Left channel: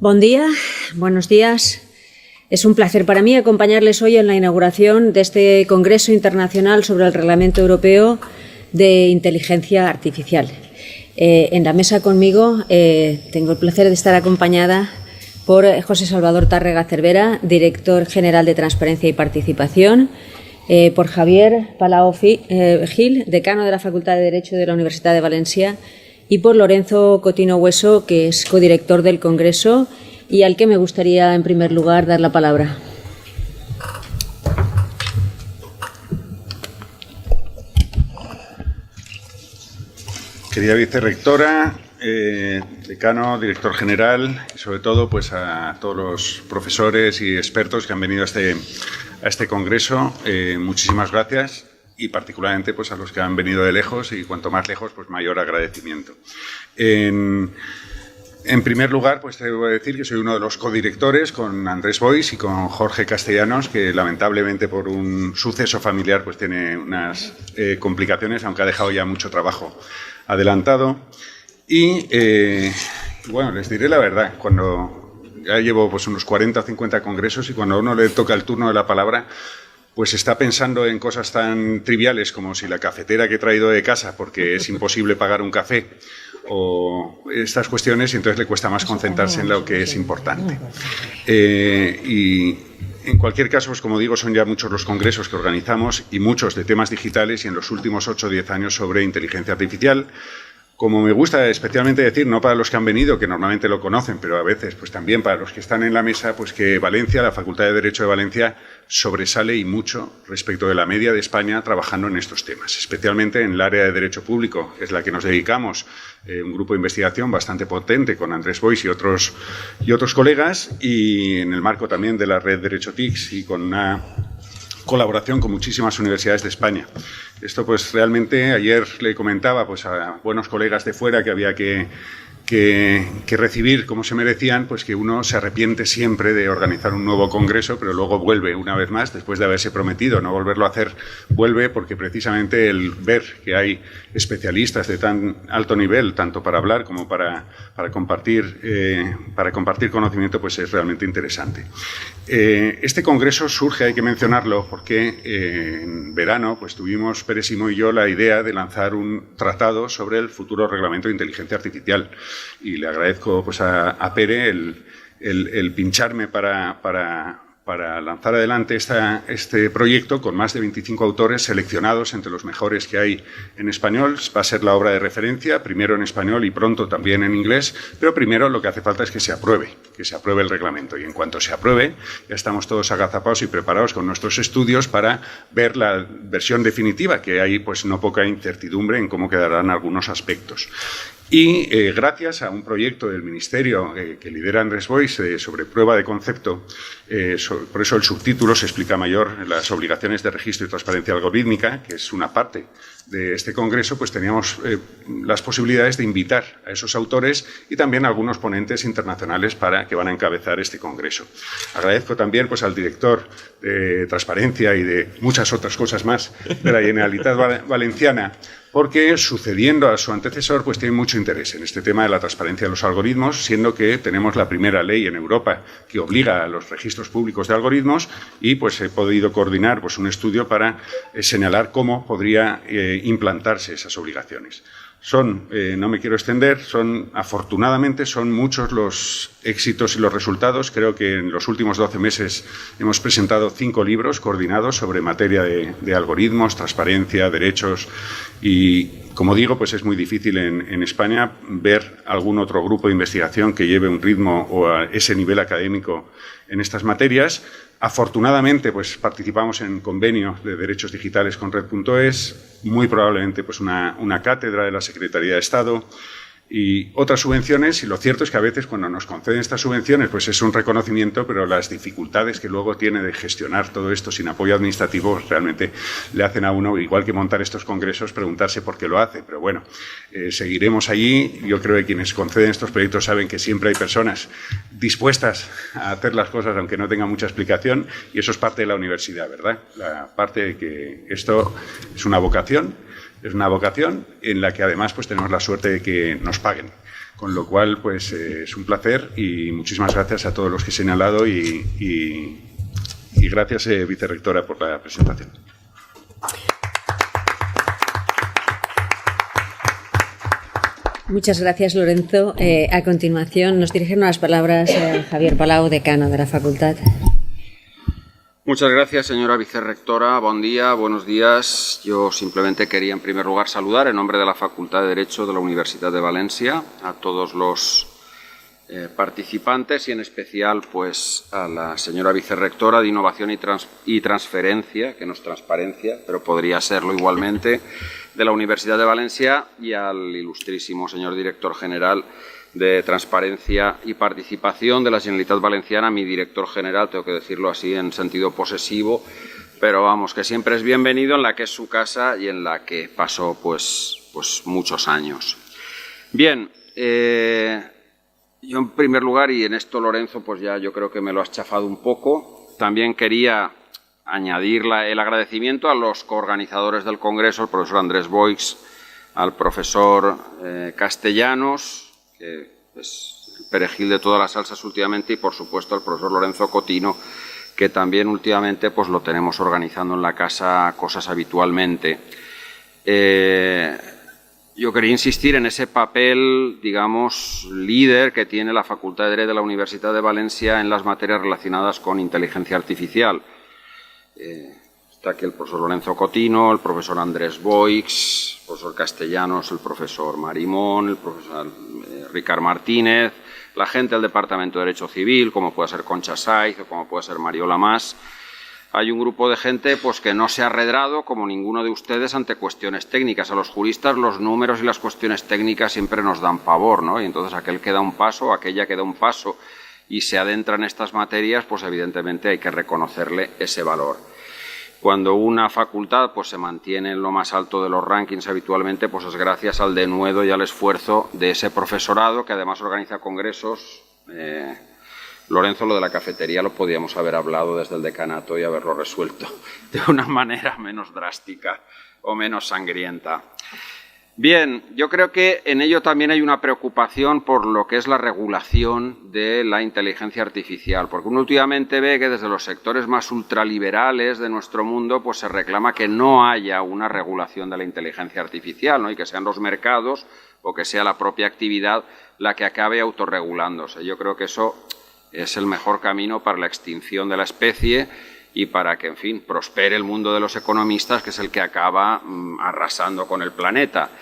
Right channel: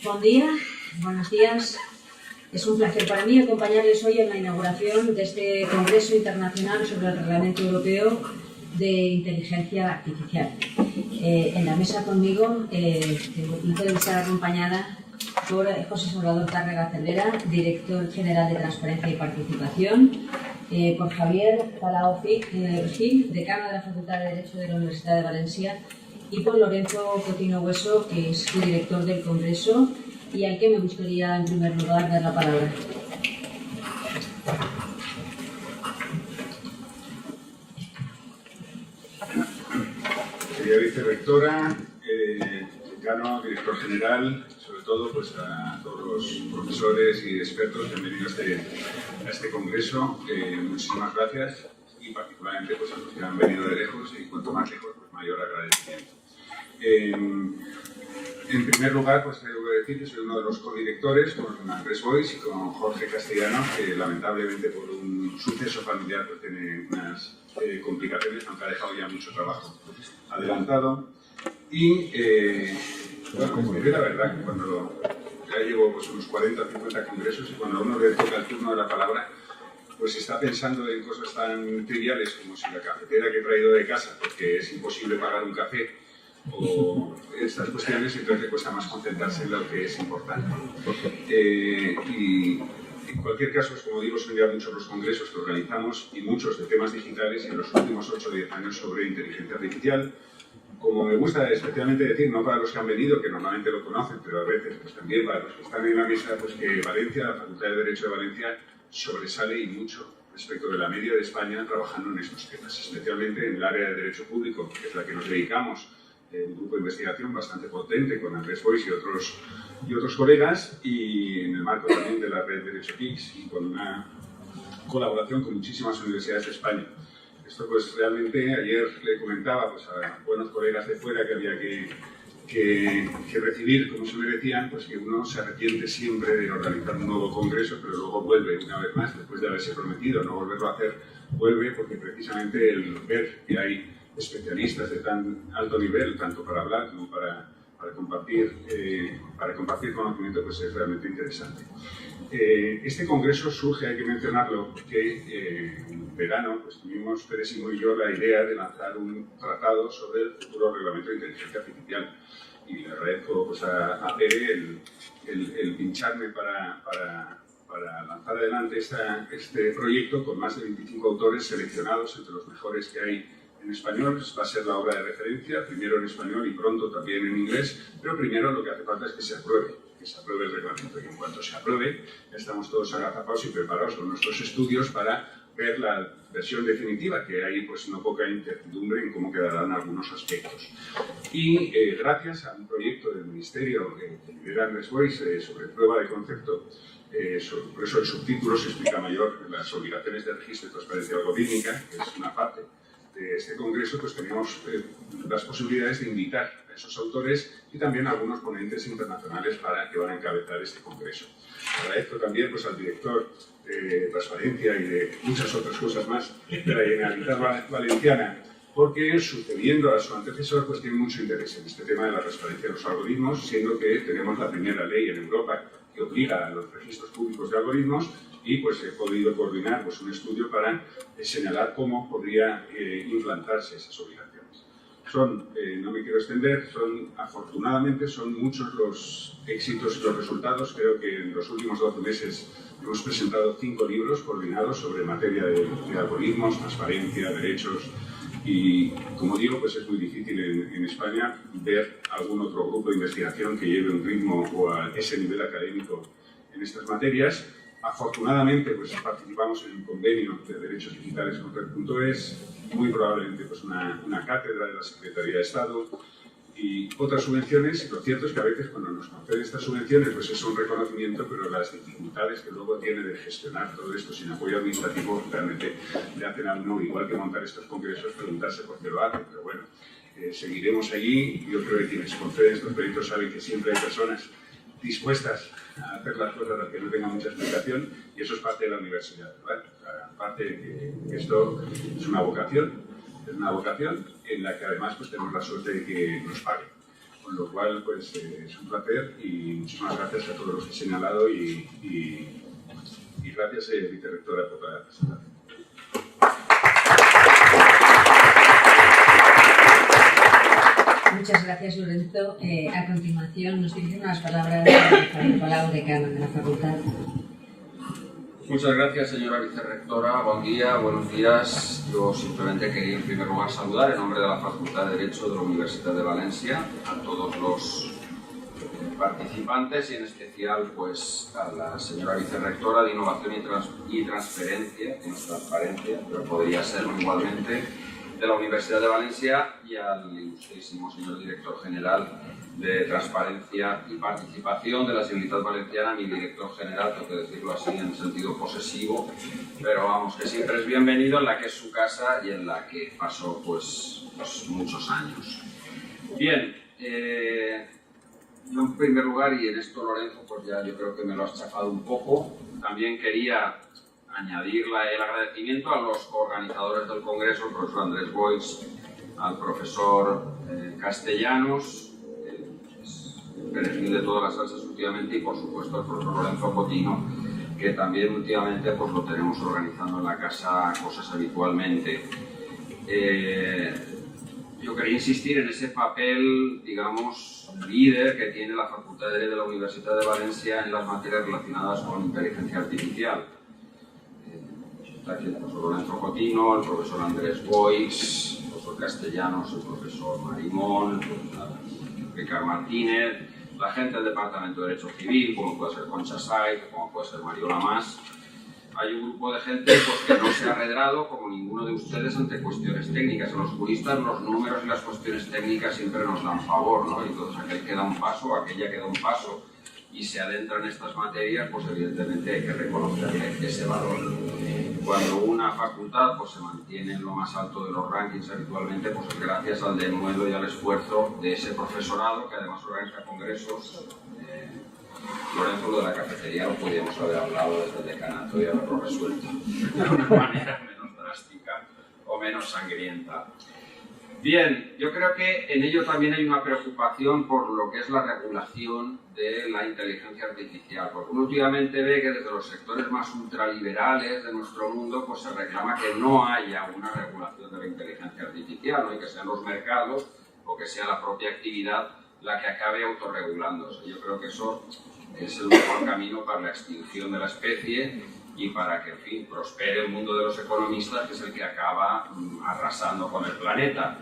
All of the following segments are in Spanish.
Buen día, buenos días. Es un placer para mí acompañarles hoy en la inauguración de este Congreso Internacional sobre el Reglamento Europeo de Inteligencia Artificial. En la mesa conmigo tengo el placer de estar acompañada por José Salvador Tárrega Cervera, director general de Transparencia y Participación, por Javier Palau Gil, decano de la Facultad de Derecho de la Universidad de Valencia, y por Lorenzo Cotino Hueso, que es codirector del Congreso y al que me gustaría, en primer lugar, dar la palabra. Querida vicerrectora, decano, director general y sobre todo pues a todos los profesores y expertos que han venido a este congreso, muchísimas gracias, y particularmente pues a los que han venido de lejos, y cuanto más lejos pues mayor agradecimiento. En primer lugar, pues debo decir que soy uno de los codirectores con Andrés Boix y con Jorge Castellanos, que lamentablemente por un suceso familiar pues tiene unas complicaciones, aunque ha dejado ya mucho trabajo adelantado. Y bueno, les diré la verdad, cuando ya llevo pues unos 40 o 50 congresos, y cuando a uno le toca el turno de la palabra, pues está pensando en cosas tan triviales como si la cafetera que he traído de casa, porque es imposible pagar un café, o estas cuestiones, y entonces le cuesta más concentrarse en lo que es importante. Y en cualquier caso, pues como digo, son ya muchos los congresos que organizamos, y muchos de temas digitales, y en los últimos 8 o 10 años sobre inteligencia artificial. Como me gusta especialmente decir, no para los que han venido, que normalmente lo conocen, pero a veces pues también para los que están en la mesa, pues que Valencia, la Facultad de Derecho de Valencia, sobresale y mucho respecto de la media de España trabajando en estos temas, especialmente en el área de Derecho Público, que es la que nos dedicamos, un grupo de investigación bastante potente con Andrés Boix y otros colegas, y en el marco también de la red Derecho TICS, y con una colaboración con muchísimas universidades de España. Esto pues realmente, ayer le comentaba pues a buenos colegas de fuera que había que recibir como se merecían, pues que uno se arrepiente siempre de organizar un nuevo congreso, pero luego vuelve una vez más, después de haberse prometido no volverlo a hacer, vuelve, porque precisamente el ver que hay especialistas de tan alto nivel, tanto para hablar como para compartir conocimiento, pues es realmente interesante. Este congreso surge, hay que mencionarlo, porque en verano pues tuvimos Pérez-Simó y yo la idea de lanzar un tratado sobre el futuro reglamento de inteligencia artificial, y le agradezco pues a Pere el pincharme para lanzar adelante este proyecto con más de 25 autores seleccionados entre los mejores que hay en español. Va a ser la obra de referencia, primero en español y pronto también en inglés, pero primero lo que hace falta es que se apruebe el reglamento, y en cuanto se apruebe ya estamos todos agazapados y preparados con nuestros estudios para ver la versión definitiva, que hay pues no poca incertidumbre en cómo quedarán algunos aspectos. Y gracias a un proyecto del Ministerio que lidera Andrés Boix sobre prueba de concepto, por eso el subtítulo se explica mayor, las obligaciones de registro y transparencia algorítmica, que es una parte de este congreso, pues teníamos las posibilidades de invitar a esos autores y también a algunos ponentes internacionales que van a encabezar este congreso. Agradezco también pues al director de Transparencia y de muchas otras cosas más de la Generalitat Valenciana, porque sucediendo a su antecesor pues tiene mucho interés en este tema de la transparencia de los algoritmos, siendo que tenemos la primera ley en Europa que obliga a los registros públicos de algoritmos, y pues he podido coordinar pues un estudio para señalar cómo podría implantarse esas obligaciones. No me quiero extender, afortunadamente son muchos los éxitos y los resultados. Creo que en los últimos 12 meses hemos presentado 5 libros coordinados sobre materia de algoritmos, transparencia, derechos, y como digo, pues es muy difícil en España ver algún otro grupo de investigación que lleve un ritmo o a ese nivel académico en estas materias. Afortunadamente, pues participamos en convenio de derechos digitales con Red.es, muy probablemente pues una cátedra de la Secretaría de Estado y otras subvenciones, y lo cierto es que a veces cuando nos conceden estas subvenciones pues es un reconocimiento, pero las dificultades que luego tiene de gestionar todo esto sin apoyo administrativo realmente le hacen a uno, igual que montar estos congresos, preguntarse por qué lo hace. Pero bueno, seguiremos allí. Yo creo que quienes conceden estos proyectos saben que siempre hay personas dispuestas a hacer las cosas aunque no tengan mucha explicación, y eso es parte de la universidad, ¿verdad? La parte de que esto es una vocación. Es una vocación en la que además pues, tenemos la suerte de que nos paguen. Con lo cual, pues es un placer y muchísimas gracias a todos los que he señalado y gracias, vicerrectora, por la presentación. Muchas gracias, Lorenzo. A continuación nos dirigen unas palabras Javier Palau, decano de la facultad. Muchas gracias, señora vicerrectora. Buen día, buenos días. Yo simplemente quería, en primer lugar, saludar en nombre de la Facultad de Derecho de la Universidad de Valencia a todos los participantes y, en especial, pues, a la señora vicerrectora de Innovación y Transferencia, que no es transparencia, pero podría serlo igualmente, de la Universidad de Valencia, y al ilustrísimo señor director general de Transparencia y Participación de la Generalitat Valenciana, mi director general, tengo que decirlo así en sentido posesivo, pero vamos, que siempre es bienvenido, en la que es su casa y en la que pasó pues muchos años. Bien, yo en primer lugar, y en esto Lorenzo pues ya yo creo que me lo has chafado un poco, también quería añadir el agradecimiento a los coorganizadores del Congreso, al profesor Andrés Boix, al profesor Castellanos, que es perejil de todas las salsas últimamente, y por supuesto al profesor Lorenzo Cotino, que también últimamente pues lo tenemos organizando en la casa cosas habitualmente. Yo quería insistir en ese papel, digamos, líder que tiene la Facultad de Derecho de la Universidad de Valencia en las materias relacionadas con inteligencia artificial. Está aquí el profesor Lorenzo Cotino, el profesor Andrés Boix, el profesor Castellanos, el profesor Marimón, el profesor Ricard Martínez, la gente del Departamento de Derecho Civil, como puede ser Concha Saiz o como puede ser Mariola Mas. Hay un grupo de gente pues, que no se ha arredrado, como ninguno de ustedes, ante cuestiones técnicas. A los juristas los números y las cuestiones técnicas siempre nos dan pavor, ¿no? Y entonces aquel que da un paso, aquella que da un paso y se adentra en estas materias, pues evidentemente hay que reconocerle ese valor. Cuando una facultad pues, se mantiene en lo más alto de los rankings habitualmente, pues es gracias al denuedo y al esfuerzo de ese profesorado, que además organiza congresos. Lorenzo, lo de la cafetería lo podíamos haber hablado desde el decanato y haberlo resuelto de una manera menos drástica o menos sangrienta. Bien, yo creo que en ello también hay una preocupación por lo que es la regulación de la inteligencia artificial, porque uno últimamente ve que desde los sectores más ultraliberales de nuestro mundo pues se reclama que no haya una regulación de la inteligencia artificial, ¿no? Y que sean los mercados o que sea la propia actividad la que acabe autorregulándose. Yo creo que eso es el mejor camino para la extinción de la especie y para que, en fin, prospere el mundo de los economistas, que es el que acaba arrasando con el planeta.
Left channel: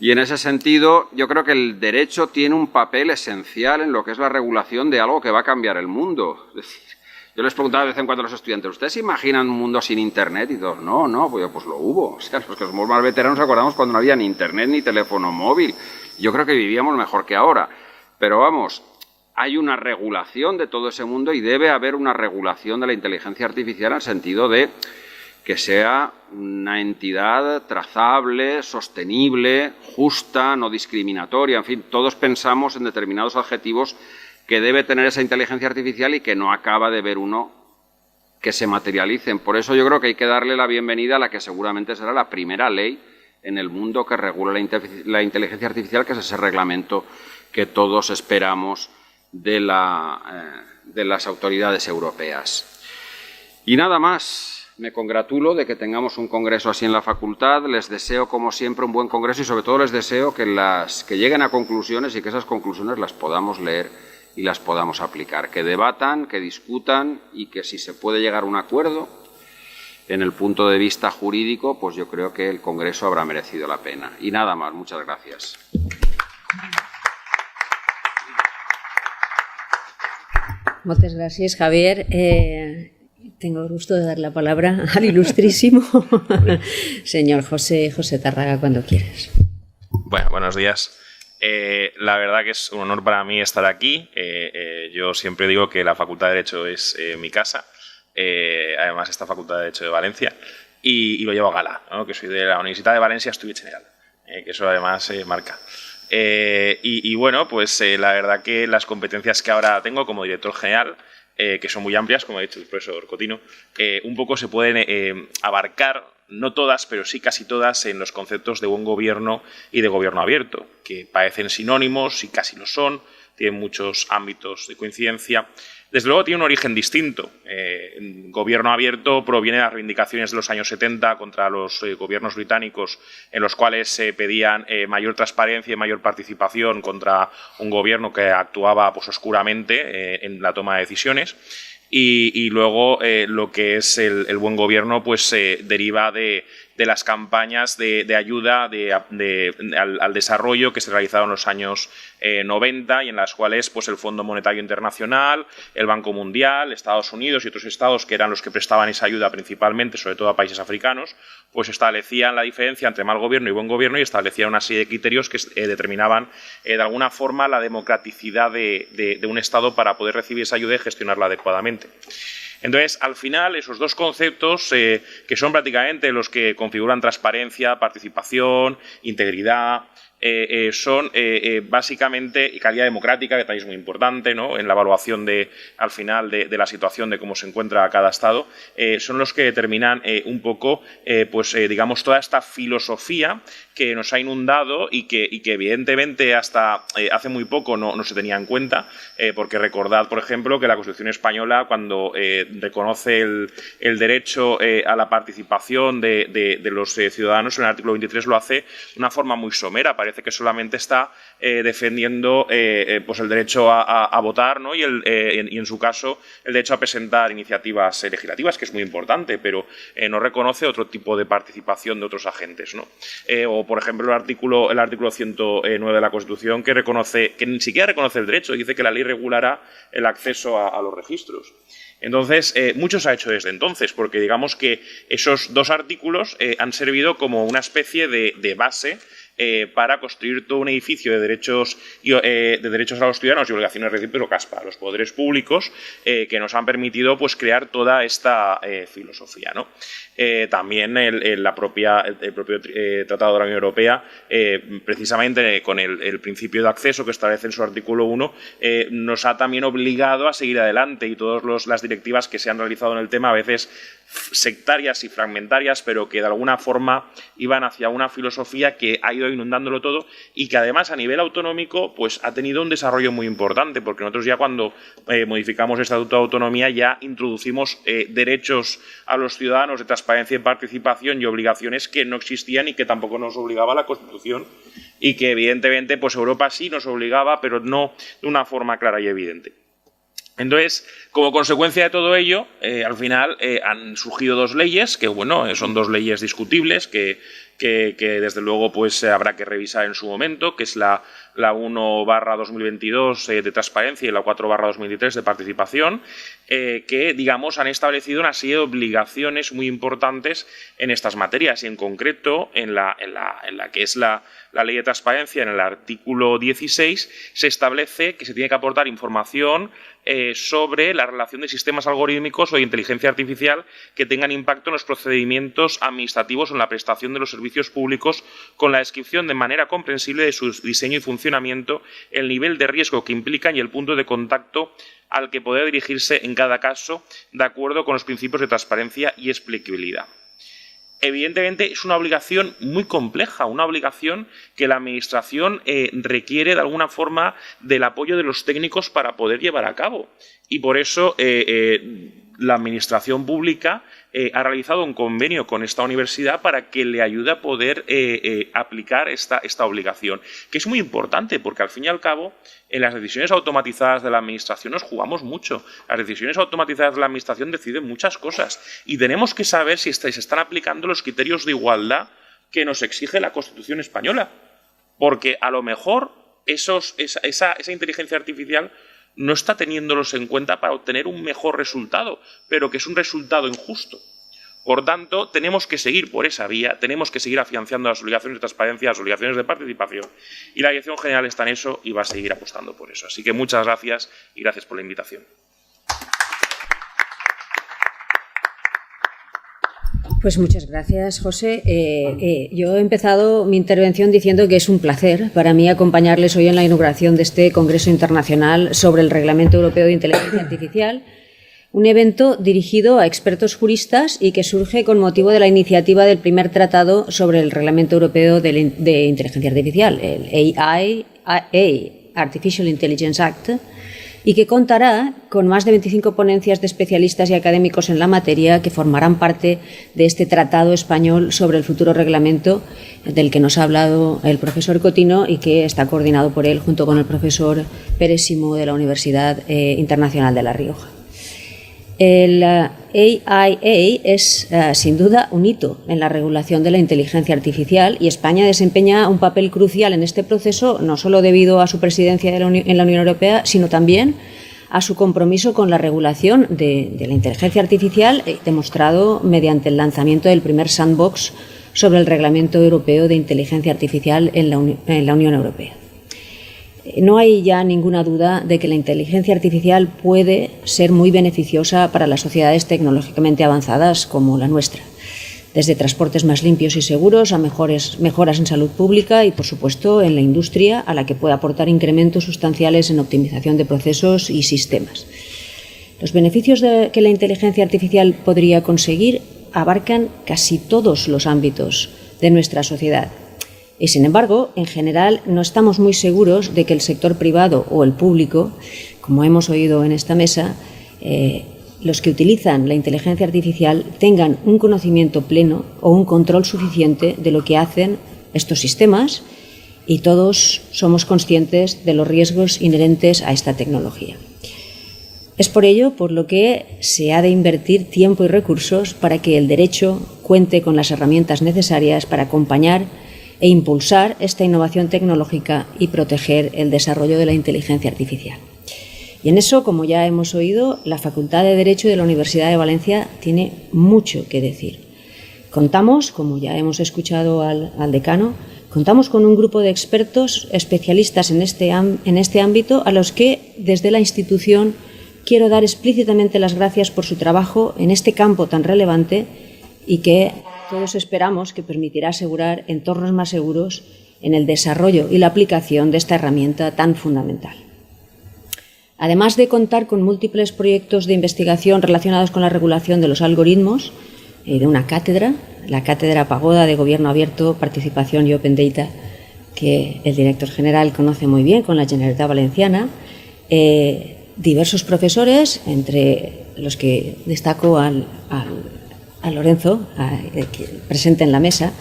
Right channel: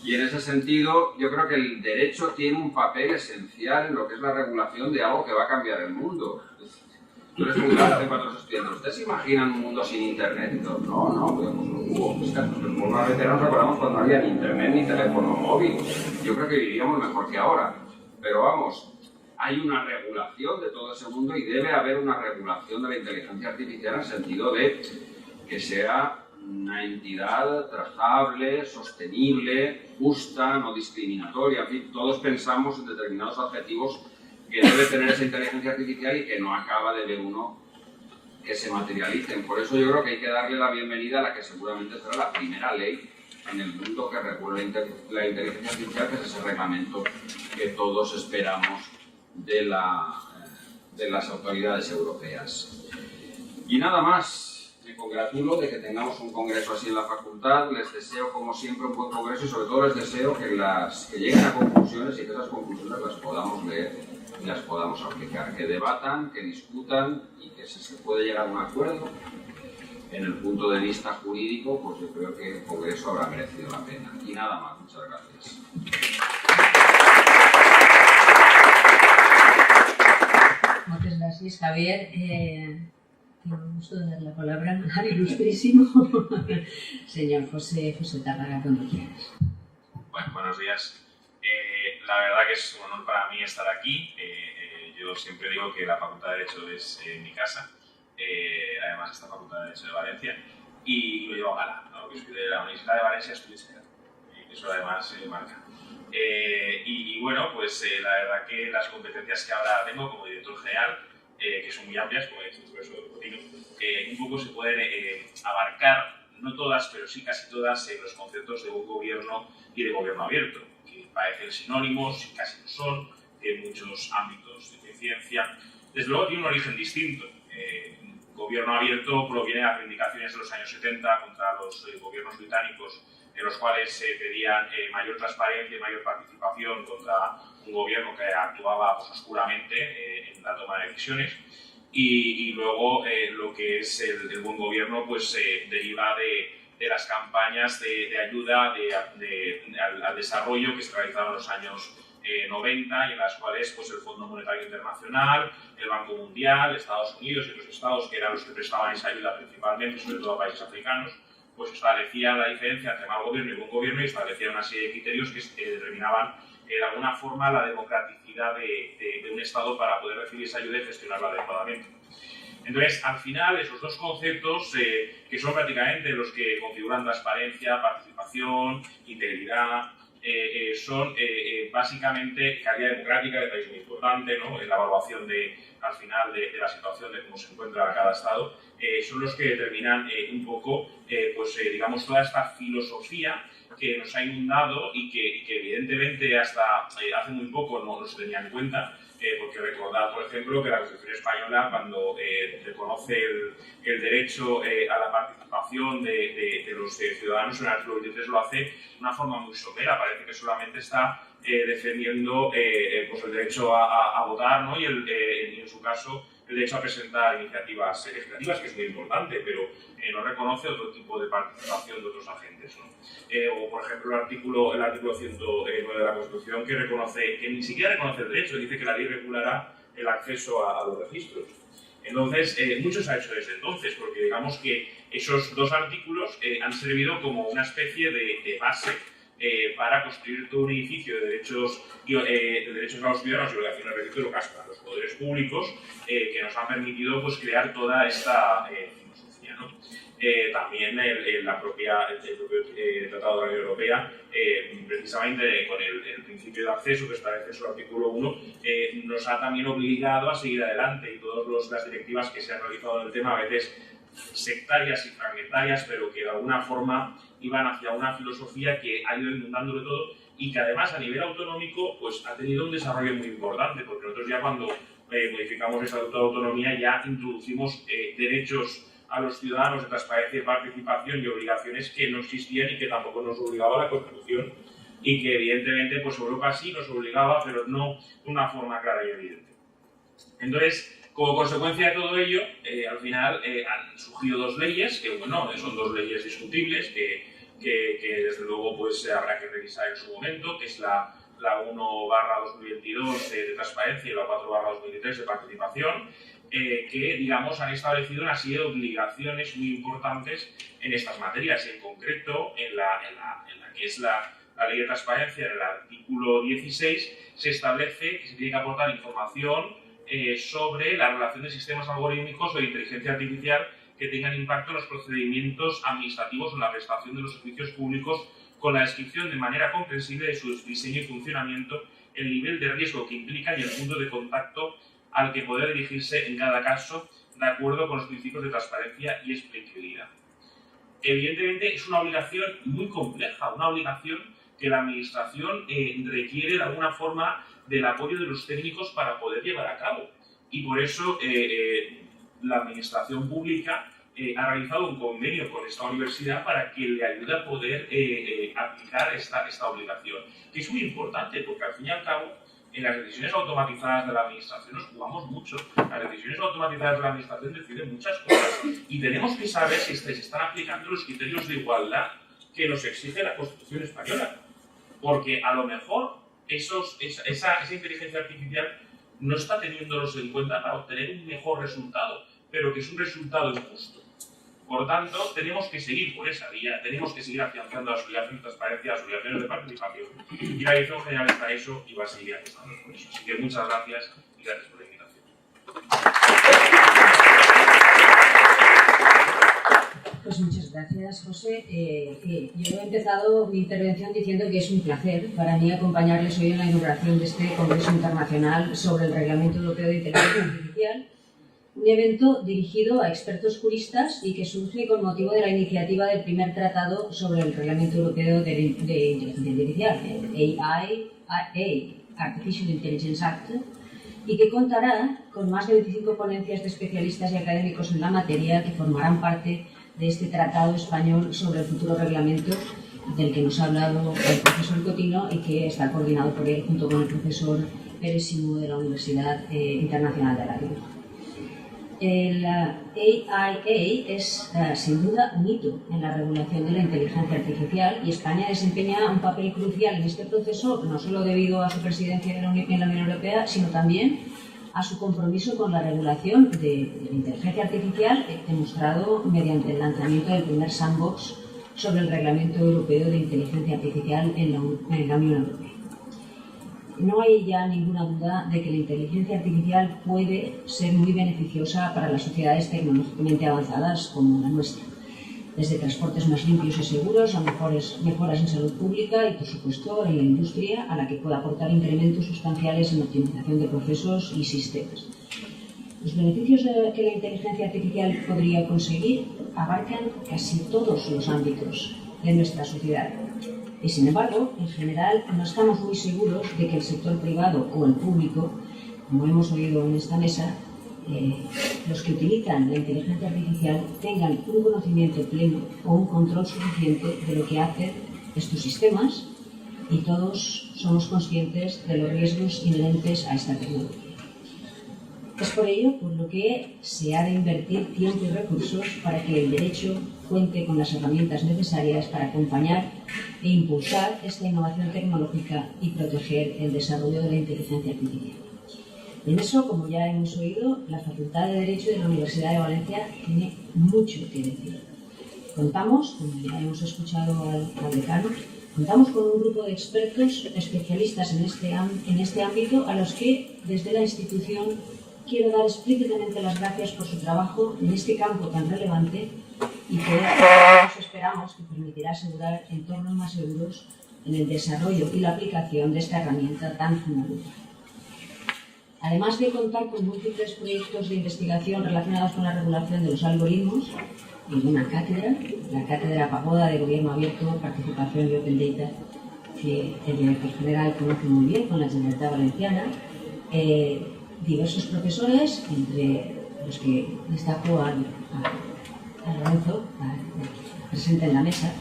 Y en ese sentido, yo creo que el derecho tiene un papel esencial en lo que es la regulación de algo que va a cambiar el mundo. Es decir, yo les preguntaba de vez en cuando a los estudiantes, ¿ustedes se imaginan un mundo sin Internet? Y todos, no, pues lo hubo. O sea, porque los más veteranos nos acordamos cuando no había ni Internet ni teléfono móvil. Yo creo que vivíamos mejor que ahora. Pero vamos, hay una regulación de todo ese mundo y debe haber una regulación de la inteligencia artificial en el sentido de que sea una entidad trazable, sostenible, justa, no discriminatoria. En fin, todos pensamos en determinados adjetivos que debe tener esa inteligencia artificial y que no acaba de ver uno que se materialicen. Por eso yo creo que hay que darle la bienvenida a la que seguramente será la primera ley en el mundo que regula la inteligencia artificial, que es ese reglamento que todos esperamos de las autoridades europeas. Y nada más, me congratulo de que tengamos un congreso así en la facultad. Les deseo, como siempre, un buen congreso y sobre todo les deseo que lleguen a conclusiones y que esas conclusiones las podamos leer y las podamos aplicar, que debatan, que discutan y que si se puede llegar a un acuerdo en el punto de vista jurídico, pues yo creo que el congreso habrá merecido la pena. Y nada más, muchas gracias. Muchas gracias, Javier. Tengo el gusto de dar la palabra al ilustrísimo señor José Tárraga, cuando quieras. Bueno, buenos días. La verdad que es un honor para mí estar aquí. Yo siempre digo que la Facultad de Derecho es mi casa. Además, esta Facultad de Derecho de Valencia. Y lo llevo a gala, ¿no? Que soy de la Universidad de Valencia, estudié general. Que eso además marca. Y bueno, pues la verdad que las competencias que ahora tengo como director general que son muy amplias, como ha dicho el profesor Cotino, un poco se pueden abarcar, no todas, pero sí casi todas, en los conceptos de buen gobierno y de gobierno abierto, que parecen sinónimos y casi lo son, tienen muchos ámbitos de coincidencia. Desde luego tiene un origen distinto. Gobierno abierto proviene de las reivindicaciones de los años 70 contra los gobiernos británicos, en los cuales se pedían mayor transparencia y mayor participación contra un gobierno que actuaba pues, oscuramente en la toma de decisiones. Y luego lo que es el buen gobierno pues deriva de las campañas de ayuda al desarrollo que se realizaron en los años 90 y en las cuales pues, el Fondo Monetario Internacional, el Banco Mundial, Estados Unidos y otros estados que eran los que prestaban esa ayuda principalmente, sobre todo a países africanos, pues establecían la diferencia entre mal gobierno y buen gobierno y establecían una serie de criterios que determinaban de alguna forma la democraticidad de un estado para poder recibir esa ayuda y gestionarla adecuadamente. Entonces, al final, esos dos conceptos, que son prácticamente los que configuran transparencia, participación, integridad, son básicamente calidad democrática, que también es muy importante, ¿no? En la evaluación al final de la situación de cómo se encuentra cada Estado, son los que determinan un poco, digamos, toda esta filosofía que nos ha inundado y que evidentemente hasta hace muy poco no se tenía en cuenta, porque recordad, por ejemplo, que la Constitución española, cuando reconoce el derecho a la participación de los ciudadanos, en el artículo 23 lo hace de una forma muy somera. Parece que solamente está defendiendo pues el derecho a votar, ¿no? y en su caso el derecho a presentar iniciativas legislativas, que es muy importante, pero no reconoce otro tipo de participación de otros agentes, ¿no? O, por ejemplo, el artículo 109 de la Constitución, que ni siquiera reconoce el derecho, dice que la ley regulará el acceso a los registros. Entonces, mucho se ha hecho desde entonces, porque digamos que esos dos artículos han servido como una especie de base para construir todo un edificio de derechos a los ciudadanos y obligaciones recíprocas para los poderes públicos que nos han permitido pues, crear toda esta filosofía, ¿no? También el propio Tratado de la Unión Europea, precisamente con el principio de acceso que establece en su artículo 1, nos ha también obligado a seguir adelante, y todas las directivas que se han realizado en el tema, a veces sectarias y fragmentarias, pero que de alguna forma iban hacia una filosofía que ha ido inundándolo todo y que además a nivel autonómico pues ha tenido un desarrollo muy importante, porque nosotros ya cuando modificamos el Estatuto de Autonomía ya introducimos derechos a los ciudadanos de transparencia y participación y obligaciones que no existían y que tampoco nos obligaba la Constitución, y que evidentemente pues Europa sí nos obligaba, pero no de una forma clara y evidente. Entonces, como consecuencia de todo ello, al final han surgido dos leyes, que bueno, son dos leyes discutibles, que desde luego pues habrá que revisar en su momento, que es la 1/2022 de transparencia y la 4/2023 de participación, que digamos han establecido una serie de obligaciones muy importantes en estas materias, y en concreto en la que es la ley de transparencia, en el artículo 16, se establece que se tiene que aportar información sobre la relación de sistemas algorítmicos o de inteligencia artificial que tengan impacto en los procedimientos administrativos o en la prestación de los servicios públicos, con la descripción de manera comprensible de su diseño y funcionamiento, el nivel de riesgo que implican y el punto de contacto al que puede dirigirse en cada caso, de acuerdo con los principios de transparencia y explicabilidad. Evidentemente es una obligación muy compleja, una obligación que la Administración requiere de alguna forma del apoyo de los técnicos para poder llevar a cabo. Y por eso la Administración pública ha realizado un convenio con esta universidad para que le ayude a poder aplicar esta obligación, que es muy importante porque al fin y al cabo en las decisiones automatizadas de la Administración nos jugamos mucho. Las decisiones automatizadas de la Administración deciden muchas cosas y tenemos que saber si se están aplicando los criterios de igualdad que nos exige la Constitución española, porque a lo mejor esa inteligencia artificial no está teniéndolos en cuenta para obtener un mejor resultado, pero que es un resultado injusto. Por tanto, tenemos que seguir por esa vía, tenemos que seguir afianzando las obligaciones de transparencia, las obligaciones de participación, y la Dirección General está en eso y va a seguir apostando por eso. Así que muchas gracias y gracias por la invitación. Pues muchas gracias, José. Yo he empezado mi intervención diciendo que es un placer para mí acompañarles hoy en la inauguración de este Congreso Internacional sobre el Reglamento Europeo de Inteligencia Artificial, un evento dirigido a expertos juristas y que surge con motivo de la iniciativa del primer tratado sobre el Reglamento Europeo de Inteligencia Artificial, el Artificial Intelligence Act, y que contará con más de 25 ponencias de especialistas y académicos en la materia que formarán parte de este tratado español sobre el futuro reglamento del que nos ha hablado el profesor Cotino y que está coordinado por él junto con el profesor Pérez Simó de la Universidad Internacional de La Rioja. El AIA es sin duda un hito en la regulación de la inteligencia artificial y España desempeña un papel crucial en este proceso, no solo debido a su presidencia en la Unión Europea, sino también a su compromiso con la regulación de la inteligencia artificial, demostrado mediante el lanzamiento del primer sandbox sobre el Reglamento Europeo de Inteligencia Artificial en la Unión Europea. No hay ya ninguna duda de que la inteligencia artificial puede ser muy beneficiosa para las sociedades tecnológicamente avanzadas como la nuestra, desde transportes más limpios y seguros a mejoras en salud pública y, por supuesto, en la industria, a la que puede aportar incrementos sustanciales en optimización de procesos y sistemas. Los beneficios que la inteligencia artificial podría conseguir abarcan casi todos los ámbitos de nuestra sociedad. Y, sin embargo, en general no estamos muy seguros de que el sector privado o el público, como hemos oído en esta mesa, los que utilizan la inteligencia artificial tengan un conocimiento pleno o un control suficiente de lo que hacen estos sistemas, y todos somos conscientes de los riesgos inherentes a esta tecnología. Es por ello por lo que se ha de invertir tiempo y recursos para que el derecho cuente con las herramientas necesarias para acompañar e impulsar esta innovación tecnológica y proteger el desarrollo de la inteligencia artificial. Y en eso, como ya hemos oído, la Facultad de Derecho de la Universidad de Valencia tiene mucho que decir. Contamos, como ya hemos escuchado al decano, contamos con un grupo de expertos especialistas en este ámbito a los que, desde la institución, quiero dar explícitamente las gracias por su trabajo en este campo tan relevante y que todos esperamos que permitirá asegurar entornos más seguros en el desarrollo y la aplicación de esta herramienta tan fundamental. Además de contar con múltiples proyectos de investigación relacionados con la regulación de los algoritmos, de una cátedra, la Cátedra Pagoda de Gobierno Abierto, Participación y Open Data, que el director general conoce muy bien con la Generalitat Valenciana, diversos profesores, entre los que destaco a Lorenzo, presente en la mesa,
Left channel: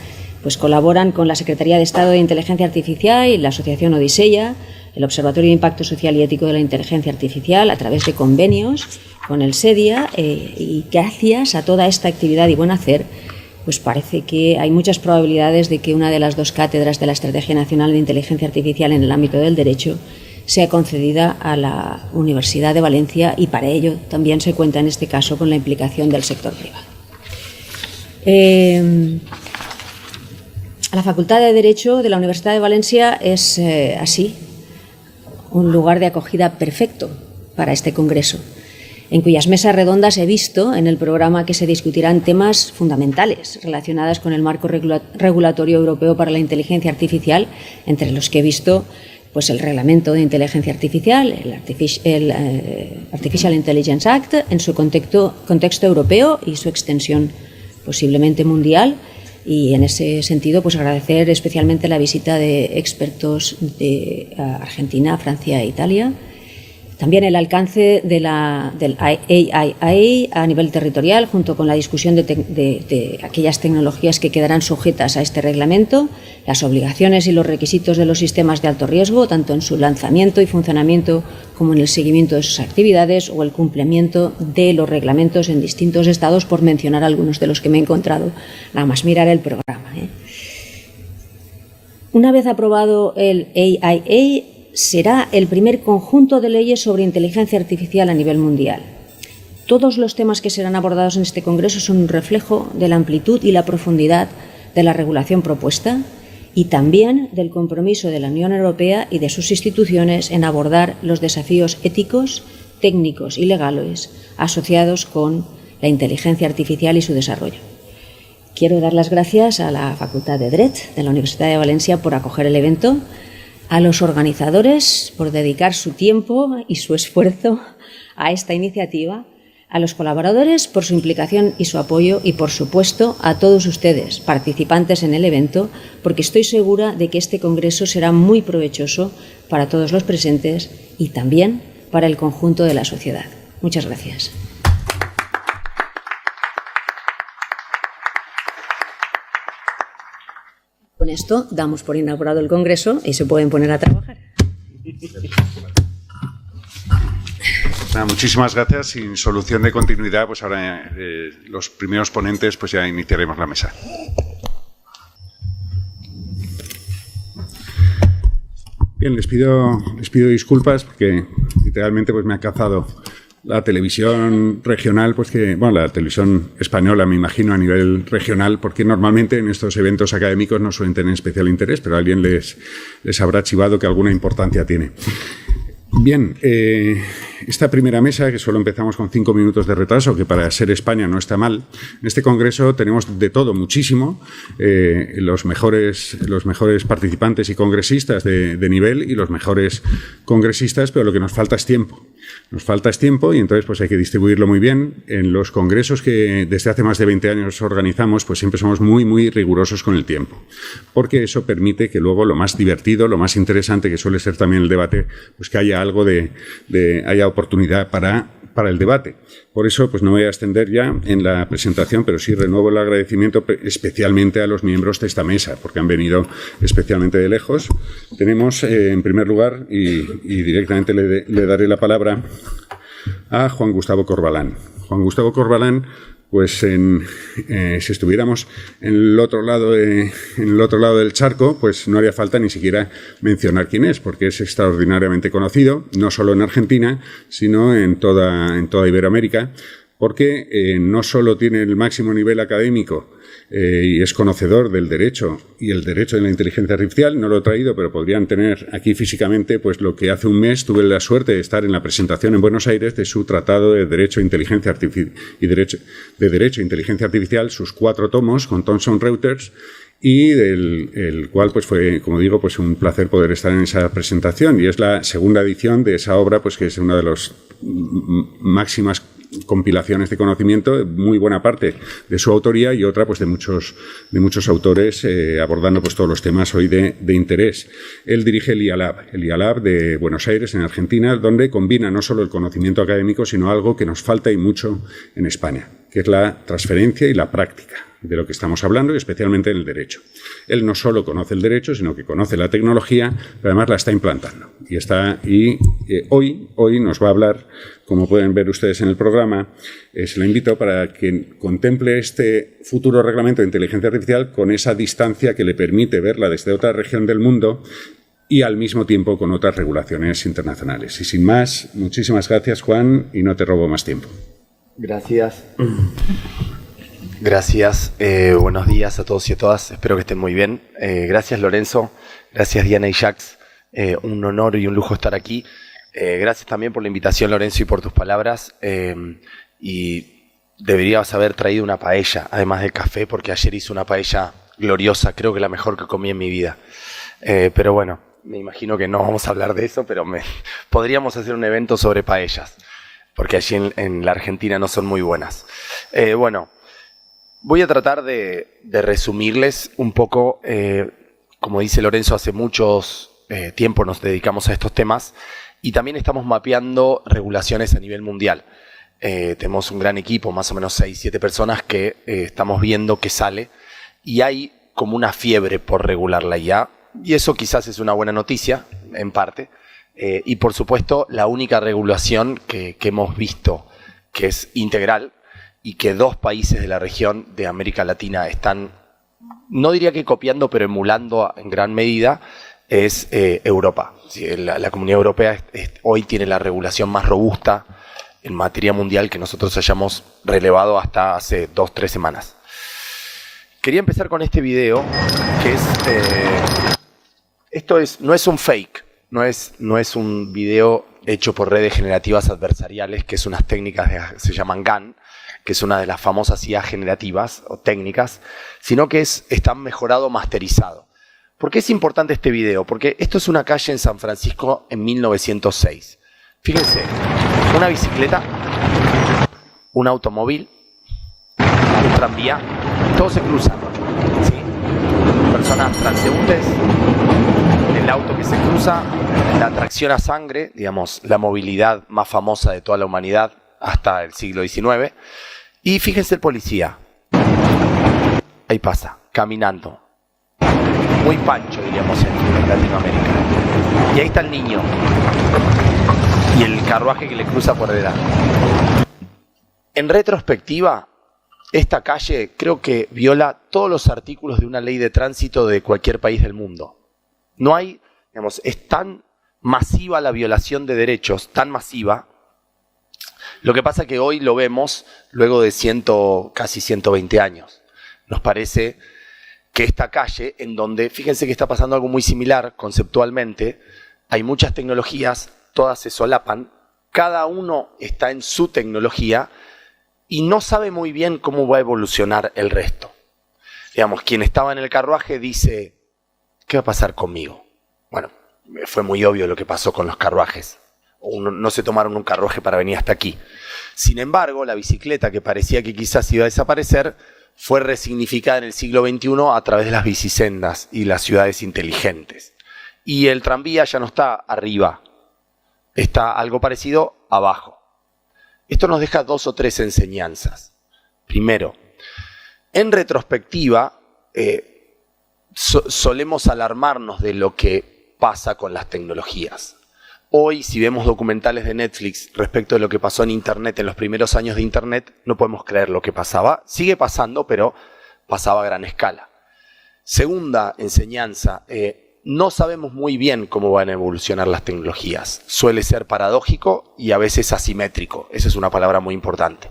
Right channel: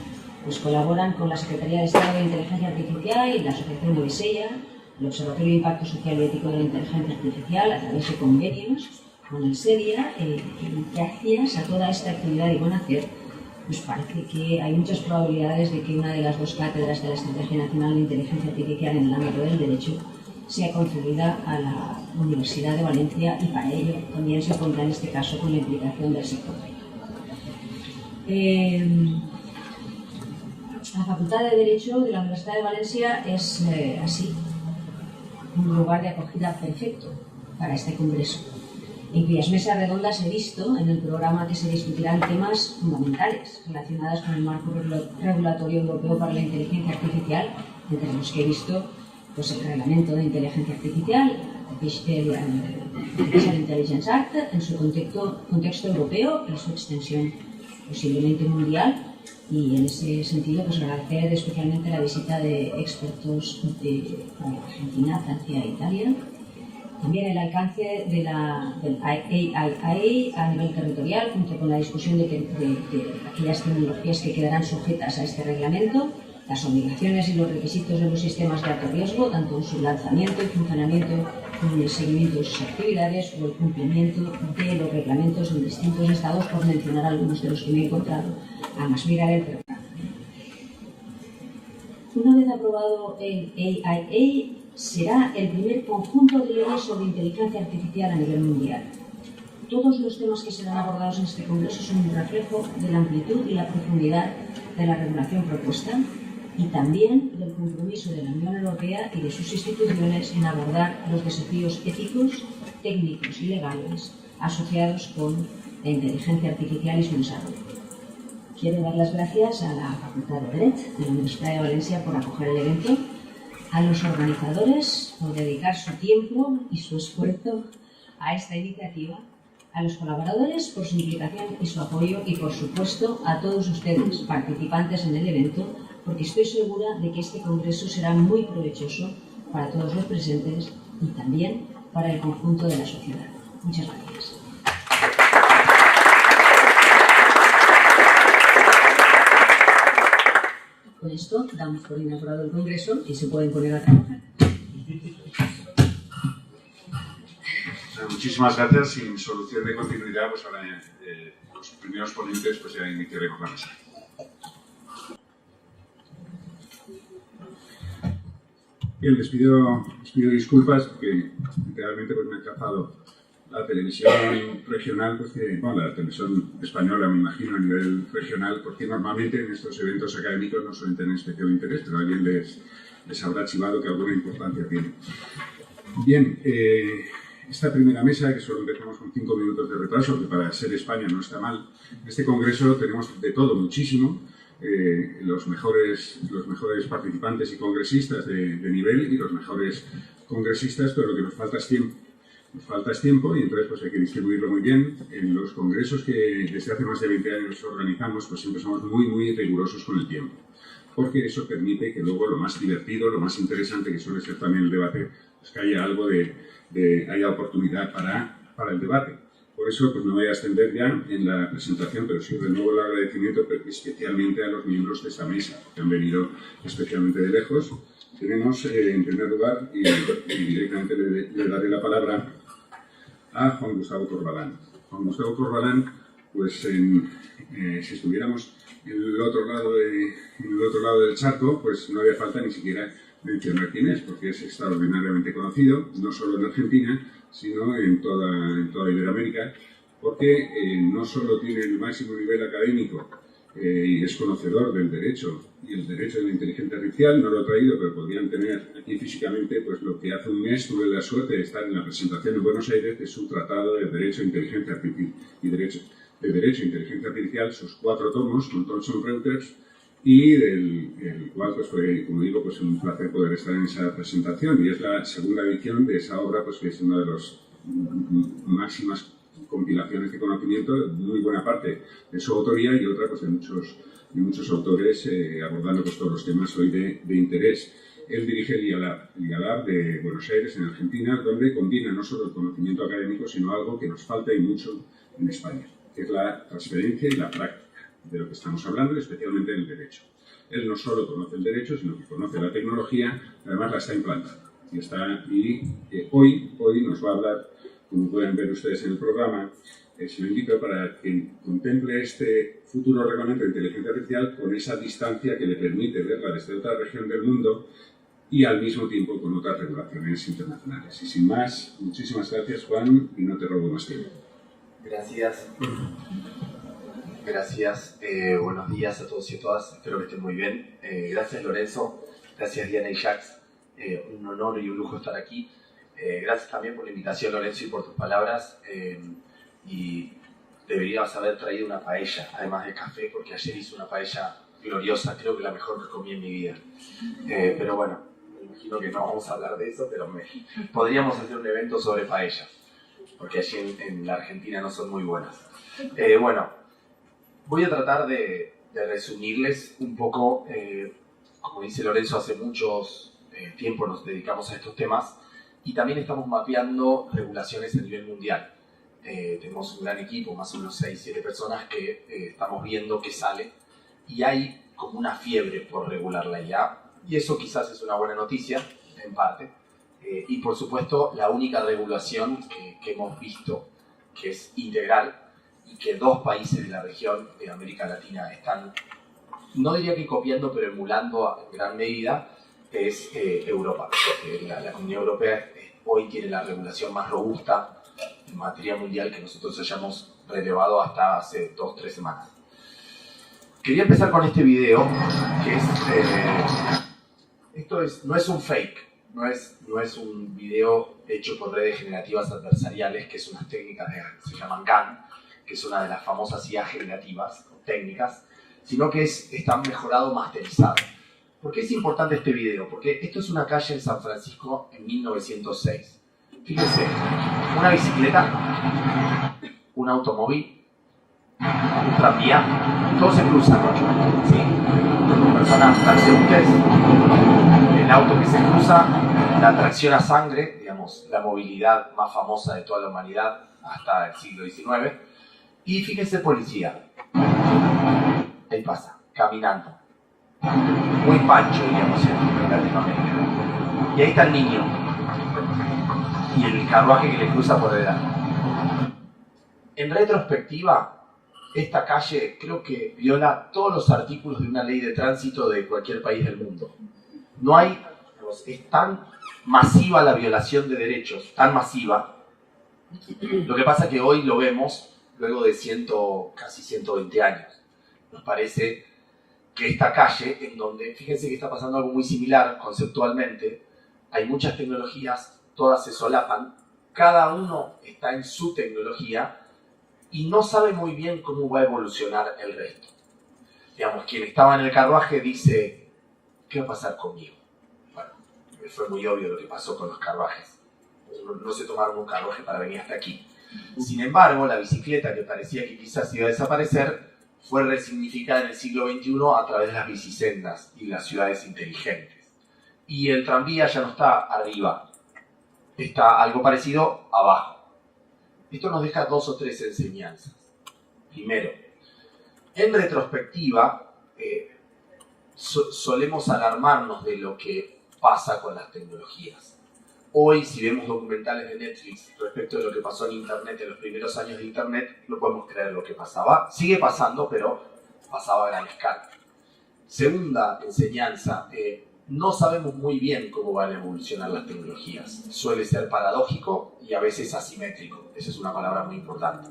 pues colaboran con la Secretaría de Estado de Inteligencia Artificial y la Asociación Odiseya, el Observatorio de Impacto Social y Ético de la Inteligencia Artificial, a través de convenios con el SEDIA, y gracias a toda esta actividad y buen hacer, pues parece que hay muchas probabilidades de que una de las dos cátedras de la Estrategia Nacional de Inteligencia Artificial en el ámbito del derecho sea concedida a la Universidad de Valencia, y para ello también se cuenta en este caso con la implicación del sector privado. La Facultad de Derecho de la Universidad de Valencia es así un lugar de acogida perfecto para este congreso, en cuyas mesas redondas he visto en el programa que se discutirán temas fundamentales relacionados con el marco regulatorio europeo para la inteligencia artificial, entre los que he visto pues el Reglamento de Inteligencia Artificial, el Artificial Intelligence Act, en su contexto europeo y su extensión posiblemente mundial. Y en ese sentido, pues agradecer especialmente la visita de expertos de Argentina, Francia e Italia. También el alcance del AIA a nivel territorial, junto con la discusión de aquellas tecnologías que quedarán sujetas a este reglamento, las obligaciones y los requisitos de los sistemas de alto riesgo, tanto en su lanzamiento y funcionamiento como en el seguimiento de sus actividades, o el cumplimiento de los reglamentos en distintos estados, por mencionar algunos de los que me he encontrado nada más mirar el programa. Una vez aprobado el AIA, será el primer conjunto de leyes sobre inteligencia artificial a nivel mundial. Todos los temas que serán abordados en este congreso son un reflejo de la amplitud y la profundidad de la regulación propuesta, y también del compromiso de la Unión Europea y de sus instituciones en abordar los desafíos éticos, técnicos y legales asociados con la inteligencia artificial y su desarrollo. Quiero dar las gracias a la Facultad de Dret de la Universidad de Valencia por acoger el evento, a los organizadores por dedicar su tiempo y su esfuerzo a esta iniciativa, a los colaboradores por su implicación y su apoyo y, por supuesto, a todos ustedes, participantes en el evento, porque estoy segura de que este congreso será muy provechoso para todos los presentes y también para el conjunto de la sociedad. Muchas gracias. Con esto damos por inaugurado el congreso y se pueden poner a trabajar. Muchísimas gracias. Sin solución de continuidad, pues ahora los primeros ponentes pues ya iniciaremos la mesa. Bien, les pido disculpas porque literalmente pues me ha cazado la televisión regional, pues la televisión española, me imagino, a nivel regional, porque normalmente en estos eventos académicos no suelen tener especial interés, pero a alguien les habrá chivado que alguna importancia tiene. Bien, esta primera mesa, que solo empezamos con 5 minutos de retraso, que para ser España no está mal, en este congreso tenemos de todo muchísimo, los mejores participantes y congresistas de nivel y los mejores congresistas, pero lo que nos falta es tiempo. Nos falta tiempo y entonces pues hay que distribuirlo muy bien. En los congresos que desde hace más de 20 años organizamos, pues siempre somos muy, muy rigurosos con el tiempo, porque eso permite que luego lo más divertido, lo más interesante, que suele ser también el debate, pues que haya algo haya oportunidad para el debate. Por eso, pues no voy a extender ya en la presentación, pero sí renuevo el agradecimiento especialmente a los miembros de esta mesa, porque han venido especialmente de lejos. Tenemos, en primer lugar, y directamente le daré la palabra a Juan Gustavo Corbalán. Juan Gustavo Corbalán, pues si estuviéramos en el otro lado del charco, pues no haría falta ni siquiera mencionar quién es, porque es extraordinariamente conocido, no solo en Argentina, sino en toda Iberoamérica, porque no solo tiene el máximo nivel académico y es conocedor del derecho y el derecho de la inteligencia artificial, no lo he traído, pero podrían tener aquí físicamente pues lo que hace un mes tuve la suerte de estar en la presentación en Buenos Aires de su Tratado de Derecho e Inteligencia Artificial Derecho e Inteligencia Artificial, sus 4 tomos con Thomson Reuters, y el cual pues fue, como digo, pues un placer poder estar en esa presentación, y es la segunda edición de esa obra, pues que es una de las máximas compilaciones de conocimiento, muy buena parte de su autoría y otra pues de muchos autores abordando pues todos los temas hoy de interés. Él dirige el IALAB de Buenos Aires, en Argentina, donde combina no solo el conocimiento académico, sino algo que nos falta y mucho en España, que es la transferencia y la práctica de lo que estamos hablando, y especialmente en el derecho. Él no solo conoce el derecho, sino que conoce la tecnología, pero además la está implantando. Hoy nos va a hablar, como pueden ver ustedes en el programa, se lo invito para que contemple este futuro reglamento de inteligencia artificial con esa distancia que le permite verla desde otra región del mundo y al mismo tiempo con otras regulaciones internacionales. Y sin más, muchísimas gracias, Juan, y no te robo más tiempo. Gracias. Gracias, buenos días a todos y a todas, espero que estén muy bien. Gracias, Lorenzo, gracias, Diana y Jacques, un honor y un lujo estar aquí. Gracias también por la invitación, Lorenzo, y por tus palabras. Y deberías haber traído una paella, además de café, porque ayer hice una paella gloriosa, creo que la mejor que comí en mi vida. Pero bueno, me imagino que no vamos a hablar de eso, pero podríamos hacer un evento sobre paellas, porque allí en la Argentina no son muy buenas. Voy a tratar de resumirles un poco, como dice Lorenzo, hace muchos tiempo nos dedicamos a estos temas y también estamos mapeando regulaciones a nivel mundial. Tenemos un gran equipo, más o menos 6-7 personas que estamos viendo qué sale y hay como una fiebre por regular la IA y eso quizás es una buena noticia, en parte. Y por supuesto, la única regulación que hemos visto que es integral y que 2 países de la región de América Latina están, no diría que copiando, pero emulando en gran medida, es Europa. La Comunidad Europea hoy tiene la regulación más robusta en materia mundial que nosotros hayamos relevado hasta hace 2-3 semanas. Quería empezar con este video, que es... no es un fake, no es un video hecho por redes generativas adversariales, que es unas técnicas, se llaman GAN, que es una de las famosas IA generativas o técnicas, sino que está mejorado, masterizado. ¿Por qué es importante este video? Porque esto es una calle en San Francisco en 1906. Fíjense, una bicicleta un automóvil, un tranvía, todos se cruzan, ¿sí? Personas transeúntes, el auto que se cruza, la tracción a sangre, digamos, la movilidad más famosa de toda la humanidad hasta el siglo XIX. Y fíjese el policía, ahí pasa, caminando, muy pancho, diríamos, en Latinoamérica. Y ahí está el niño y el carruaje que le cruza por delante. En retrospectiva, esta calle creo que viola todos los artículos de una ley de tránsito de cualquier país del mundo. No hay, digamos, es tan masiva la violación de derechos, tan masiva. Lo que pasa es que hoy lo vemos luego de casi 120 años. Nos parece que esta calle, en donde, fíjense que está pasando algo muy similar conceptualmente, hay muchas tecnologías, todas se solapan, cada uno está en su tecnología y no sabe muy bien cómo va a evolucionar el resto. Digamos, quien estaba en el carruaje dice, ¿qué va a pasar conmigo? Bueno, fue muy obvio lo que pasó con los carruajes. No se tomaron un carruaje para venir hasta aquí. Sin embargo, la bicicleta, que parecía que quizás iba a desaparecer, fue resignificada en el siglo XXI a través de las bicisendas y las ciudades inteligentes. Y el tranvía ya no está arriba, está algo parecido abajo. Esto nos deja 2 o 3 enseñanzas. Primero, en retrospectiva, solemos alarmarnos de lo que pasa con las tecnologías. Hoy, si vemos documentales de Netflix respecto de lo que pasó en Internet, en los primeros años de Internet, no podemos creer lo que pasaba. Sigue pasando, pero pasaba a gran escala. Segunda enseñanza, no sabemos muy bien cómo van a evolucionar las tecnologías. Suele ser paradójico y a veces asimétrico. Esa es una palabra muy importante.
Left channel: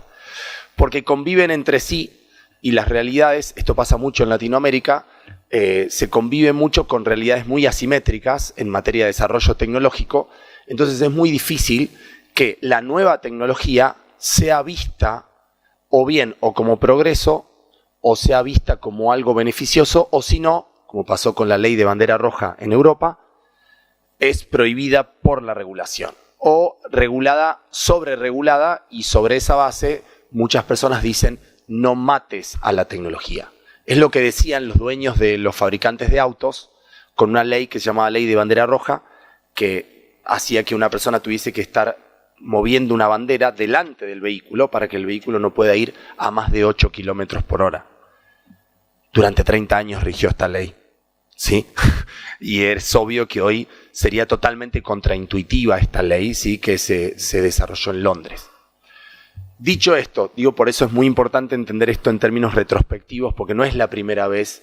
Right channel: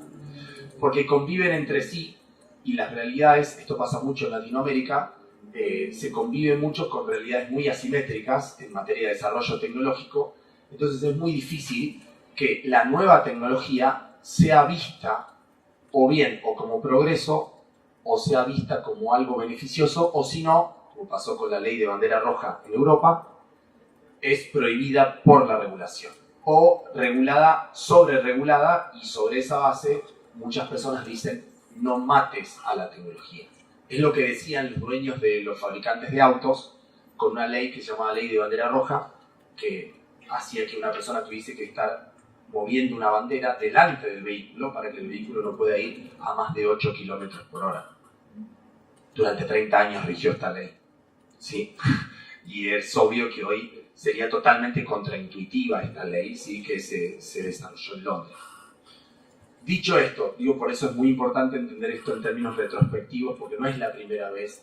Porque conviven entre sí y las realidades, esto pasa mucho en Latinoamérica, se convive mucho con realidades muy asimétricas en materia de desarrollo tecnológico. Entonces es muy difícil que la nueva tecnología sea vista o bien o como progreso o sea vista como algo beneficioso o si no, como pasó con la ley de bandera roja en Europa, es prohibida por la regulación o regulada, sobreregulada y sobre esa base muchas personas dicen no mates a la tecnología. Es lo que decían los dueños de los fabricantes de autos con una ley que se llamaba ley de bandera roja que hacía que una persona tuviese que estar moviendo una bandera delante del vehículo para que el vehículo no pueda ir a más de 8 kilómetros por hora. Durante 30 años rigió esta ley, ¿sí? Y es obvio que hoy sería totalmente contraintuitiva esta ley, ¿sí? Que se desarrolló en Londres. Dicho esto, digo, por eso es muy importante entender esto en términos retrospectivos, porque no es la primera vez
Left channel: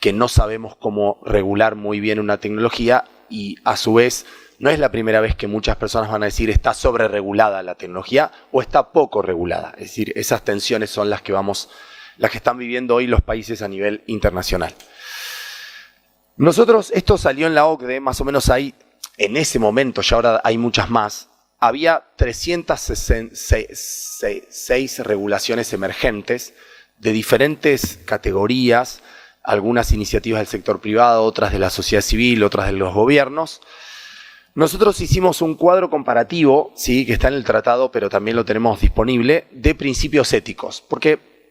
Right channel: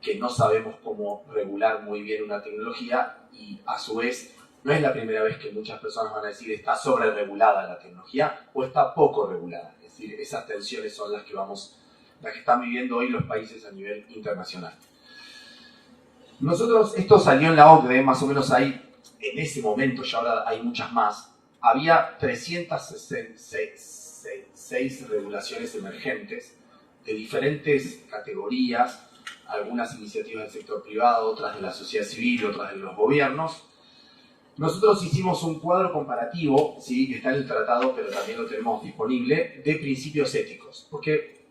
que no sabemos cómo regular muy bien una tecnología y a su vez no es la primera vez que muchas personas van a decir está sobreregulada la tecnología o está poco regulada. Es decir, esas tensiones son las que están viviendo hoy los países a nivel internacional. Nosotros, esto salió en la OCDE, más o menos ahí, en ese momento, ya ahora hay muchas más, había 366 regulaciones emergentes de diferentes categorías, algunas iniciativas del sector privado, otras de la sociedad civil, otras de los gobiernos. Nosotros hicimos un cuadro comparativo, sí, que está en el tratado, pero también lo tenemos disponible, de principios éticos. Porque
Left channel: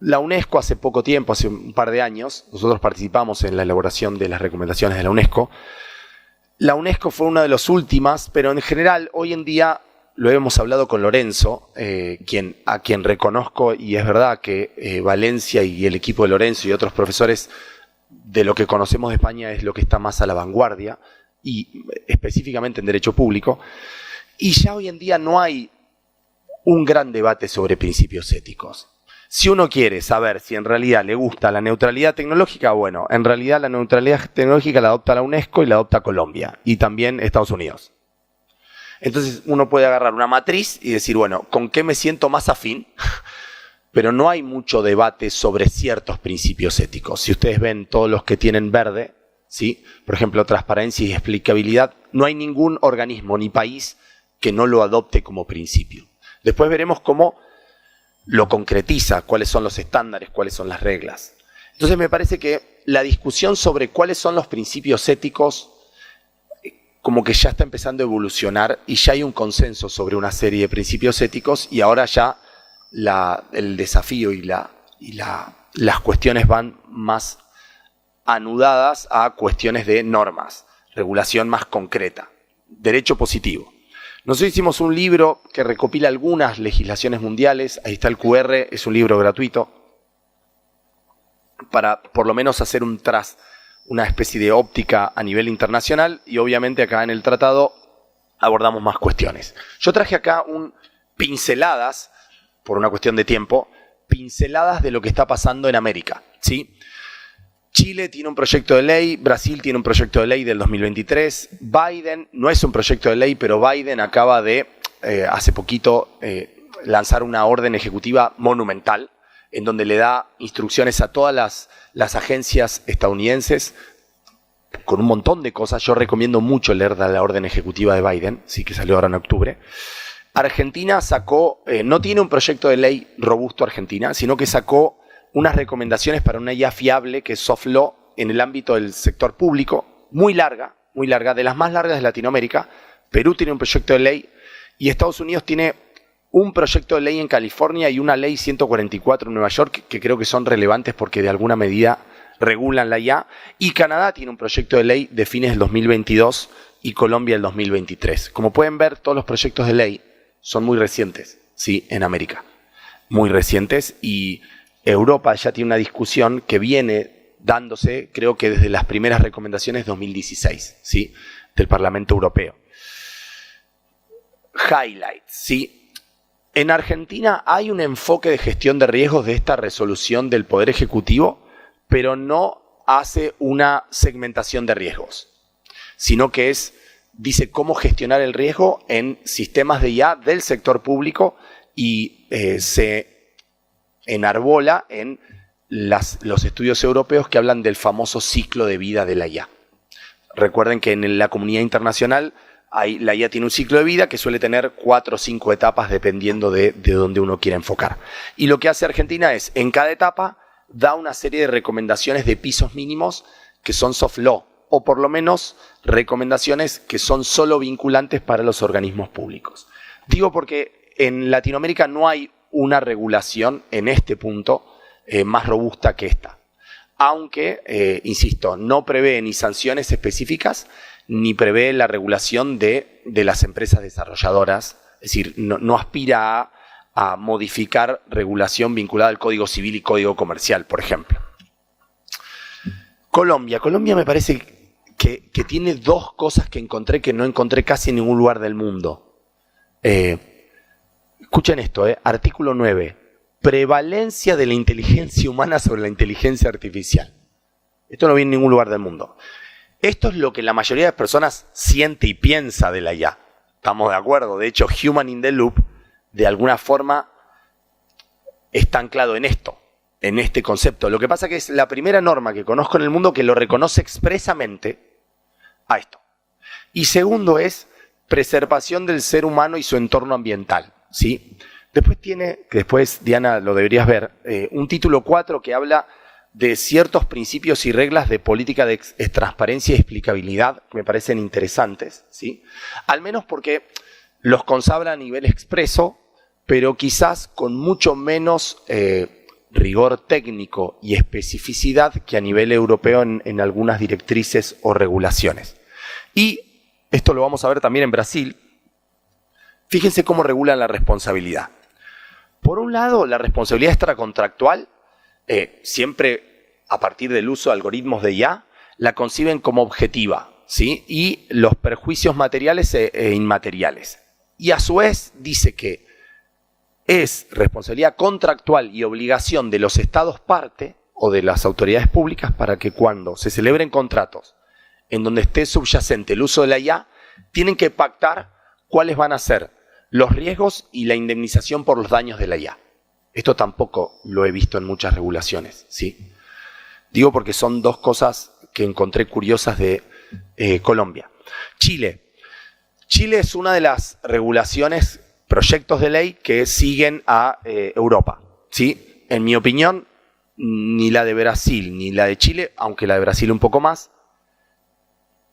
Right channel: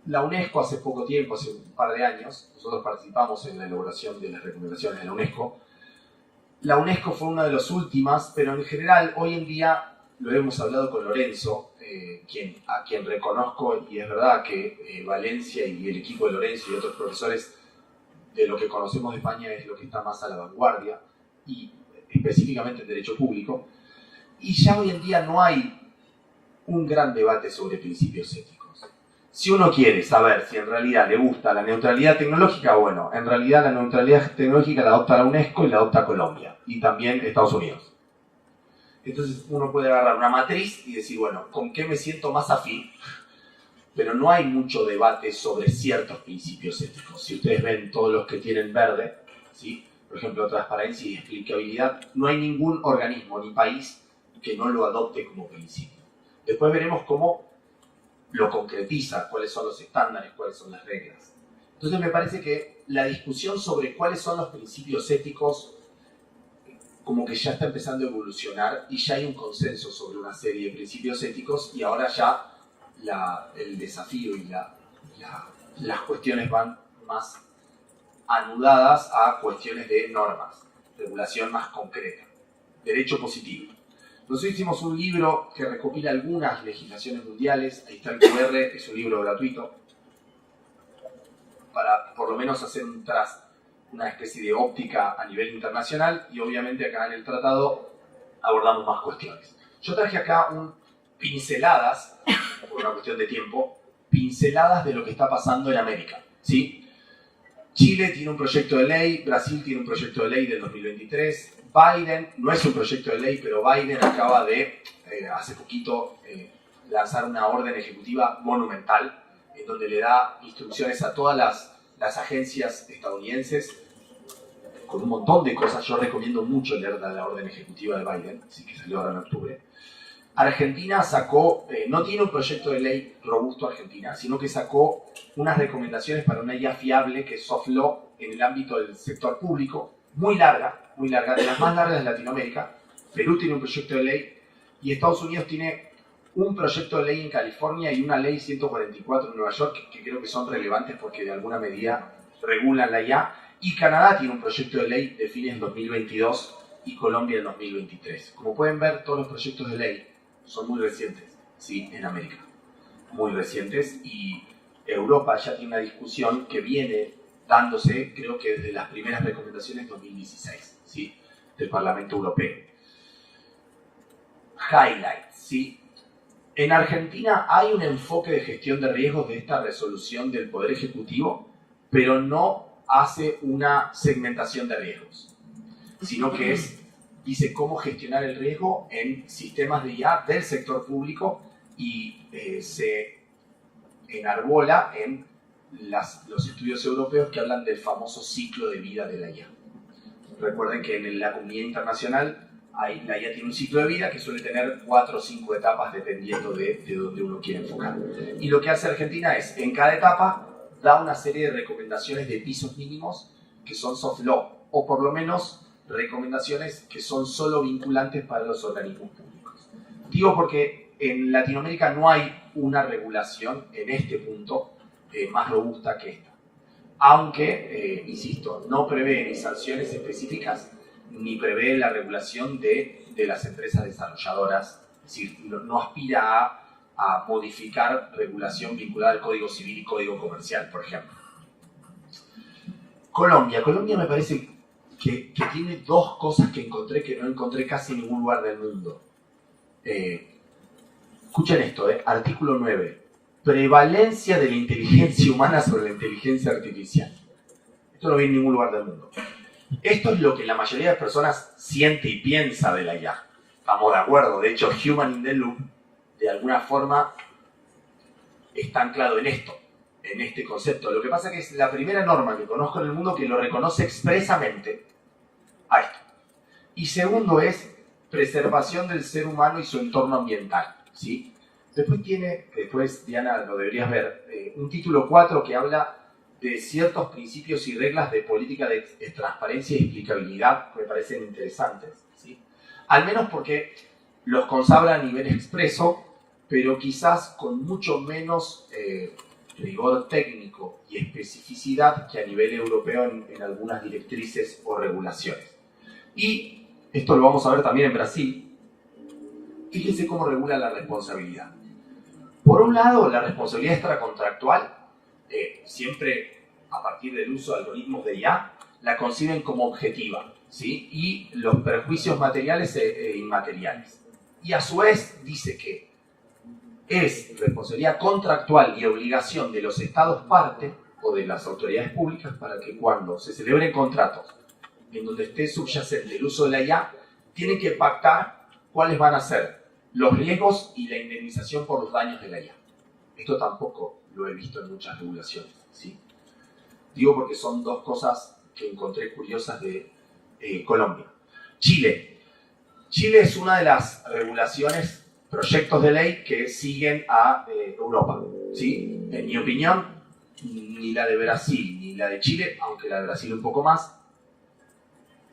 la UNESCO hace poco tiempo, hace un par de años, nosotros participamos en la elaboración de las recomendaciones de la UNESCO. La UNESCO fue una de las últimas, pero en general, hoy en día, lo hemos hablado con Lorenzo, a quien reconozco, y es verdad que Valencia y el equipo de Lorenzo y otros profesores de lo que conocemos de España es lo que está más a la vanguardia, y específicamente en derecho público, y ya hoy en día no hay un gran debate sobre principios éticos. Si uno quiere saber si en realidad le gusta la neutralidad tecnológica, bueno, en realidad la neutralidad tecnológica la adopta la UNESCO y la adopta Colombia, y también Estados Unidos. Entonces uno puede agarrar una matriz y decir, bueno, ¿con qué me siento más afín? Pero no hay mucho debate sobre ciertos principios éticos. Si ustedes ven todos los que tienen verde, ¿sí? Por ejemplo, transparencia y explicabilidad, no hay ningún organismo ni país que no lo adopte como principio. Después veremos cómo lo concretiza, cuáles son los estándares, cuáles son las reglas. Entonces me parece que la discusión sobre cuáles son los principios éticos como que ya está empezando a evolucionar y ya hay un consenso sobre una serie de principios éticos y ahora ya el desafío y las cuestiones van más anudadas a cuestiones de normas, regulación más concreta, derecho positivo. Nosotros hicimos un libro que recopila algunas legislaciones mundiales, ahí está el QR, es un libro gratuito, para por lo menos hacer una especie de óptica a nivel internacional, y obviamente acá en el tratado abordamos más cuestiones. Yo traje acá pinceladas, por una cuestión de tiempo, pinceladas de lo que está pasando en América, ¿sí? Chile tiene un proyecto de ley, Brasil tiene un proyecto de ley del 2023, Biden no es un proyecto de ley, pero Biden acaba de, hace poquito, lanzar una orden ejecutiva monumental en donde le da instrucciones a todas las agencias estadounidenses con un montón de cosas. Yo recomiendo mucho leer la orden ejecutiva de Biden, sí, que salió ahora en octubre. Argentina sacó, no tiene un proyecto de ley robusto Argentina, sino que sacó unas recomendaciones para una IA fiable, que es soft law, en el ámbito del sector público, muy larga, de las más largas de Latinoamérica. Perú tiene un proyecto de ley y Estados Unidos tiene un proyecto de ley en California y una ley 144 en Nueva York, que creo que son relevantes porque de alguna medida regulan la IA. Y Canadá tiene un proyecto de ley de fines del 2022 y Colombia el 2023. Como pueden ver, todos los proyectos de ley son muy recientes, ¿sí? En América. Muy recientes, y Europa ya tiene una discusión que viene dándose, creo que desde las primeras recomendaciones de 2016, ¿sí? Del Parlamento Europeo. Highlights, ¿sí? En Argentina hay un enfoque de gestión de riesgos de esta resolución del Poder Ejecutivo, pero no hace una segmentación de riesgos, sino que dice cómo gestionar el riesgo en sistemas de IA del sector público, y se enarbola en los estudios europeos que hablan del famoso ciclo de vida de la IA. Recuerden que en la comunidad internacional la IA tiene un ciclo de vida que suele tener 4 o 5 etapas dependiendo de dónde uno quiera enfocar. Y lo que hace Argentina es, en cada etapa, da una serie de recomendaciones de pisos mínimos que son soft law, o por lo menos recomendaciones que son solo vinculantes para los organismos públicos. Digo porque en Latinoamérica no hay una regulación en este punto más robusta que esta. Aunque, insisto, no prevé ni sanciones específicas, ni prevé la regulación de las empresas desarrolladoras. Es decir, no aspira a modificar regulación vinculada al Código Civil y Código Comercial, por ejemplo. Colombia me parece que tiene dos cosas que no encontré casi en ningún lugar del mundo. Escuchen esto, artículo 9. Prevalencia de la inteligencia humana sobre la inteligencia artificial. Esto no viene en ningún lugar del mundo. Esto es lo que la mayoría de las personas siente y piensa de la IA. Estamos de acuerdo. De hecho, Human in the Loop, de alguna forma, está anclado en esto, en este concepto. Lo que pasa que es la primera norma que conozco en el mundo que lo reconoce expresamente a esto. Y segundo es preservación del ser humano y su entorno ambiental, ¿sí? Después, Diana, lo deberías ver, un título 4 que habla de ciertos principios y reglas de política de transparencia y explicabilidad que me parecen interesantes, ¿sí? Al menos porque los consagra a nivel expreso, pero quizás con mucho menos rigor técnico y especificidad que a nivel europeo en algunas directrices o regulaciones. Y esto lo vamos a ver también en Brasil. Fíjense cómo regula la responsabilidad. Por un lado, la responsabilidad extracontractual, siempre a partir del uso de algoritmos de IA, la conciben como objetiva, ¿sí? Y los perjuicios materiales e inmateriales. Y a su vez dice que es responsabilidad contractual y obligación de los estados parte o de las autoridades públicas para que cuando se celebren contratos en donde esté subyacente el uso de la IA, tienen que pactar cuáles van a ser los riesgos y la indemnización por los daños de la IA. Esto tampoco lo he visto en muchas regulaciones, ¿sí? Digo porque son dos cosas que encontré curiosas de Colombia. Chile. Chile es una de las regulaciones, proyectos de ley que siguen a Europa, ¿sí? En mi opinión, ni la de Brasil ni la de Chile, aunque la de Brasil un poco más,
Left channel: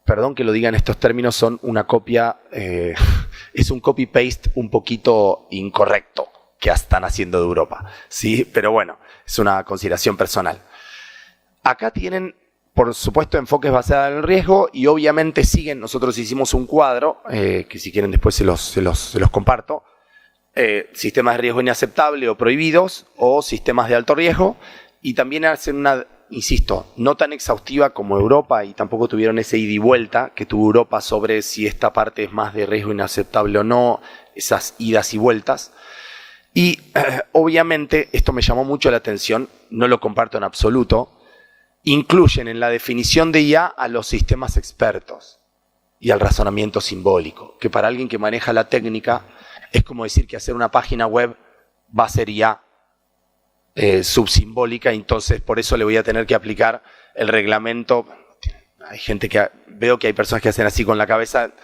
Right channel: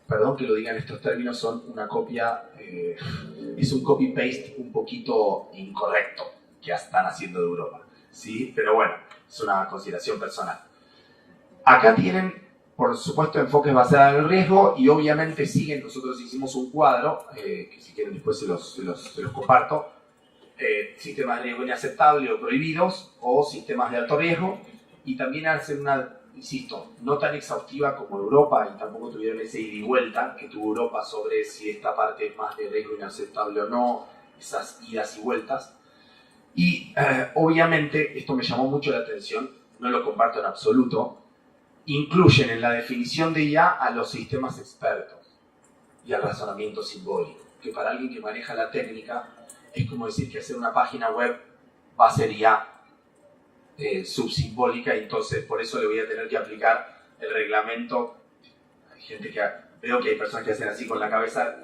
perdón que lo diga en estos términos, son una copia, es un copy-paste un poquito incorrecto, que están haciendo de Europa, ¿sí? Pero bueno, es una consideración personal. Acá tienen, por supuesto, enfoques basados en el riesgo y obviamente siguen. Nosotros hicimos un cuadro, que si quieren después se los comparto. Sistemas de riesgo inaceptable o prohibidos o sistemas de alto riesgo, y también hacen una, insisto, no tan exhaustiva como Europa, y tampoco tuvieron ese ida y vuelta que tuvo Europa sobre si esta parte es más de riesgo inaceptable o no, esas idas y vueltas. Y obviamente esto me llamó mucho la atención, no lo comparto en absoluto. Incluyen en la definición de IA a los sistemas expertos y al razonamiento simbólico, que para alguien que maneja la técnica es como decir que hacer una página web va a ser IA subsimbólica, y entonces por eso le voy a tener que aplicar el reglamento. Hay gente que veo que hay personas que hacen así con la cabeza.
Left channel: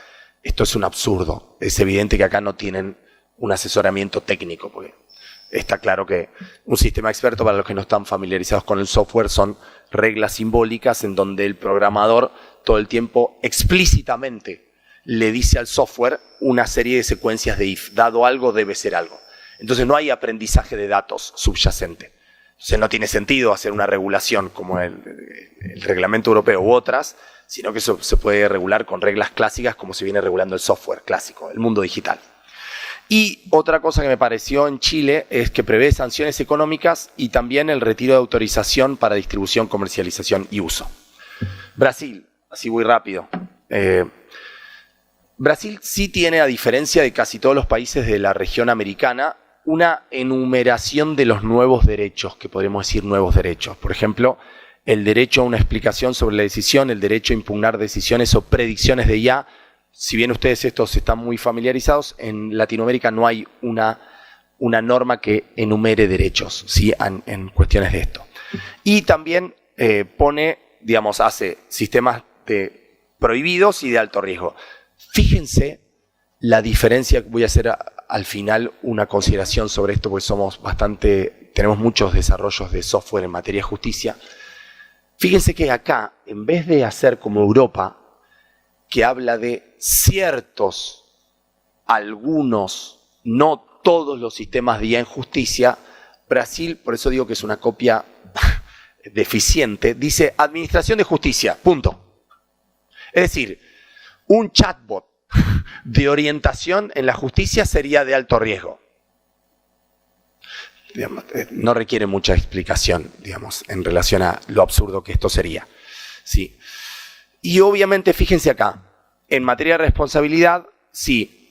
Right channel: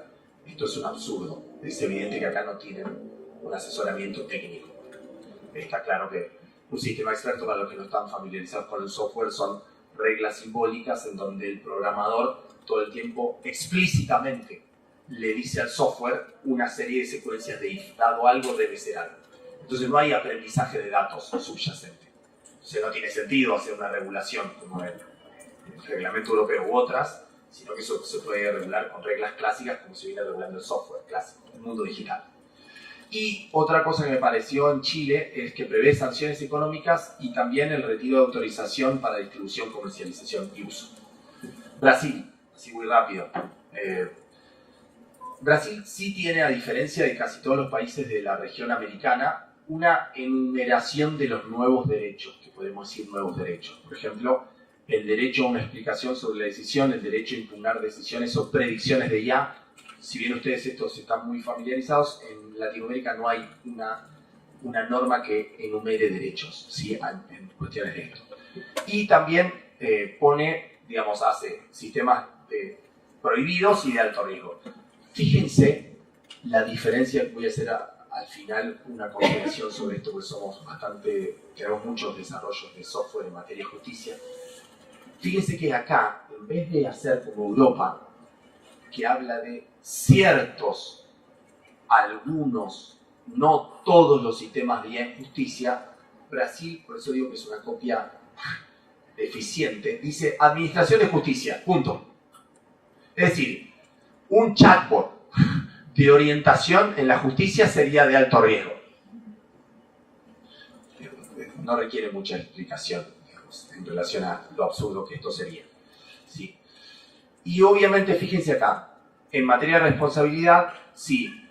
Esto es un absurdo. Es evidente que acá no tienen un asesoramiento técnico, porque está claro que un sistema experto, para los que no están familiarizados con el software, son reglas simbólicas en donde el programador todo el tiempo explícitamente le dice al software una serie de secuencias de if. Dado algo, debe ser algo. Entonces no hay aprendizaje de datos subyacente. Entonces no tiene sentido hacer una regulación como el reglamento europeo u otras, sino que eso se puede regular con reglas clásicas como se viene regulando el software clásico, el mundo digital. Y otra cosa que me pareció en Chile es que prevé sanciones económicas y también el retiro de autorización para distribución, comercialización y uso. Brasil, así muy rápido. Brasil sí tiene, a diferencia de casi todos los países de la región americana, una enumeración de los nuevos derechos, que podríamos decir nuevos derechos. Por ejemplo, el derecho a una explicación sobre la decisión, el derecho a impugnar decisiones o predicciones de IA. Si bien ustedes estos están muy familiarizados, en Latinoamérica no hay una norma que enumere derechos, ¿sí? en cuestiones de esto. Y también hace sistemas de prohibidos y de alto riesgo. Fíjense la diferencia. Voy a hacer al final una consideración sobre esto, porque tenemos muchos desarrollos de software en materia de justicia. Fíjense que acá, en vez de hacer como Europa, que habla de ciertos, algunos, no todos los sistemas de IA en justicia, Brasil, por eso digo que es una copia deficiente, dice administración de justicia, punto. Es decir, un chatbot de orientación en la justicia sería de alto riesgo. No requiere mucha explicación, en relación a lo absurdo que esto sería. ¿Sí? Y obviamente, fíjense acá, en materia de responsabilidad, sí,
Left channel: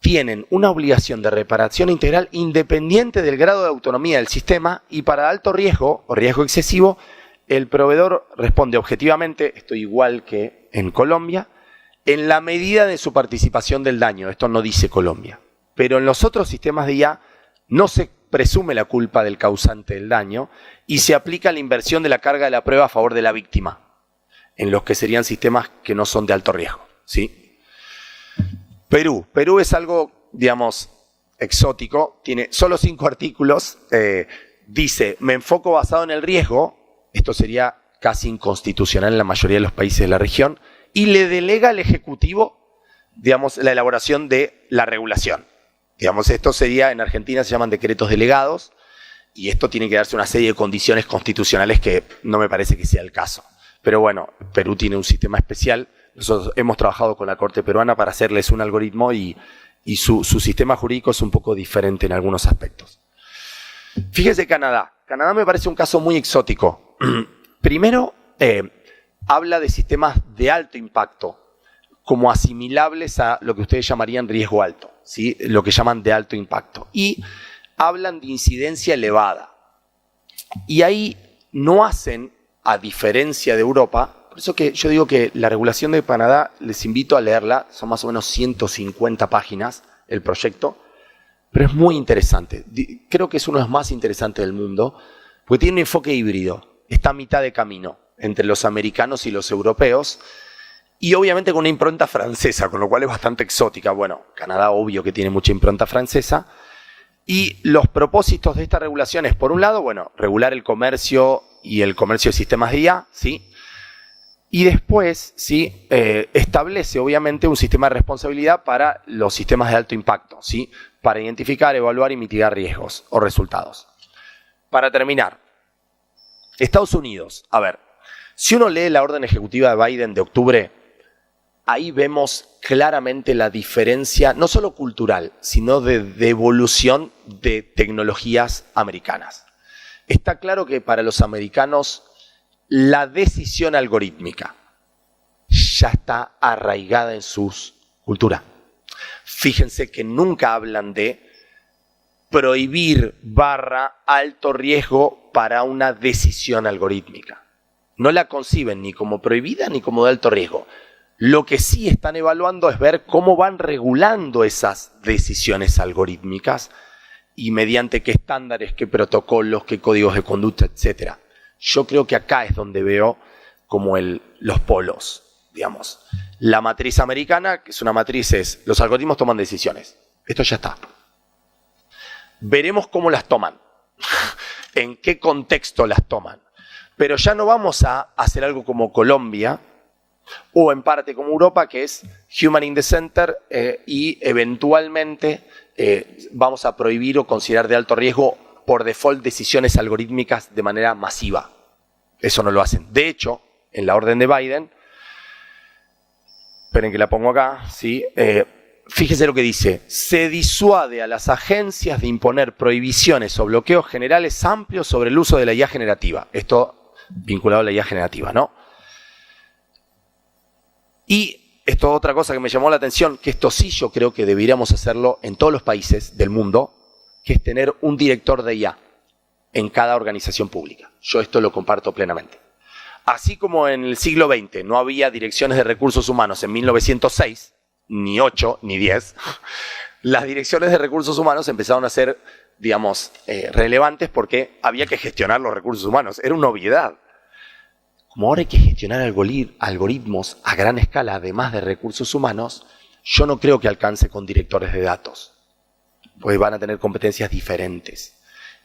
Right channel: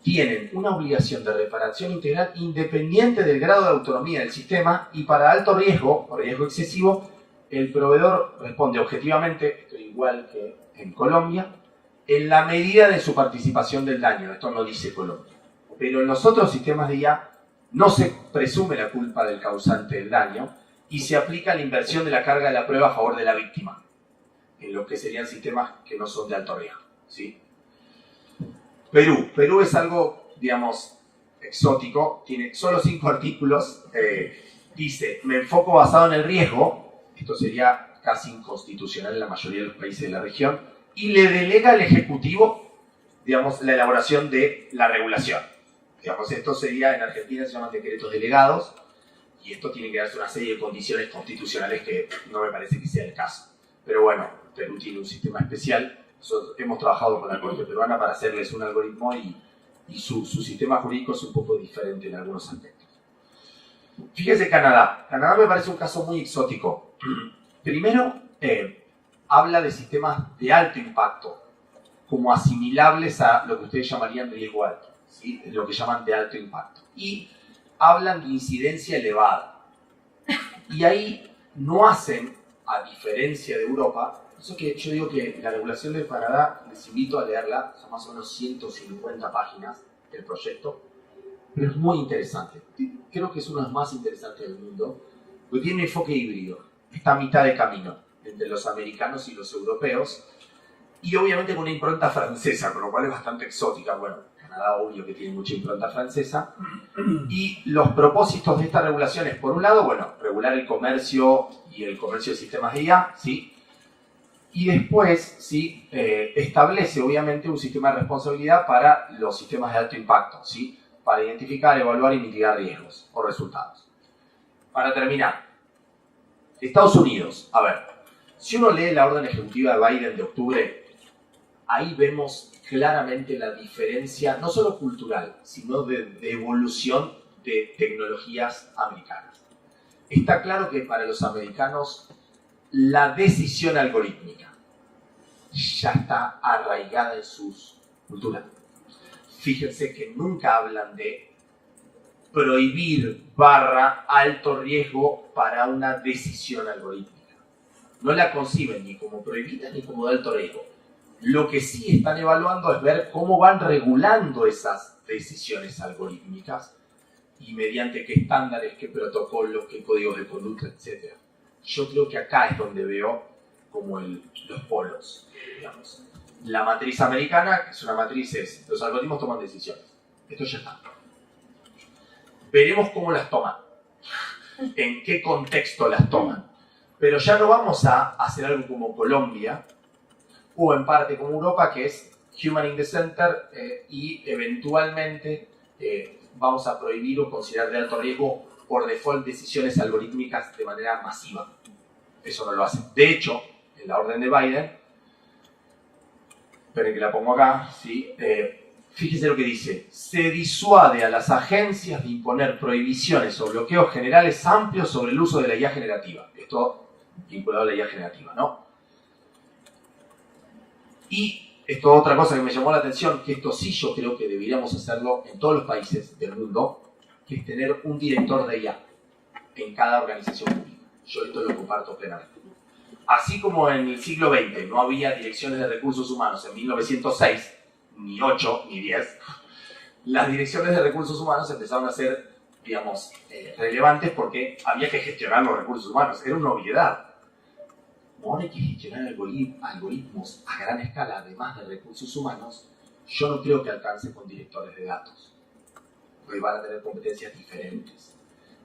tienen una obligación de reparación integral independiente del grado de autonomía del sistema, y para alto riesgo o riesgo excesivo, el proveedor responde objetivamente, esto igual que en Colombia, en la medida de su participación del daño. Esto no dice Colombia. Pero en los otros sistemas de IA no se presume la culpa del causante del daño y se aplica la inversión de la carga de la prueba a favor de la víctima, en los que serían sistemas que no son de alto riesgo. ¿Sí? Perú es algo, exótico. Tiene solo 5 artículos. Dice, me enfoco basado en el riesgo. Esto sería casi inconstitucional en la mayoría de los países de la región. Y le delega al Ejecutivo, la elaboración de la regulación. Esto sería, en Argentina se llaman decretos delegados, y esto tiene que darse una serie de condiciones constitucionales que no me parece que sea el caso. Pero bueno, Perú tiene un sistema especial. Nosotros hemos trabajado con la Corte Peruana para hacerles un algoritmo y su sistema jurídico es un poco diferente en algunos aspectos. Fíjense Canadá. Canadá me parece un caso muy exótico. Primero, habla de sistemas de alto impacto como asimilables a lo que ustedes llamarían riesgo alto, ¿sí? Lo que llaman de alto impacto. Y hablan de incidencia elevada. Y ahí no hacen, a diferencia de Europa, por eso que yo digo que la regulación de Canadá, les invito a leerla, son más o menos 150 páginas el proyecto, pero es muy interesante. Creo que es uno de los más interesantes del mundo, porque tiene un enfoque híbrido, está a mitad de camino entre los americanos y los europeos, y obviamente con una impronta francesa, con lo cual es bastante exótica. Bueno, Canadá obvio que tiene mucha impronta francesa. Y los propósitos de esta regulación es, por un lado, regular el comercio y el comercio de sistemas de IA, ¿sí? Y después, ¿sí? Establece obviamente un sistema de responsabilidad para los sistemas de alto impacto, ¿sí? para identificar, evaluar y mitigar riesgos o resultados. Para terminar, Estados Unidos, a ver, si uno lee la orden ejecutiva de Biden de octubre, ahí vemos claramente la diferencia, no solo cultural, sino de devolución de tecnologías americanas. Está claro que para los americanos la decisión algorítmica ya está arraigada en su cultura. Fíjense que nunca hablan de prohibir / alto riesgo para una decisión algorítmica. No la conciben ni como prohibida ni como de alto riesgo. Lo que sí están evaluando es ver cómo van regulando esas decisiones algorítmicas y mediante qué estándares, qué protocolos, qué códigos de conducta, etc. Yo creo que acá es donde veo como los polos, digamos. La matriz americana, que es una matriz, los algoritmos toman decisiones. Esto ya está. Veremos cómo las toman, en qué contexto las toman. Pero ya no vamos a hacer algo como Colombia, o en parte como Europa, que es Human in the Center, y eventualmente vamos a prohibir o considerar de alto riesgo por default decisiones algorítmicas de manera masiva. Eso no lo hacen. De hecho, en la orden de Biden, esperen que la pongo acá, ¿sí? Fíjense lo que dice: se disuade a las agencias de imponer prohibiciones o bloqueos generales amplios sobre el uso de la IA generativa. Esto vinculado a la IA generativa, ¿no? Y esto es otra cosa que me llamó la atención, que esto sí yo creo que deberíamos hacerlo en todos los países del mundo, que es tener un director de IA en cada organización pública. Yo esto lo comparto plenamente. Así como en el siglo XX no había direcciones de recursos humanos en 1906, ni 8, ni 10, las direcciones de recursos humanos empezaron a ser, digamos, relevantes porque había que gestionar los recursos humanos. Era una obviedad. Como ahora hay que gestionar algoritmos a gran escala, además de recursos humanos, yo no creo que alcance con directores de datos, pues van a tener competencias diferentes.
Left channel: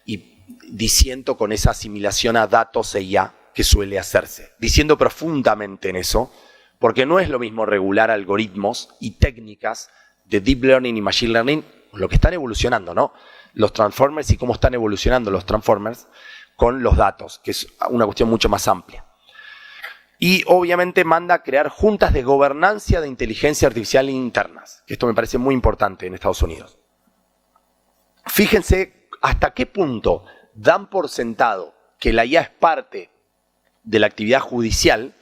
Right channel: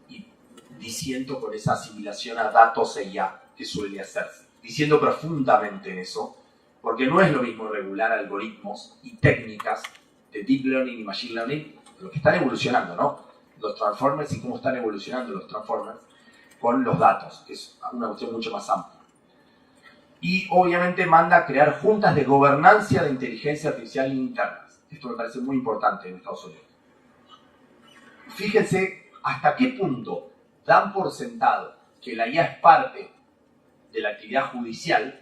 Y disiento con esa asimilación a datos e IA que suele hacerse. Diciendo profundamente en eso, porque no es lo mismo regular algoritmos y técnicas de Deep Learning y Machine Learning, lo que están evolucionando, ¿no? Los Transformers y cómo están evolucionando los Transformers con los datos, que es una cuestión mucho más amplia. Y obviamente manda a crear juntas de gobernanza de inteligencia artificial internas, que esto me parece muy importante en Estados Unidos. Fíjense hasta qué punto dan por sentado que la IA es parte de la actividad judicial,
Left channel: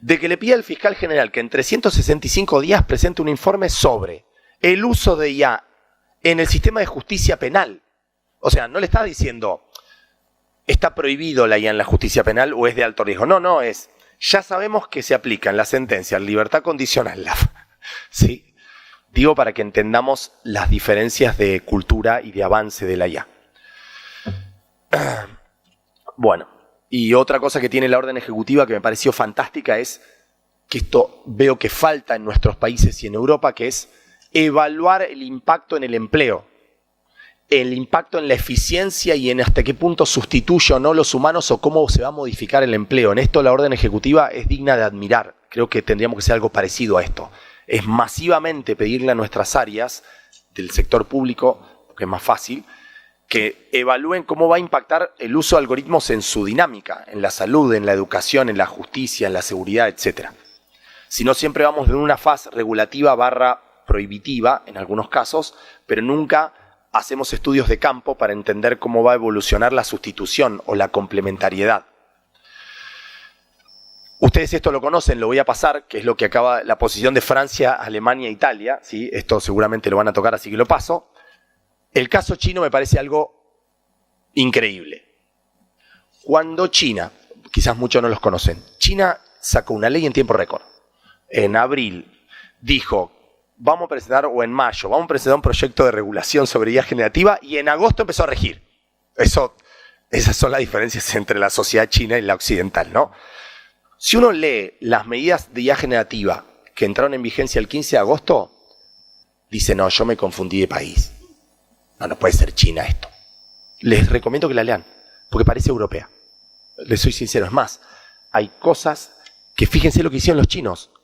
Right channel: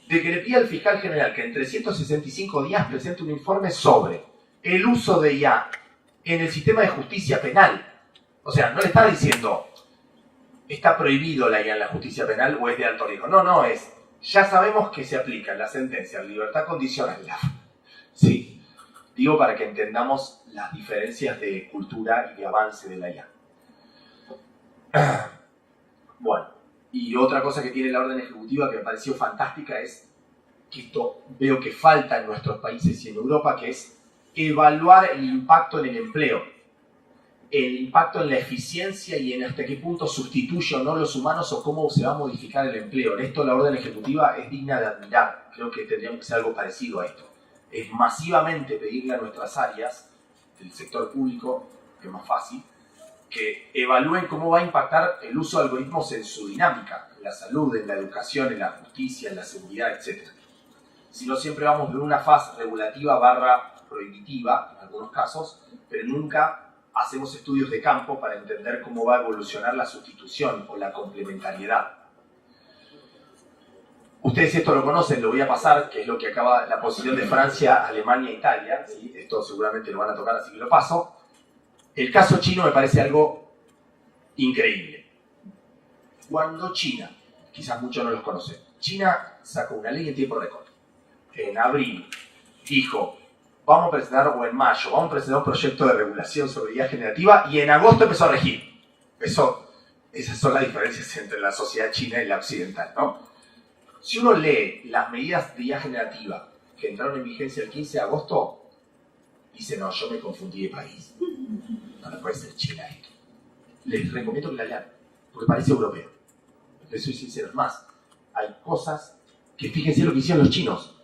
de que le pide al fiscal general que en 365 días presente un informe sobre el uso de IA en el sistema de justicia penal. O sea, no le está diciendo está prohibido la IA en la justicia penal o es de alto riesgo. No, es ya sabemos que se aplica en la sentencia libertad condicional. ¿Sí? Digo para que entendamos las diferencias de cultura y de avance de la IA. Bueno, y otra cosa que tiene la orden ejecutiva que me pareció fantástica es que esto veo que falta en nuestros países y en Europa, que es evaluar el impacto en el empleo, el impacto en la eficiencia y en hasta qué punto sustituye o no los humanos o cómo se va a modificar el empleo. En esto la orden ejecutiva es digna de admirar. Creo que tendríamos que hacer algo parecido a esto. Es masivamente pedirle a nuestras áreas del sector público, que es más fácil, que evalúen cómo va a impactar el uso de algoritmos en su dinámica, en la salud, en la educación, en la justicia, en la seguridad, etc. Si no, siempre vamos de una fase regulativa / prohibitiva, en algunos casos, pero nunca hacemos estudios de campo para entender cómo va a evolucionar la sustitución o la complementariedad. Ustedes esto lo conocen, lo voy a pasar, que es lo que acaba la posición de Francia, Alemania e Italia, ¿sí? Esto seguramente lo van a tocar, así que lo paso. El caso chino me parece algo increíble. Cuando China, quizás muchos no los conocen, China sacó una ley en tiempo récord. En abril dijo, vamos a presentar, o en mayo, vamos a presentar un proyecto de regulación sobre IA generativa y en agosto empezó a regir. Esas son las diferencias entre la sociedad china y la occidental, ¿no? Si uno lee las medidas de IA generativa que entraron en vigencia el 15 de agosto, dice, no, yo me confundí de país. No puede ser China esto. Les recomiendo que la lean, porque parece europea. Les soy sincero, es más, hay cosas que fíjense lo que hicieron los chinos.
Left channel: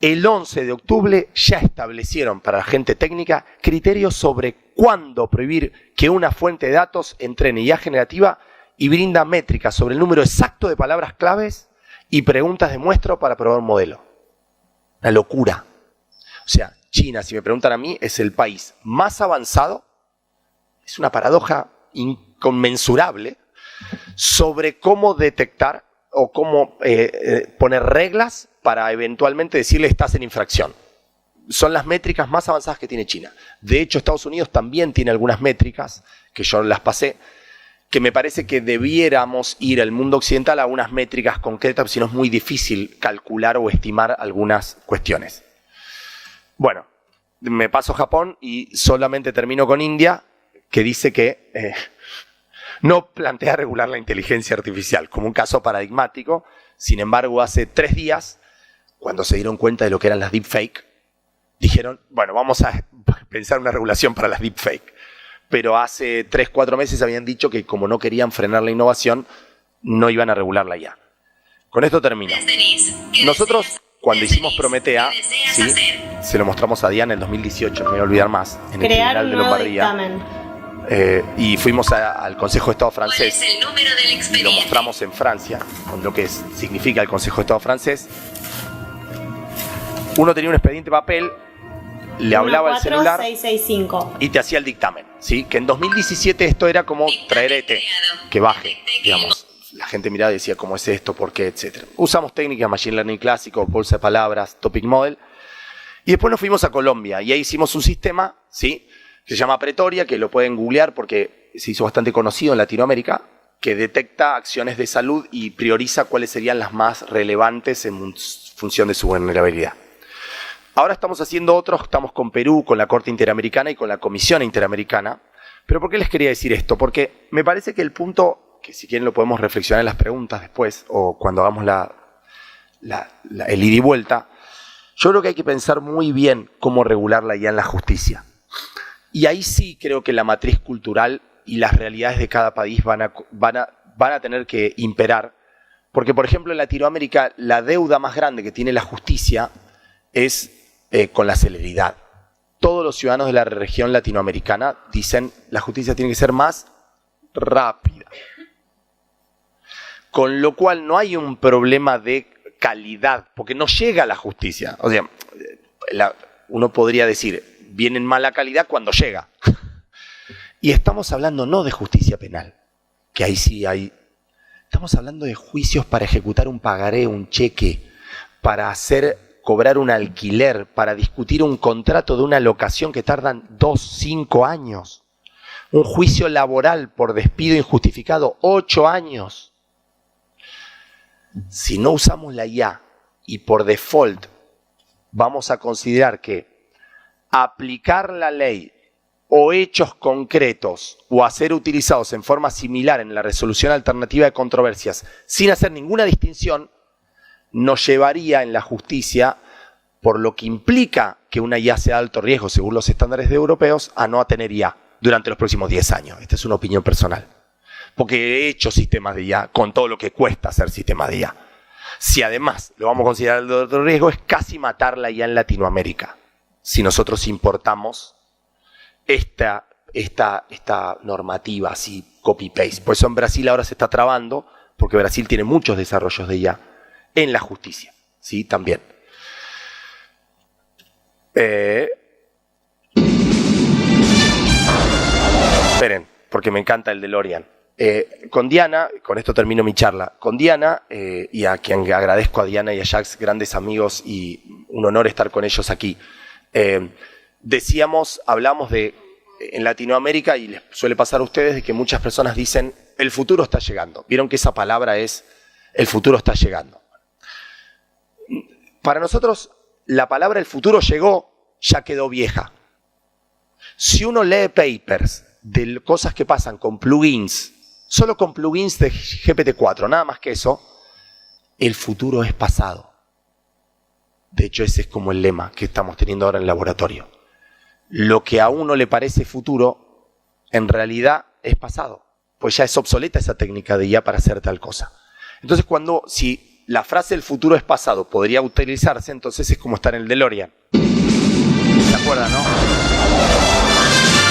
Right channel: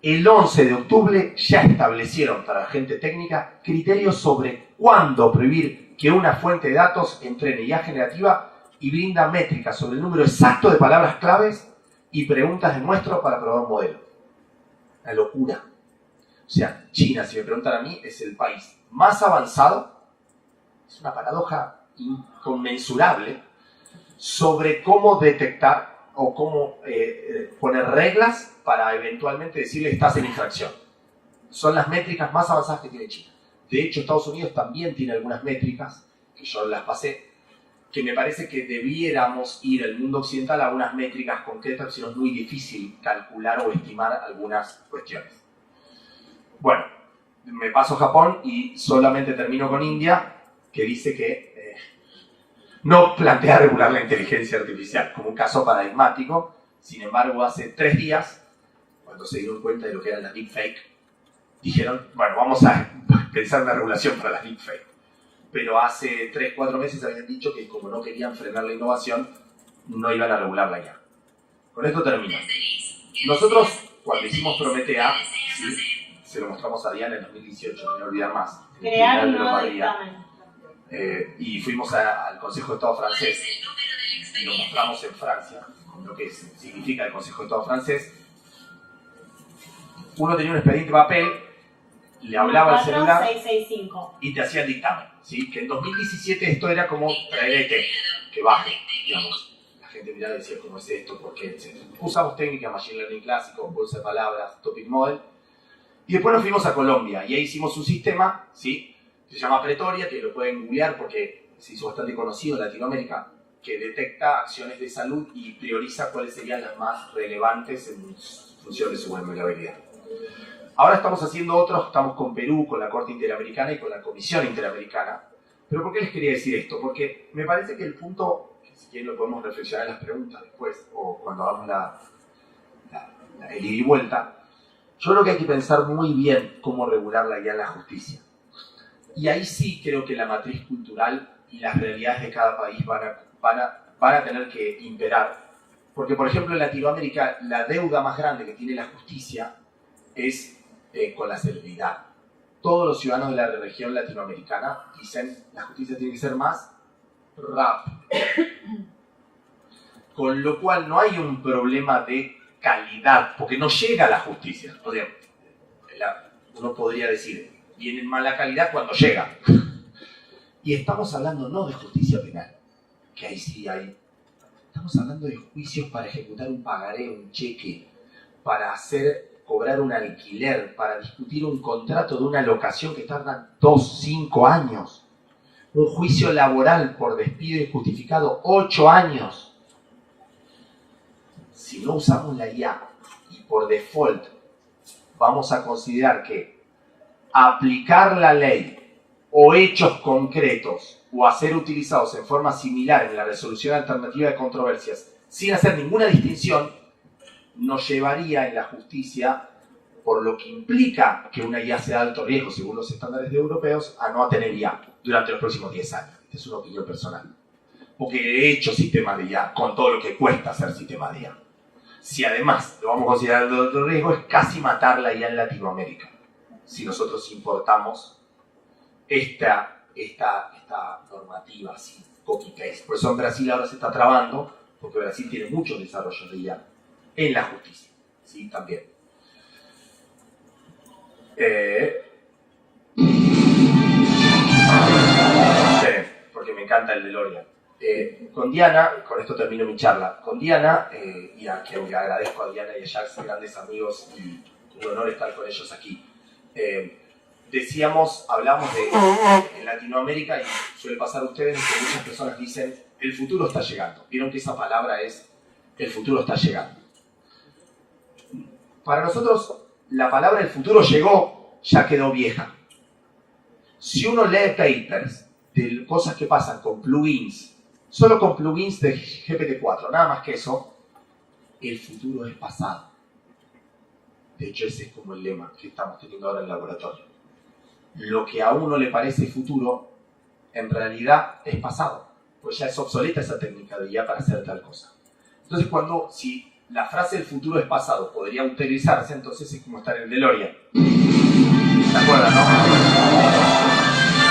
el 11 de octubre ya establecieron para la gente técnica criterios sobre cuándo prohibir que una fuente de datos entrene IA generativa y brinda métricas sobre el número exacto de palabras claves y preguntas de muestreo para probar un modelo. Una locura. O sea, China, si me preguntan a mí, es el país más avanzado, es una paradoja inconmensurable, sobre cómo detectar o cómo poner reglas para eventualmente decirle estás en infracción. Son las métricas más avanzadas que tiene China. De hecho, Estados Unidos también tiene algunas métricas, que yo las pasé, que me parece que debiéramos ir al mundo occidental a unas métricas concretas, si no es muy difícil calcular o estimar algunas cuestiones. Bueno, me paso a Japón y solamente termino con India, que dice que no plantea regular la inteligencia artificial como un caso paradigmático. Sin embargo, hace 3 días, cuando se dieron cuenta de lo que eran las deepfake, dijeron, bueno, vamos a pensar en una regulación para las deepfake. Pero hace 3-4 meses habían dicho que como no querían frenar la innovación, no iban a regularla ya. Con esto termino. Nosotros, cuando hicimos Prometea, ¿sí? Se lo mostramos a Diana en el 2018, no me voy a olvidar más, en el Tribunal de Lombardía. Y fuimos al Consejo de Estado francés y lo mostramos en Francia, con lo que significa el Consejo de Estado francés. Uno tenía un expediente de papel, le hablaba al celular 665. y te hacía el dictamen, ¿sí? Que en 2017 esto era como traer que baje, digamos. La gente miraba y decía, ¿cómo es esto? ¿Por qué? Etcétera. Usamos técnicas, Machine Learning clásico, bolsa de palabras, Topic Model. Y después nos fuimos a Colombia y ahí hicimos un sistema, ¿sí? Que se llama Pretoria, que lo pueden googlear porque se hizo bastante conocido en Latinoamérica, que detecta acciones de salud y prioriza cuáles serían las más relevantes en función de su vulnerabilidad. Ahora estamos haciendo otros, estamos con Perú, con la Corte Interamericana y con la Comisión Interamericana. ¿Pero por qué les quería decir esto? Porque me parece que el punto, que si quieren lo podemos reflexionar en las preguntas después o cuando hagamos el ida y vuelta, yo creo que hay que pensar muy bien cómo regularla ya en la justicia. Y ahí sí creo que la matriz cultural y las realidades de cada país van a tener que imperar. Porque, por ejemplo, en Latinoamérica la deuda más grande que tiene la justicia es con la celeridad. Todos los ciudadanos de la región latinoamericana dicen la justicia tiene que ser más rápida. Con lo cual no hay un problema de calidad, porque no llega a la justicia. O sea, uno podría decir, viene en mala calidad cuando llega. Y estamos hablando no de justicia penal, que ahí sí hay. Estamos hablando de juicios para ejecutar un pagaré, un cheque, para cobrar un alquiler, para discutir un contrato de una locación que tardan 2-5 años. Un juicio laboral por despido injustificado, 8 años. Si no usamos la IA y por default vamos a considerar que aplicar la ley o hechos concretos o a ser utilizados en forma similar en la resolución alternativa de controversias sin hacer ninguna distinción, nos llevaría en la justicia, por lo que implica que una IA sea de alto riesgo según los estándares europeos, a no tener IA durante los próximos 10 años. Esta es una opinión personal. Porque he hecho sistemas de IA con todo lo que cuesta hacer sistemas de IA. Si además lo vamos a considerar de alto riesgo, es casi matar la IA en Latinoamérica. Si nosotros importamos esta normativa así, copy-paste. Por eso en Brasil ahora se está trabando, porque Brasil tiene muchos desarrollos de IA en la justicia, ¿sí? También. Esperen, porque me encanta el DeLorean. Con Diana, con esto termino mi charla, con Diana, y a quien agradezco a Diana y a Jacques, grandes amigos, y un honor estar con ellos aquí. Hablamos de, en Latinoamérica, y suele pasar a ustedes, que muchas personas dicen, el futuro está llegando. Vieron que esa palabra es, el futuro está llegando. Para nosotros, la palabra el futuro llegó, ya quedó vieja. Si uno lee papers de cosas que pasan con plugins, solo con plugins de GPT-4, nada más que eso, el futuro es pasado. De hecho, ese es como el lema que estamos teniendo ahora en el laboratorio. Lo que a uno le parece futuro, en realidad es pasado. Pues ya es obsoleta esa técnica de IA para hacer tal cosa. Entonces, si la frase el futuro es pasado podría utilizarse, entonces es como estar en el DeLorean. ¿Se acuerdan, no?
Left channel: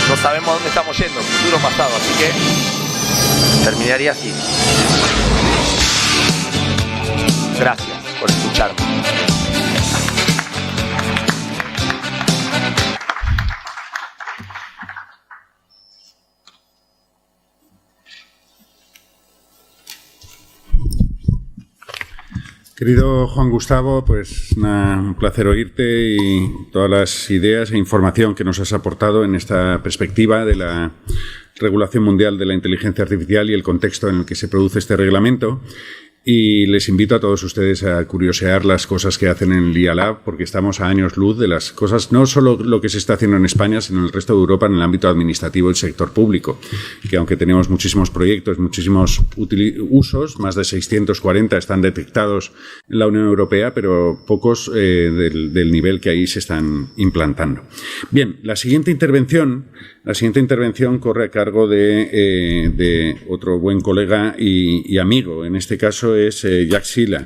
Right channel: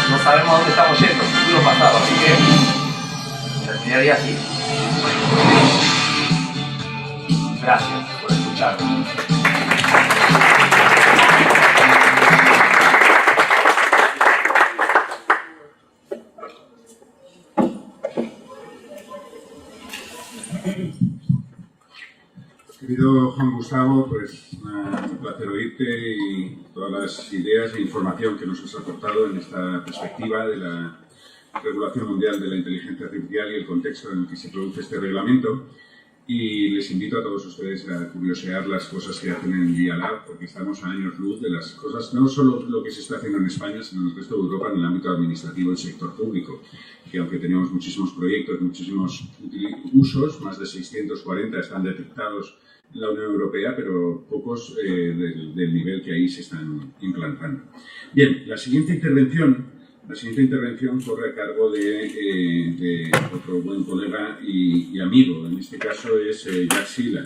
No sabemos dónde estamos yendo, futuro pasado, así que terminaría así. Gracias por escuchar. Querido Juan Gustavo, pues un placer oírte y todas las ideas e información que nos has aportado en esta perspectiva de la regulación mundial de la inteligencia artificial y el contexto en el que se produce este reglamento. Y les invito a todos ustedes a curiosear las cosas que hacen en el IA Lab, porque estamos a años luz de las cosas, no solo lo que se está haciendo en España, sino en el resto de Europa en el ámbito administrativo del sector público, que aunque tenemos muchísimos proyectos, muchísimos usos, más de 640 están detectados en la Unión Europea, pero pocos del nivel que ahí se están implantando. Bien, la siguiente intervención corre a cargo de otro buen colega y amigo. En este caso es Jacques Silla.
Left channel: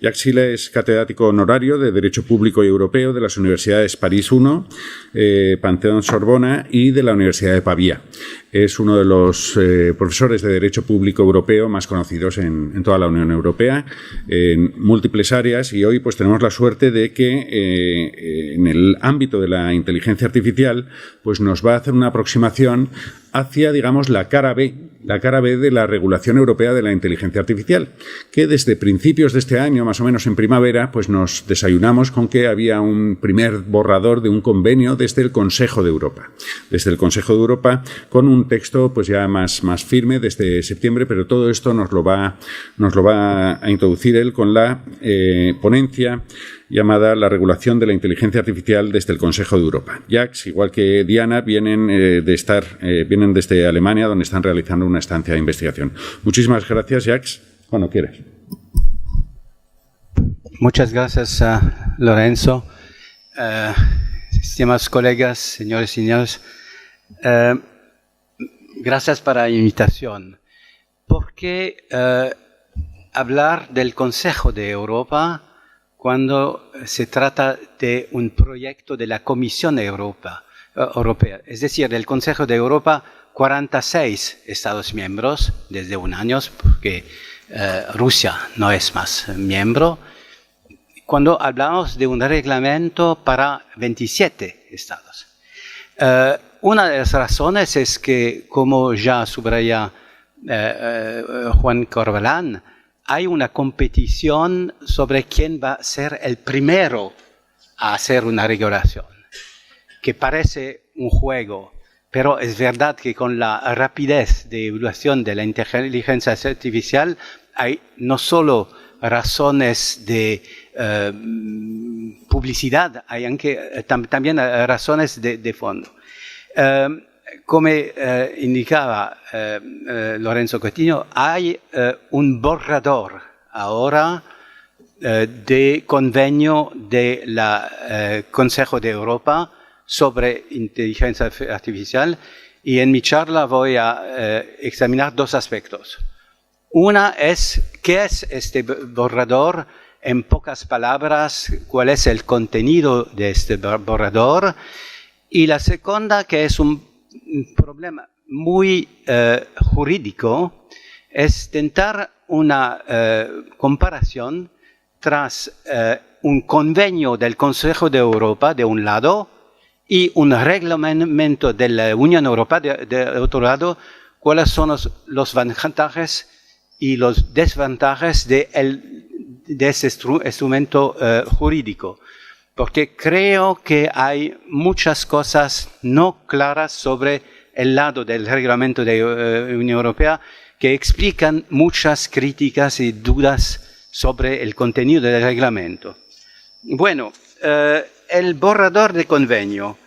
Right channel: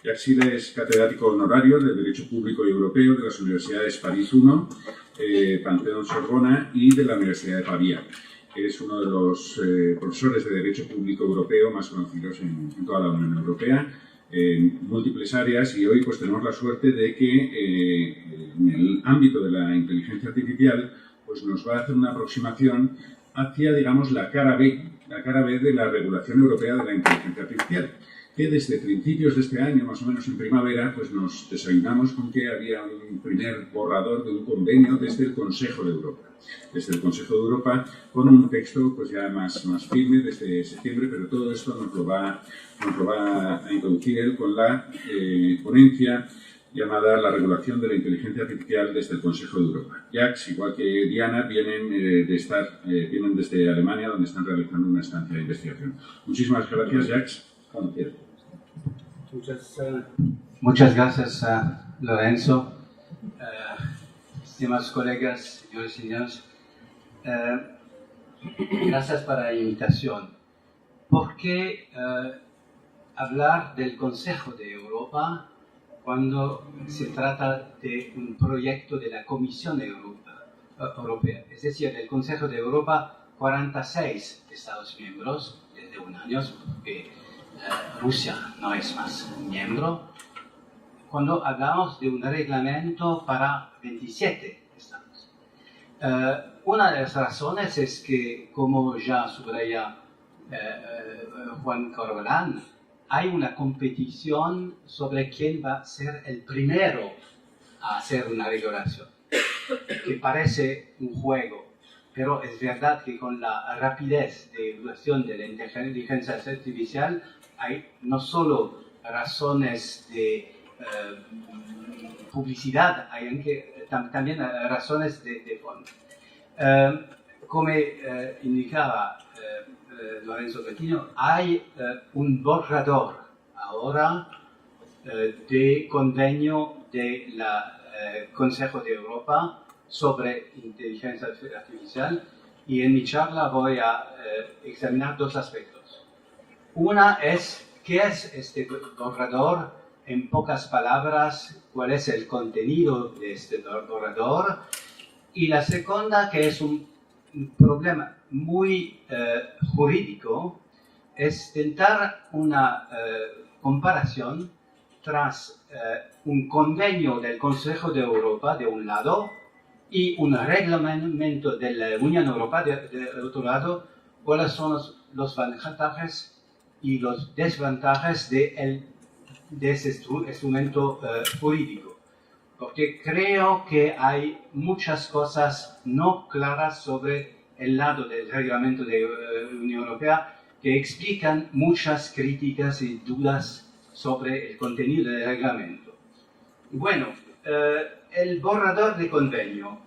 Jacques Silla es catedrático honorario de Derecho Público y Europeo de las Universidades París I, Panteón Sorbona y de la Universidad de Pavía. Es uno de los profesores de Derecho Público Europeo más conocidos en toda la Unión Europea, en múltiples áreas, y hoy pues tenemos la suerte de que en el ámbito de la inteligencia artificial pues nos va a hacer una aproximación hacia, digamos, la cara B de la regulación europea de la inteligencia artificial, que desde principios de este año, más o menos en primavera, pues nos desayunamos con que había un primer borrador de un convenio desde el Consejo de Europa. Desde el Consejo de Europa, con un texto pues ya más firme desde septiembre, pero todo esto nos lo va a introducir él con la ponencia llamada La regulación de la inteligencia artificial desde el Consejo de Europa. Jacques, igual que Diana, vienen desde Alemania, donde están realizando una estancia de investigación. Muchísimas gracias, Jacques. Cuando quieras. Muchas gracias, Lorenzo. Estimados colegas, señores y señores, gracias por la invitación. ¿Por qué hablar del Consejo de Europa cuando se trata de un proyecto de la Comisión Europea? Es decir, del Consejo de Europa, 46 Estados miembros desde un año, porque Rusia no es más miembro. Cuando hablamos de un reglamento para 27 Estados. Una de las razones es que, como ya subraya Juan Corbalán, hay una competición sobre quién va a ser el primero a hacer una regulación, que parece un juego, pero es verdad que con la rapidez de evolución de la inteligencia artificial hay no solo razones de publicidad, hay también razones de fondo. Como indicaba Lorenzo Coutinho, hay un borrador ahora de convenio del Consejo de Europa sobre inteligencia artificial, y en mi charla voy a examinar dos aspectos. Una es, ¿qué es este borrador? En pocas palabras, ¿cuál es el contenido de este borrador? Y la segunda, que es un problema muy jurídico, es tentar una comparación tras un convenio del Consejo de Europa de un lado y un reglamento de la Unión Europea de otro lado, cuáles son los ventajas y los desventajas de ese instrumento jurídico. Porque creo que hay muchas cosas no claras sobre el lado del reglamento de la Unión Europea que explican muchas críticas y dudas sobre el contenido del reglamento. Bueno, el borrador de convenio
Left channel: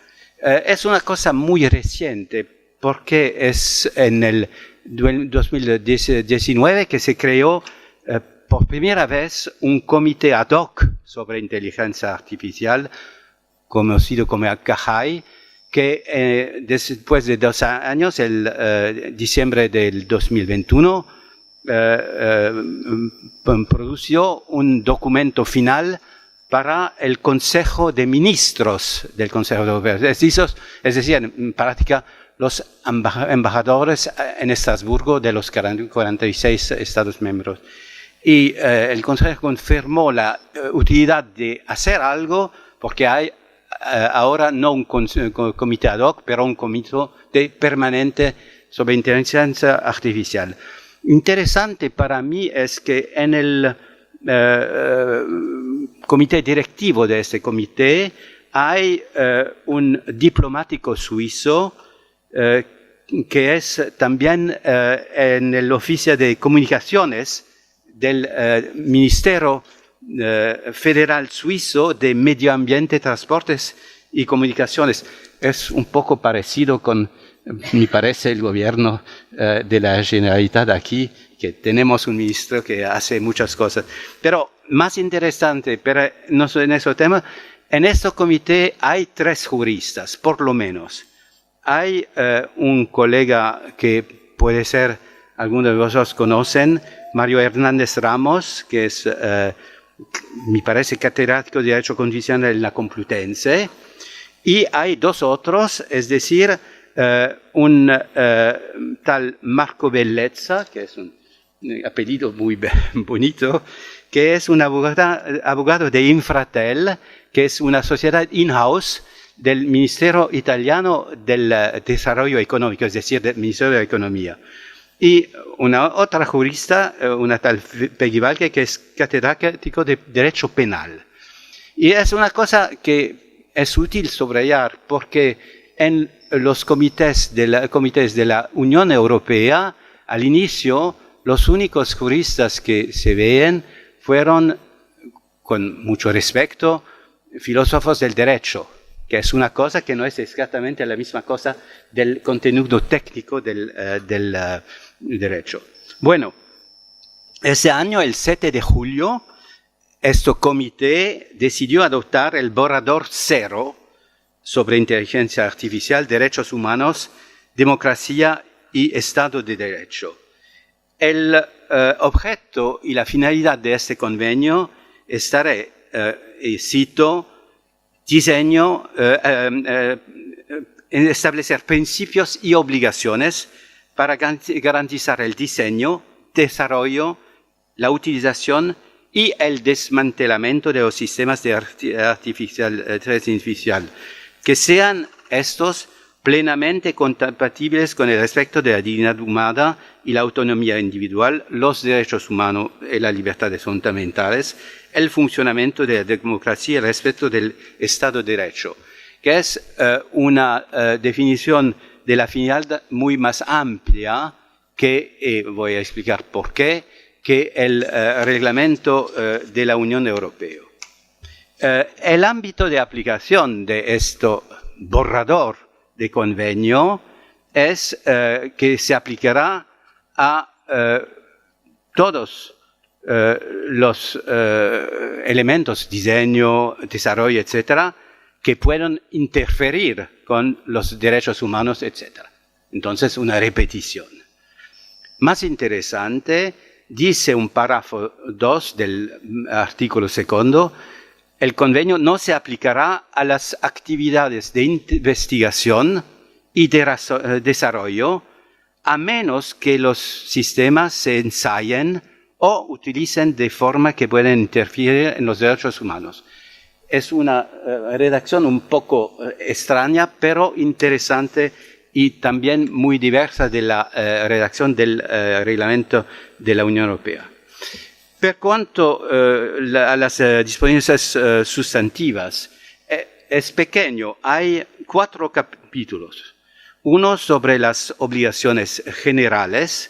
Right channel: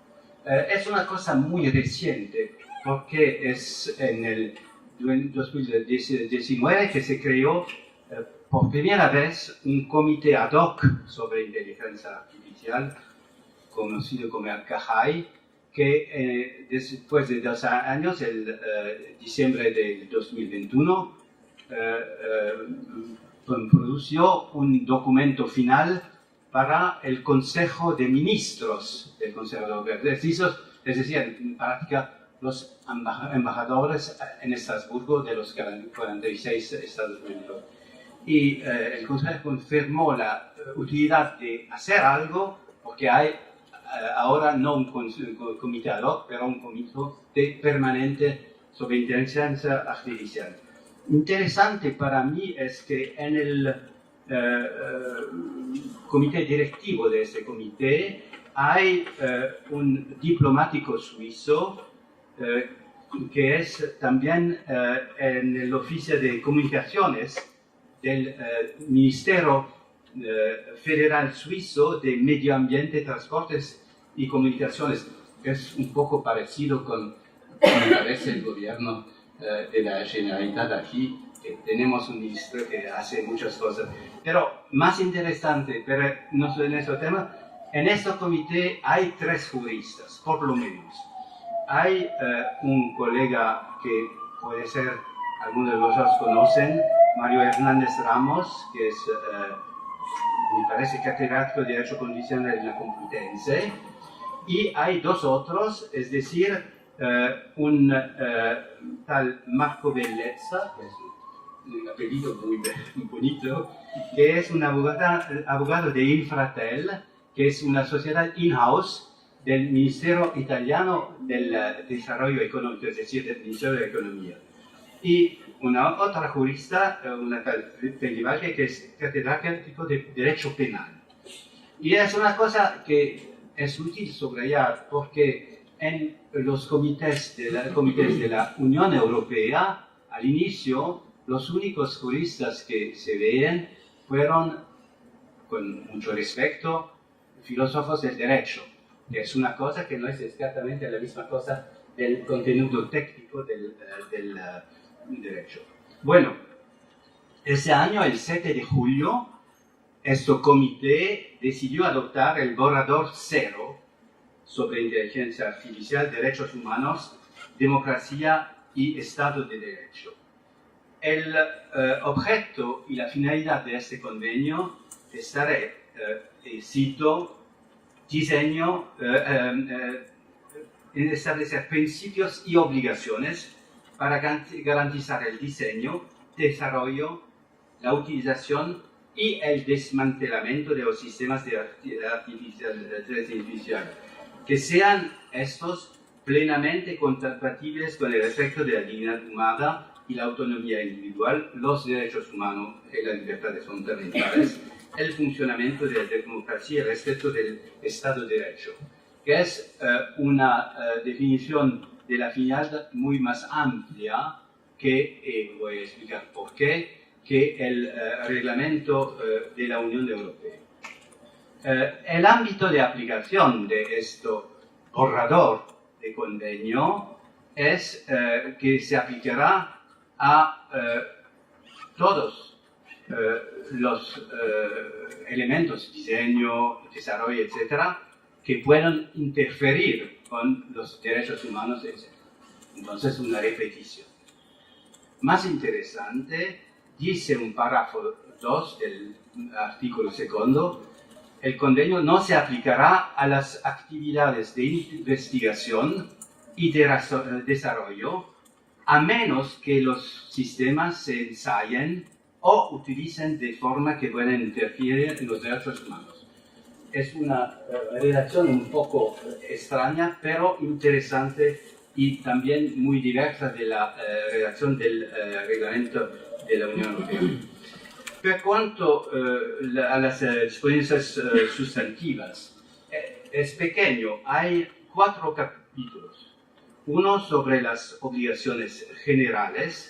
es una cosa muy reciente, porque es en el 2019 que se creó por primera vez un comité ad hoc sobre inteligencia artificial, conocido como CAHAI, que después de 2 años, el diciembre del 2021, produjo un documento final para el Consejo de Ministros del Consejo Europeo. Es decir, en práctica, los embajadores en Estrasburgo de los 46 Estados miembros. Y el Consejo confirmó la utilidad de hacer algo porque hay ahora no un comité ad hoc, pero un comité permanente sobre inteligencia artificial. Interesante para mí es que en el comité directivo de este comité hay un diplomático suizo que es también en el oficio de comunicaciones del Ministerio Federal Suizo de Medio Ambiente, Transportes y Comunicaciones. Es un poco parecido con, me parece, el gobierno de la Generalitat aquí, que tenemos un ministro que hace muchas cosas. Pero más interesante, pero no en ese tema, en este comité hay 3 juristas, por lo menos. Hay un colega que puede ser, algunos de vosotros conocen, Mario Hernández Ramos, que es, me parece, catedrático de Derecho Constitucional en la Complutense. Y hay 2 otros, es decir, un tal Marco Bellezza, que es un apellido muy bonito, que es un abogado de Infratel, que es una sociedad in-house del Ministerio Italiano del Desarrollo Económico, es decir, del Ministerio de Economía. Y una otra jurista, una tal Peggy Valque, que es catedrático de Derecho Penal. Y es una cosa que es útil subrayar porque en los comités de la Unión Europea, al inicio, los únicos juristas que se ven fueron, con mucho respeto, filósofos del derecho, que es una cosa que no es exactamente la misma cosa del contenido técnico del derecho. Bueno, ese año, el 7 de julio, este comité decidió adoptar el borrador 0 sobre inteligencia artificial, derechos humanos, democracia y Estado de Derecho. El objeto y la finalidad de este convenio estará, y cito, establecer principios y obligaciones para garantizar el diseño, desarrollo, la utilización y el desmantelamiento de los sistemas de inteligencia artificial, que sean estos plenamente compatibles con el respeto de la dignidad humana y la autonomía individual, los derechos humanos y las libertades fundamentales, el funcionamiento de la democracia y el respeto del Estado de Derecho, que es una definición de la finalidad muy más amplia que, voy a explicar por qué, que el reglamento de la Unión Europea. El ámbito de aplicación de este borrador de convenio es que se aplicará a todos los elementos, diseño, desarrollo, etcétera, que puedan interferir con los derechos humanos, etcétera. Entonces, una repetición. Más interesante, dice un párrafo 2 del artículo 2, el convenio no se aplicará a las actividades de investigación y de desarrollo a menos que los sistemas se ensayen o utilicen de forma que puedan interferir en los derechos humanos. Es una redacción un poco extraña, pero interesante y también muy diversa de la redacción del reglamento de la Unión Europea. Per cuanto a las disposiciones sustantivas, es pequeño, hay 4 capítulos. Uno sobre las obligaciones generales,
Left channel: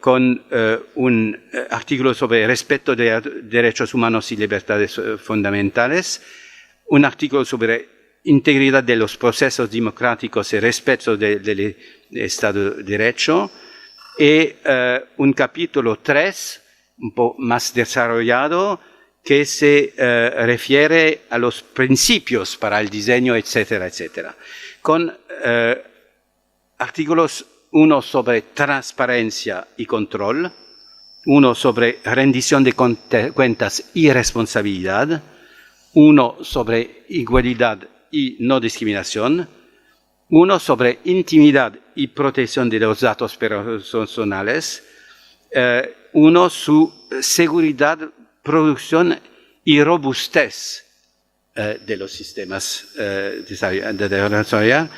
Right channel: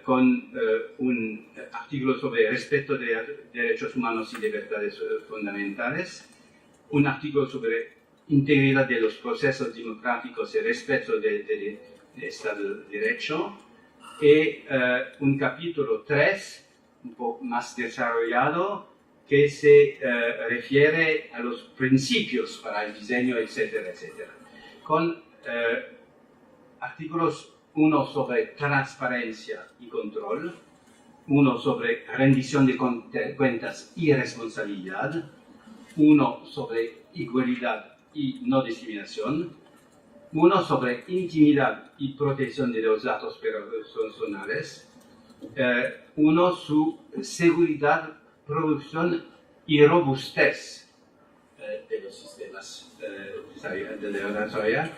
con un artículo sobre el respeto de derechos humanos y libertades fundamentales, un artículo sobre integridad de los procesos democráticos y respeto del Estado de Derecho, y un capítulo 3, un poco más desarrollado, que se refiere a los principios para el diseño, etcétera, etcétera. Con artículos 1 sobre transparencia y control, uno sobre rendición de cuentas y responsabilidad, uno sobre igualdad y no discriminación, uno sobre intimidad y protección de los datos personales, uno sobre seguridad, producción y robustez de los sistemas de organización,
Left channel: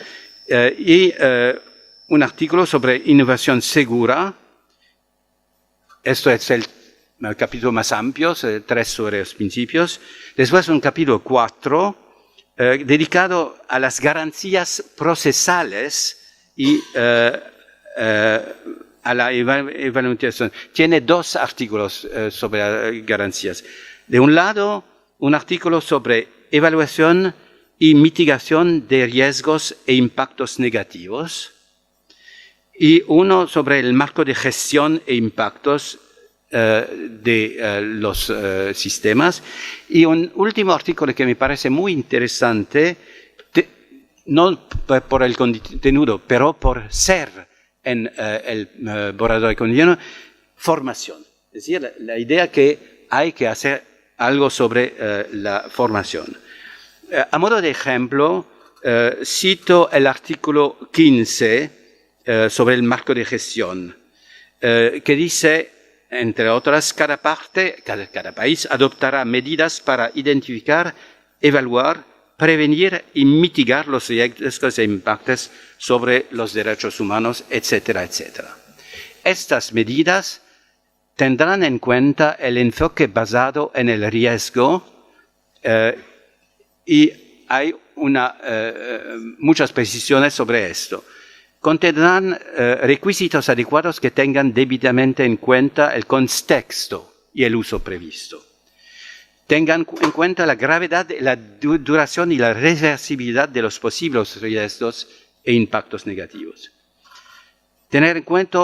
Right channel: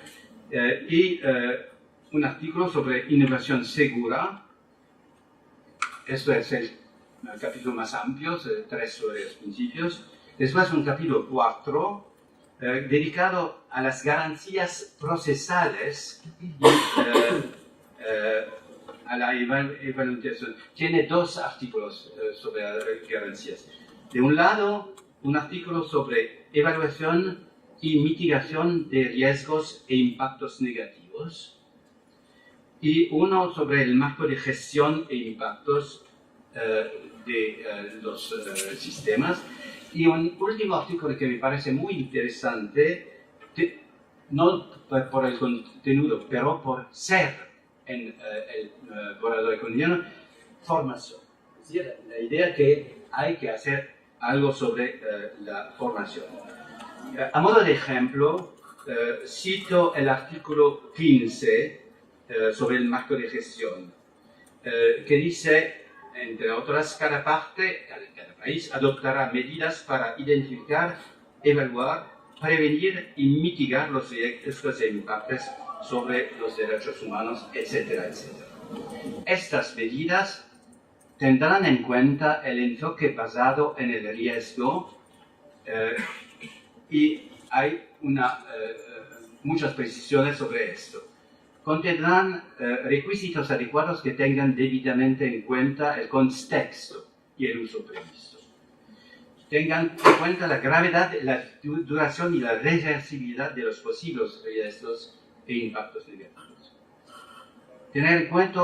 y un artículo sobre innovación segura. Esto es el capítulo más amplio, 3 sobre los principios. Después un capítulo 4 dedicado a las garantías procesales y a la evaluación. Tiene 2 artículos sobre garantías. De un lado, un artículo sobre evaluación y mitigación de riesgos e impactos negativos, y uno sobre el marco de gestión e impactos de los sistemas, y un último artículo que me parece muy interesante, no por el contenido, pero por ser en el borrador económico, formación. Es decir, la idea que hay que hacer algo sobre la formación. A modo de ejemplo, cito el artículo 15 sobre el marco de gestión, que dice, entre otras, cada país adoptará medidas para identificar, evaluar, prevenir y mitigar los riesgos e impactos sobre los derechos humanos, etcétera, etcétera. Estas medidas tendrán en cuenta el enfoque basado en el riesgo y hay muchas precisiones sobre esto. Contendrán requisitos adecuados que tengan debidamente en cuenta el contexto y el uso previsto. Tengan en cuenta la gravedad, la duración y la reversibilidad de los posibles riesgos e impactos negativos. Tener en cuenta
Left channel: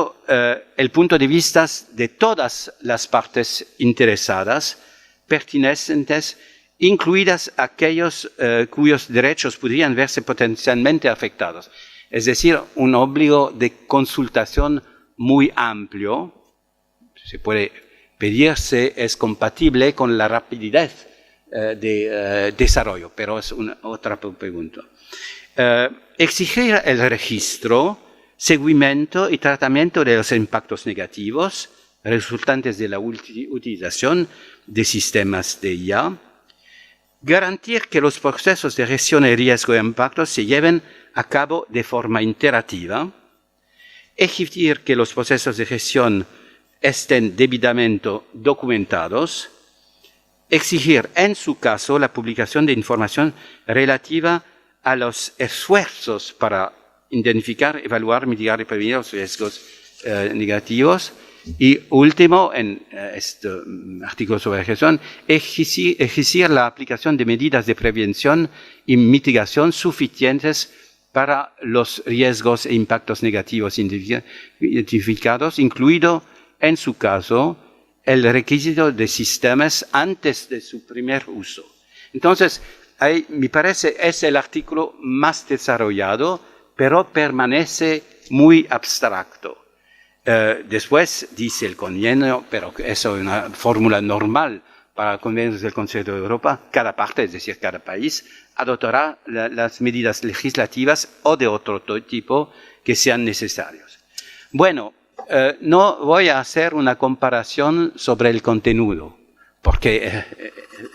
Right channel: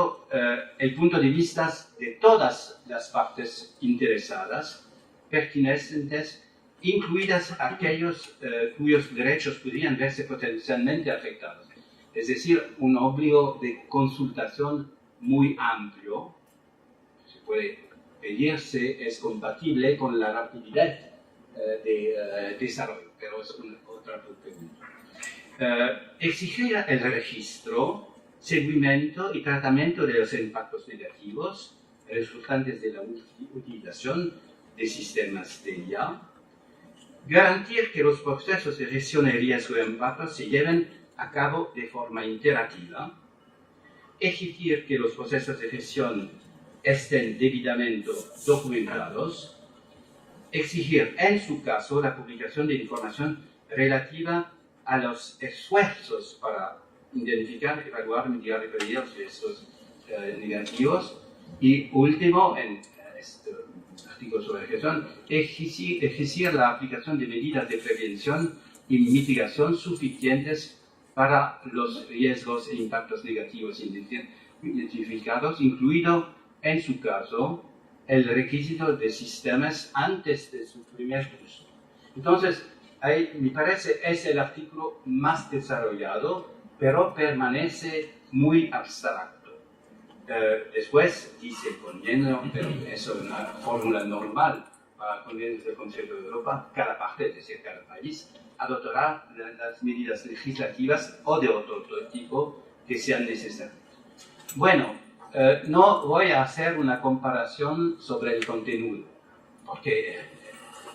el punto de vista de todas las partes interesadas, pertinentes, incluidas aquellos cuyos derechos podrían verse potencialmente afectados. Es decir, un obligo de consultación muy amplio. Se puede pedir si es compatible con la rapidez de desarrollo, pero es otra pregunta. Exigir el registro, seguimiento y tratamiento de los impactos negativos resultantes de la utilización de sistemas de IA. Garantir que los procesos de gestión de riesgo e impactos se lleven a cabo de forma interactiva, exigir que los procesos de gestión estén debidamente documentados, exigir en su caso la publicación de información relativa a los esfuerzos para identificar, evaluar, mitigar y prevenir los riesgos negativos, y último, en este artículo sobre gestión, exigir la aplicación de medidas de prevención y mitigación suficientes para los riesgos e impactos negativos identificados, incluido, en su caso, el requisito de sistemas antes de su primer uso. Entonces, ahí, me parece, es el artículo más desarrollado, pero permanece muy abstracto. Después dice el convenio, pero eso es una fórmula normal para convenios del Consejo de Europa, cada parte, es decir, cada país, adoptará las medidas legislativas o de otro tipo que sean necesarias. Bueno, no voy a hacer una comparación sobre el contenido, porque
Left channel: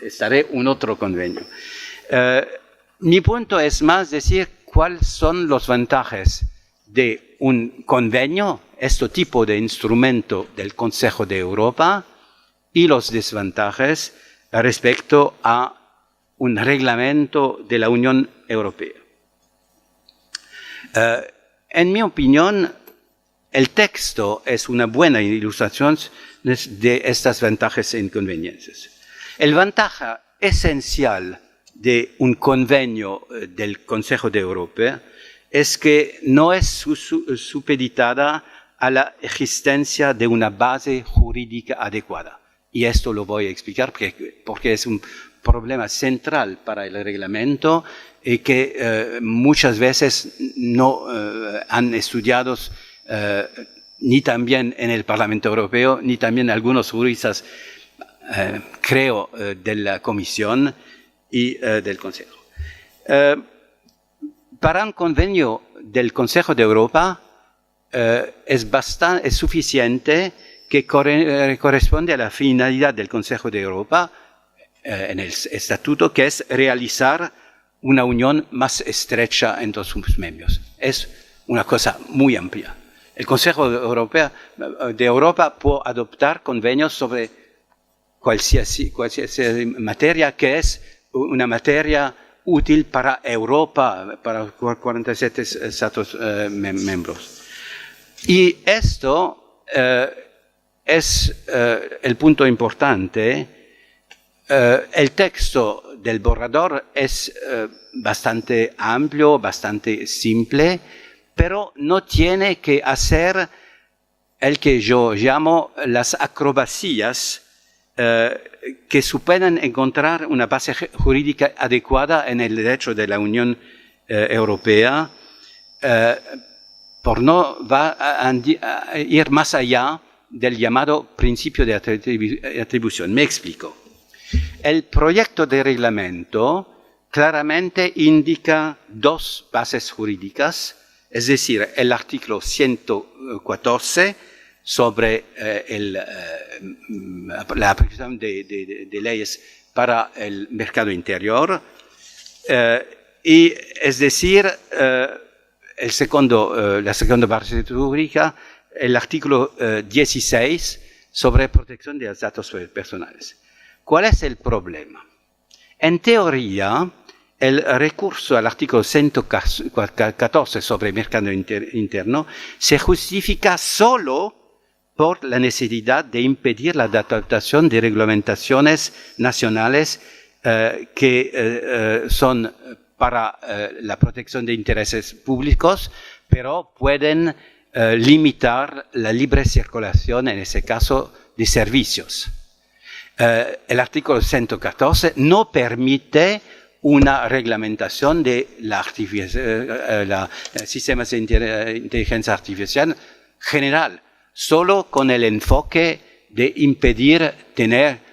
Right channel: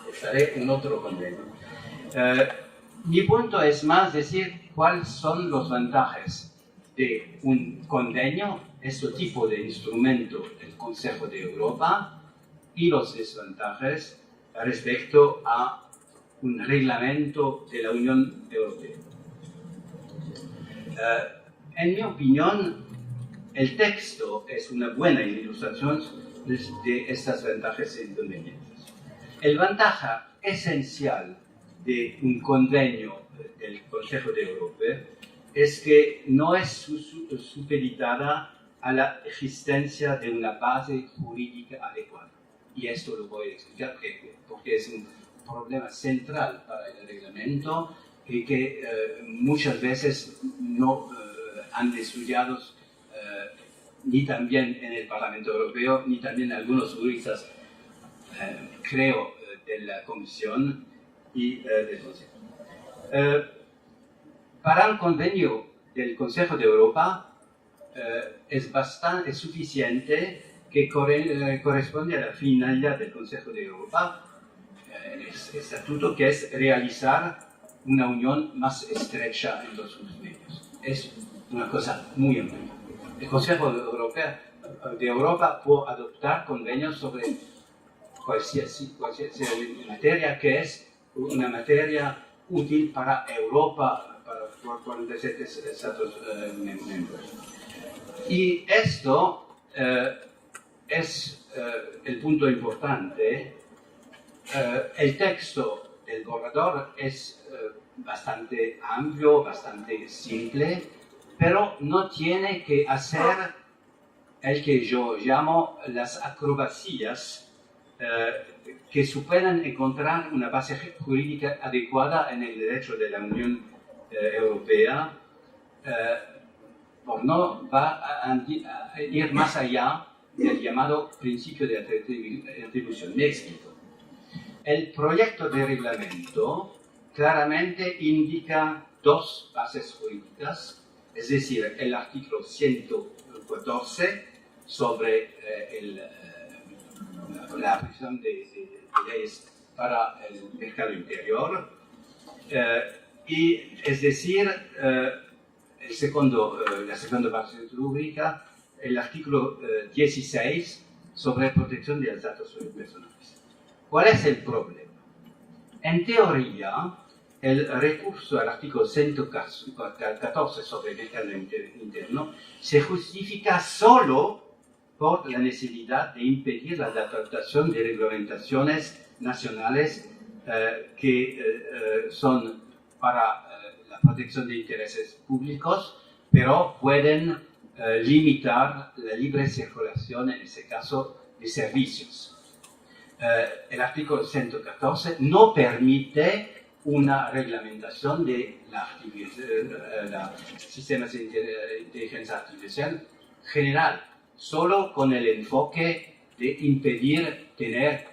estaré en otro convenio. Mi punto es más decir cuáles son los ventajas de un convenio, este tipo de instrumento del Consejo de Europa, y los desventajas respecto a un reglamento de la Unión Europea. En mi opinión, el texto es una buena ilustración de estas ventajas e inconveniencias. El ventaja esencial de un convenio del Consejo de Europa es que no es supeditada a la existencia de una base jurídica adecuada. Y esto lo voy a explicar porque es un problema central para el reglamento y que muchas veces no han estudiado ni también en el Parlamento Europeo, ni también algunos juristas, creo, de la Comisión y del Consejo. Para un convenio del Consejo de Europa es suficiente que corresponde a la finalidad del Consejo de Europa en el estatuto, que es realizar una unión más estrecha entre sus miembros. Es una cosa muy amplia. El Consejo de Europa puede adoptar convenios sobre cualquier materia que es una materia útil para Europa, para 47 Estados miembros. Y esto es el punto importante. El texto del borrador es bastante amplio, bastante simple, pero no tiene que hacer el que yo llamo las acrobacias que supeden encontrar una base jurídica adecuada en el derecho de la Unión Europea, por no va a ir más allá del llamado principio de atribución. Me explico. El proyecto de reglamento claramente indica dos bases jurídicas, es decir, el artículo 114 sobre la aplicación de leyes para el mercado interior, y es decir, la segunda base jurídica, el artículo 16 sobre protección de los datos personales. ¿Cuál es el problema? En teoría, el recurso al artículo 114 sobre el mercado interno se justifica solo por la necesidad de impedir la adaptación de reglamentaciones nacionales que son para la protección de intereses públicos, pero pueden limitar la libre circulación, en ese caso, de servicios. El artículo 114 no permite una reglamentación de sistemas de inteligencia artificial general, solo con el enfoque de impedir tener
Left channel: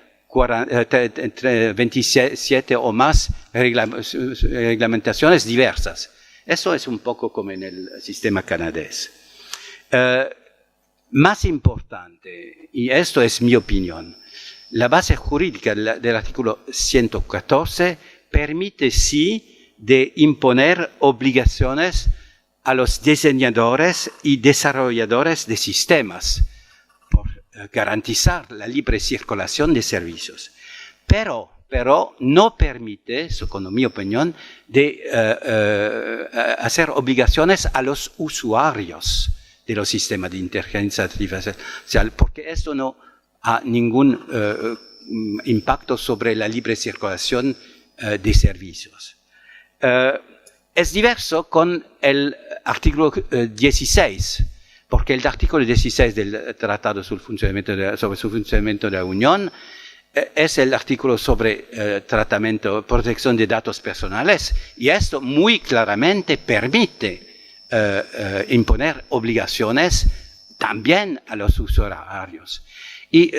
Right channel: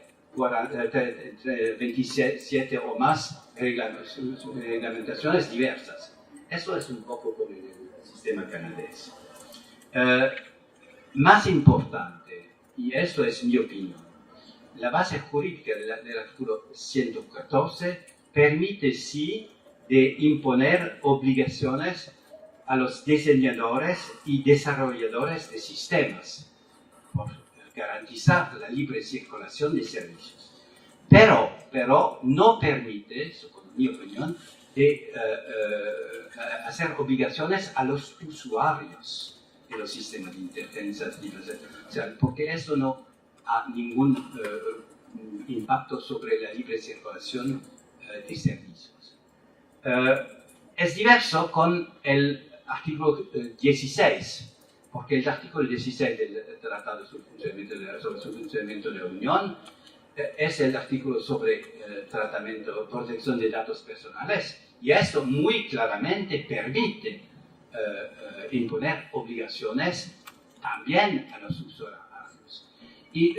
27 o más reglamentaciones diversas. Eso es un poco como en el sistema canadiense. Más importante, y esto es mi opinión, la base jurídica del artículo 114 permite sí de imponer obligaciones a los diseñadores y desarrolladores de sistemas por garantizar la libre circulación de servicios. Pero no permite, según mi opinión, de hacer obligaciones a los usuarios de los sistemas de inteligencia artificial, porque esto no ha ningún impacto sobre la libre circulación de servicios. Es diverso con el artículo 16, porque el artículo 16 del Tratado sobre su funcionamiento de la Unión es el artículo sobre protección de datos personales, y esto muy claramente permite imponer obligaciones también a los usuarios. Y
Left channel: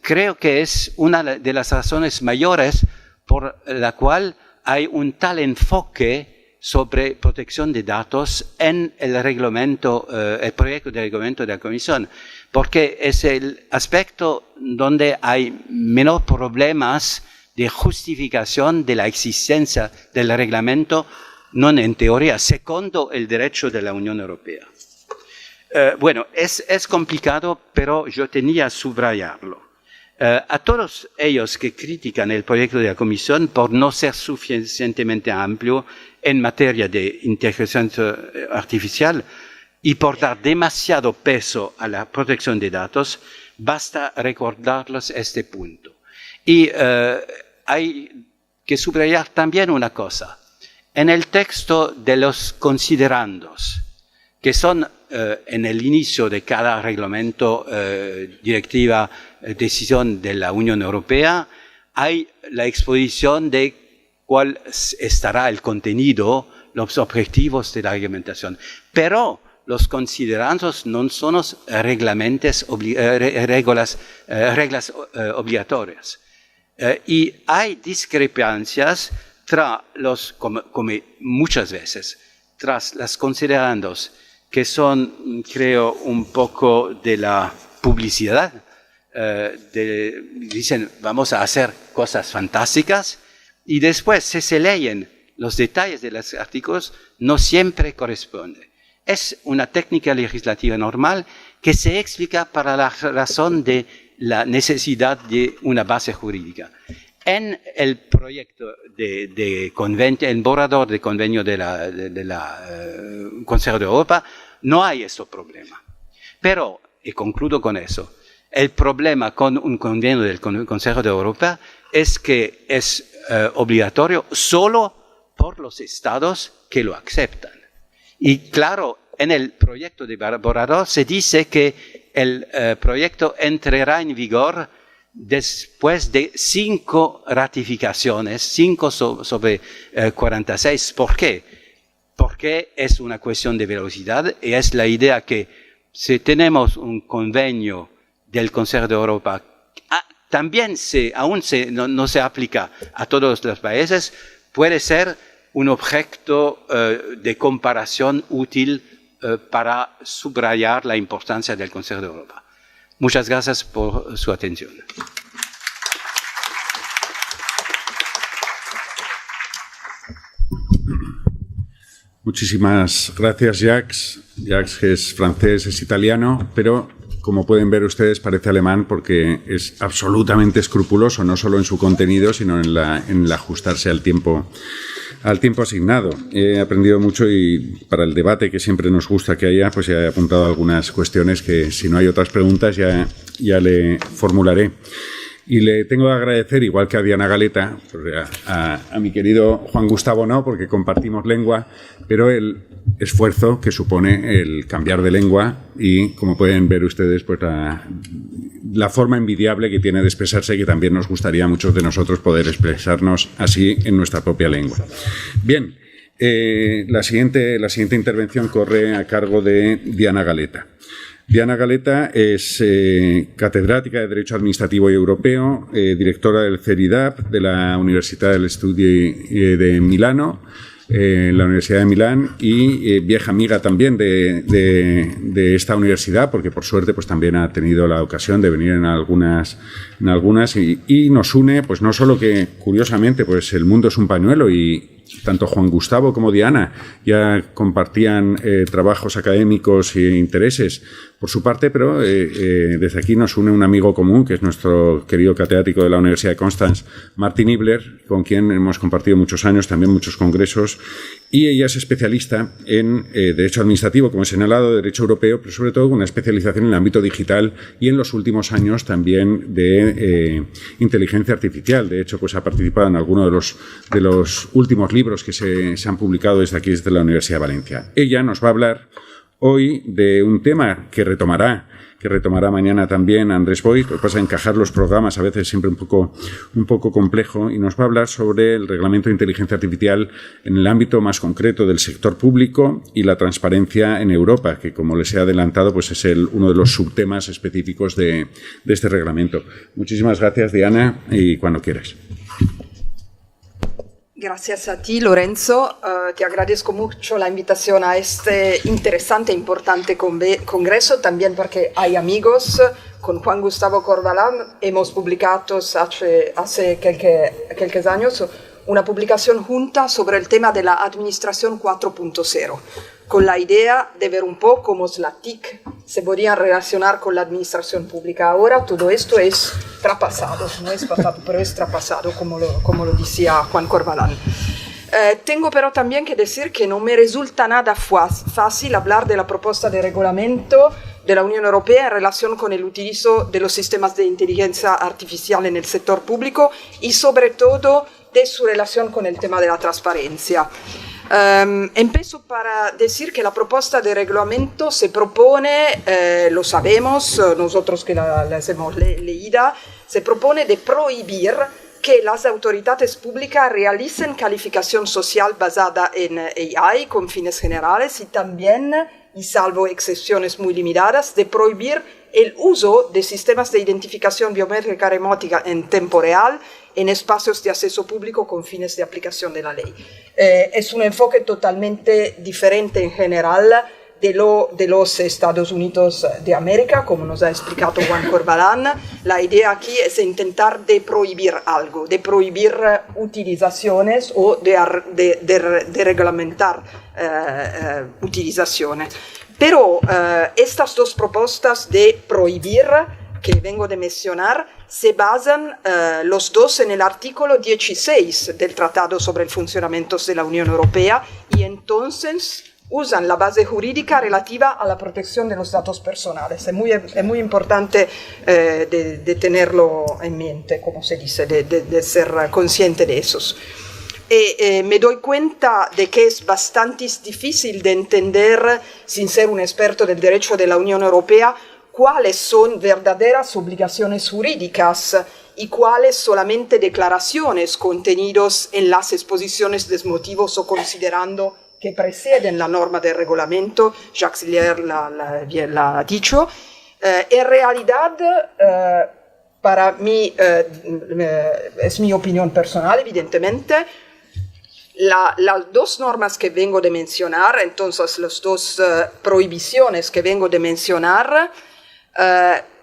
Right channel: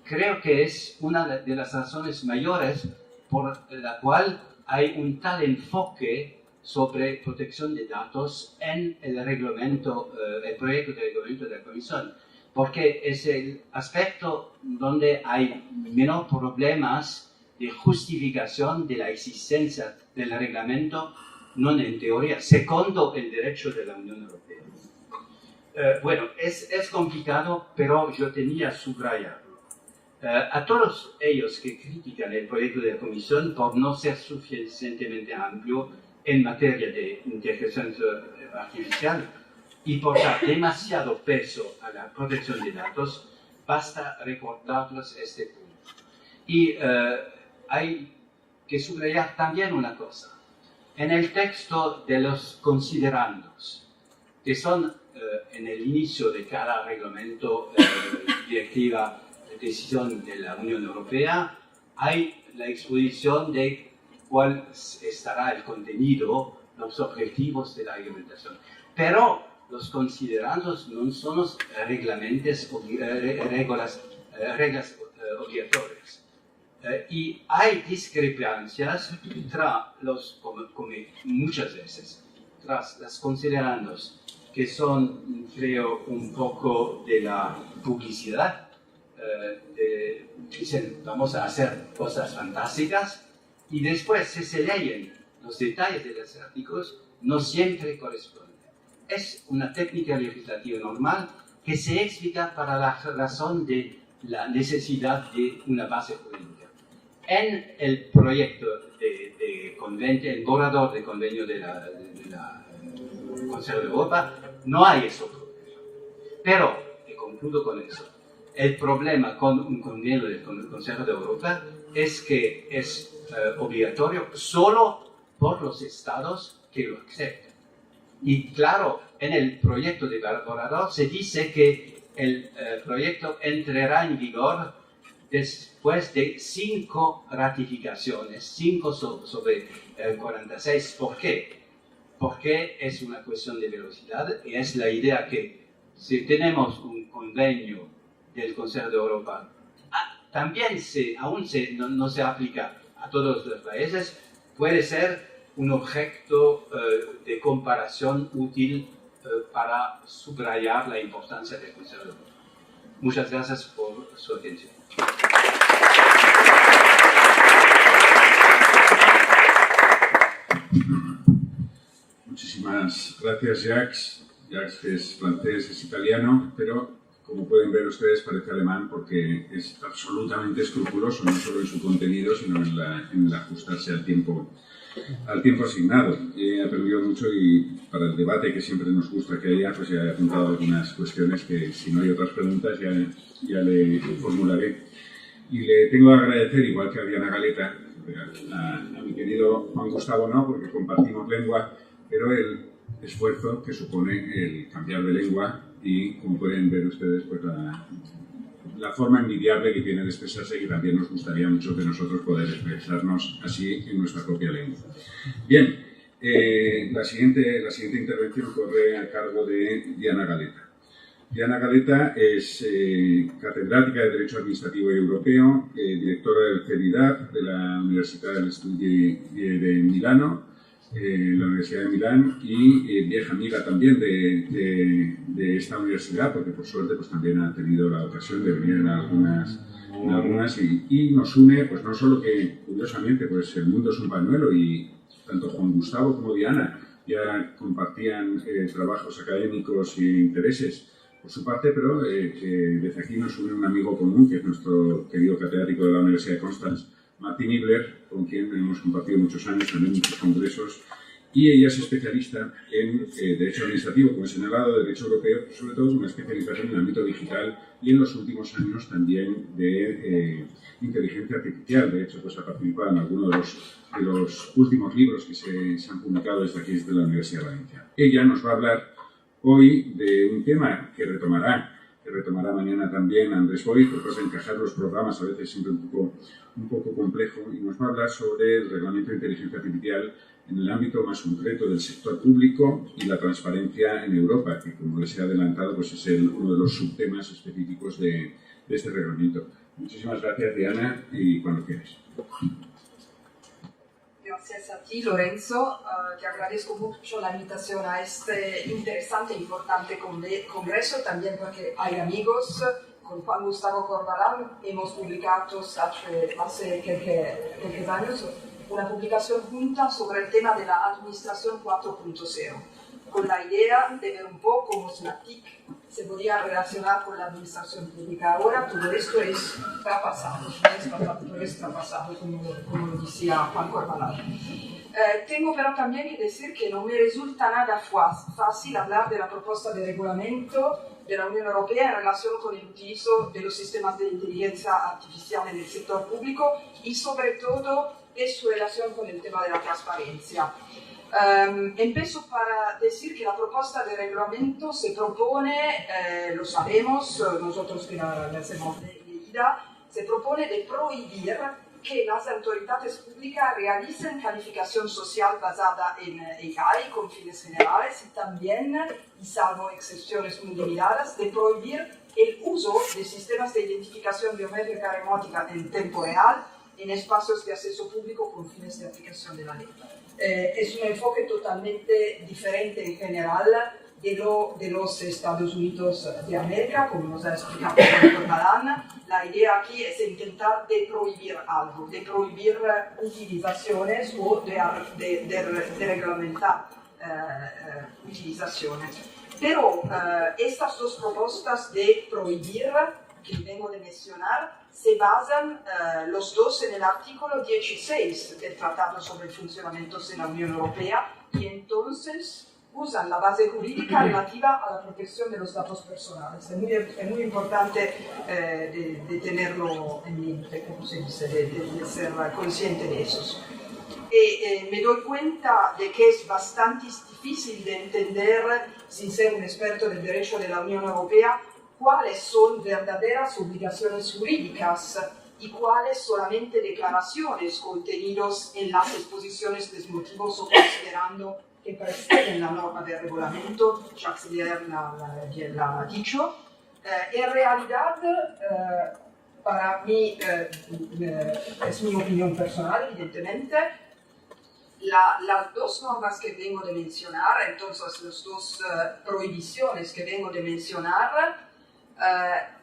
creo que es una de las razones mayores por la cual hay un tal enfoque sobre protección de datos en el reglamento, el proyecto de reglamento de la Comisión, porque es el aspecto donde hay menos problemas de justificación de la existencia del reglamento, no en teoría, segundo el derecho de la Unión Europea. Bueno, es complicado, pero yo tenía que subrayarlo. A todos ellos que critican el proyecto de la Comisión por no ser suficientemente amplio en materia de inteligencia artificial y por dar demasiado peso a la protección de datos, basta recordarles este punto. Y hay que subrayar también una cosa. En el texto de los considerandos, que son en el inicio de cada reglamento, directiva, decisión de la Unión Europea, hay la exposición de cuál estará el contenido, los objetivos de la reglamentación. Pero los considerandos no son reglas obligatorias. Y hay discrepancias como muchas veces, tras los considerandos que son, creo, un poco de la publicidad. Dicen, vamos a hacer cosas fantásticas, y después, si se leen los detalles de los artículos, no siempre corresponde. Es una técnica legislativa normal que se explica para la razón de la necesidad de una base jurídica. En el proyecto de convenio, en borrador de convenio de la Consejo de Europa, no hay ese problema. Pero, y concluyo con eso, el problema con un convenio del Consejo de Europa es que es obligatorio solo por los estados que lo aceptan. Y claro, en el proyecto de borrador se dice que el proyecto entrará en vigor después de 5 ratificaciones, 5 sobre 46. ¿Por qué? Porque es una cuestión de velocidad, y es la idea que si tenemos un convenio del Consejo de Europa, también no se aplica a todos los países, puede ser un objeto de comparación útil para subrayar la importancia del Consejo de Europa. Muchas gracias por su atención. Muchísimas gracias, Jacques. Jacques, que es francés, es italiano, pero como pueden ver ustedes parece alemán porque es absolutamente escrupuloso, no solo en su contenido, sino en el ajustarse al tiempo asignado. He aprendido mucho, y para el debate que siempre nos gusta que haya, pues ya he apuntado algunas cuestiones que, si no hay otras preguntas, ya le formularé. Y le tengo que agradecer, igual que a Diana Galeta, a mi querido Juan Gustavo no, porque compartimos lengua, pero el esfuerzo que supone el cambiar de lengua y, como pueden ver ustedes, pues la forma envidiable que tiene de expresarse, que también nos gustaría a muchos de nosotros poder expresarnos así en nuestra propia lengua. Bien, la siguiente intervención corre a cargo de Diana Galeta. Diana Galeta es catedrática de Derecho Administrativo y Europeo, directora del CERIDAP de la Università degli Studi de Milano, la Universidad de Milán, y vieja amiga también de esta universidad, porque por suerte pues también ha tenido la ocasión de venir en algunas y nos une, pues no solo que, curiosamente, pues el mundo es un pañuelo, y tanto Juan Gustavo como Diana ya compartían trabajos académicos e intereses por su parte, pero desde aquí nos une un amigo común, que es nuestro querido catedrático de la Universidad de Constance, Martin Nibler, con quien hemos compartido muchos años, también muchos congresos, y ella es especialista en Derecho Administrativo, como he señalado, Derecho Europeo, pero sobre todo con una especialización en el ámbito digital y en los últimos años también de inteligencia artificial. De hecho, pues ha participado en algunos de los últimos libros que se han publicado desde aquí, desde la Universidad de Valencia. Ella nos va a hablar hoy de un tema que retomará mañana también Andrés Boy. Lo que pasa es encajar los programas a veces siempre un poco complejo, y nos va a hablar sobre el reglamento de inteligencia artificial en el ámbito más concreto del sector público y la transparencia en Europa, que, como les he adelantado, pues es uno de los subtemas específicos de este reglamento. Muchísimas gracias, Diana, y cuando quieras. Gracias a ti, Lorenzo. Te agradezco mucho la invitación a este interesante e importante congreso, también porque hay amigos. Con Juan Gustavo Corvalán hemos publicado hace quelques años una publicación junta sobre el tema de la Administración 4.0, con la idea de ver un poco cómo la TIC se podría relacionar con la administración pública. Ahora todo esto es traspasado, no es pasado, pero es traspasado, como lo decía Juan Corvalán. Tengo pero también que decir que no me resulta nada fácil hablar de la propuesta de reglamento de la Unión Europea en relación con el utilizo de los sistemas de inteligencia artificial en el sector público, y sobre todo de su relación con el tema de la transparencia. Empiezo para decir que la propuesta de reglamento se propone, lo sabemos nosotros que la hemos leída, se propone de prohibir que las autoridades públicas realicen calificación social basada en AI con fines generales y también, y salvo excepciones muy limitadas, de prohibir el uso de sistemas de identificación biométrica remota en tiempo real en espacios de acceso público con fines de aplicación de la ley. Es un enfoque totalmente diferente en general de los Estados Unidos de América, como nos ha explicado Juan Corbalán. La idea aquí es intentar de prohibir algo, de prohibir utilizaciones o de reglamentar utilizaciones. Pero estas dos propuestas de prohibir que vengo de mencionar se basan los dos en el artículo 16 del Tratado sobre el Funcionamiento de la Unión Europea y entonces usan la base jurídica relativa a la protección de los datos personales. Es muy importante de tenerlo en mente, como se dice, de ser consciente de esos. Me doy cuenta de que es bastante difícil de entender, sin ser un experto del derecho de la Unión Europea, cuáles son verdaderas obligaciones jurídicas y cuáles solamente declaraciones contenidos en las exposiciones de motivos o considerando que preceden la norma del reglamento. Jacques Lier la ha dicho. En realidad, para mí, es mi opinión personal, evidentemente, las dos normas que vengo de mencionar, entonces las dos prohibiciones que vengo de mencionar,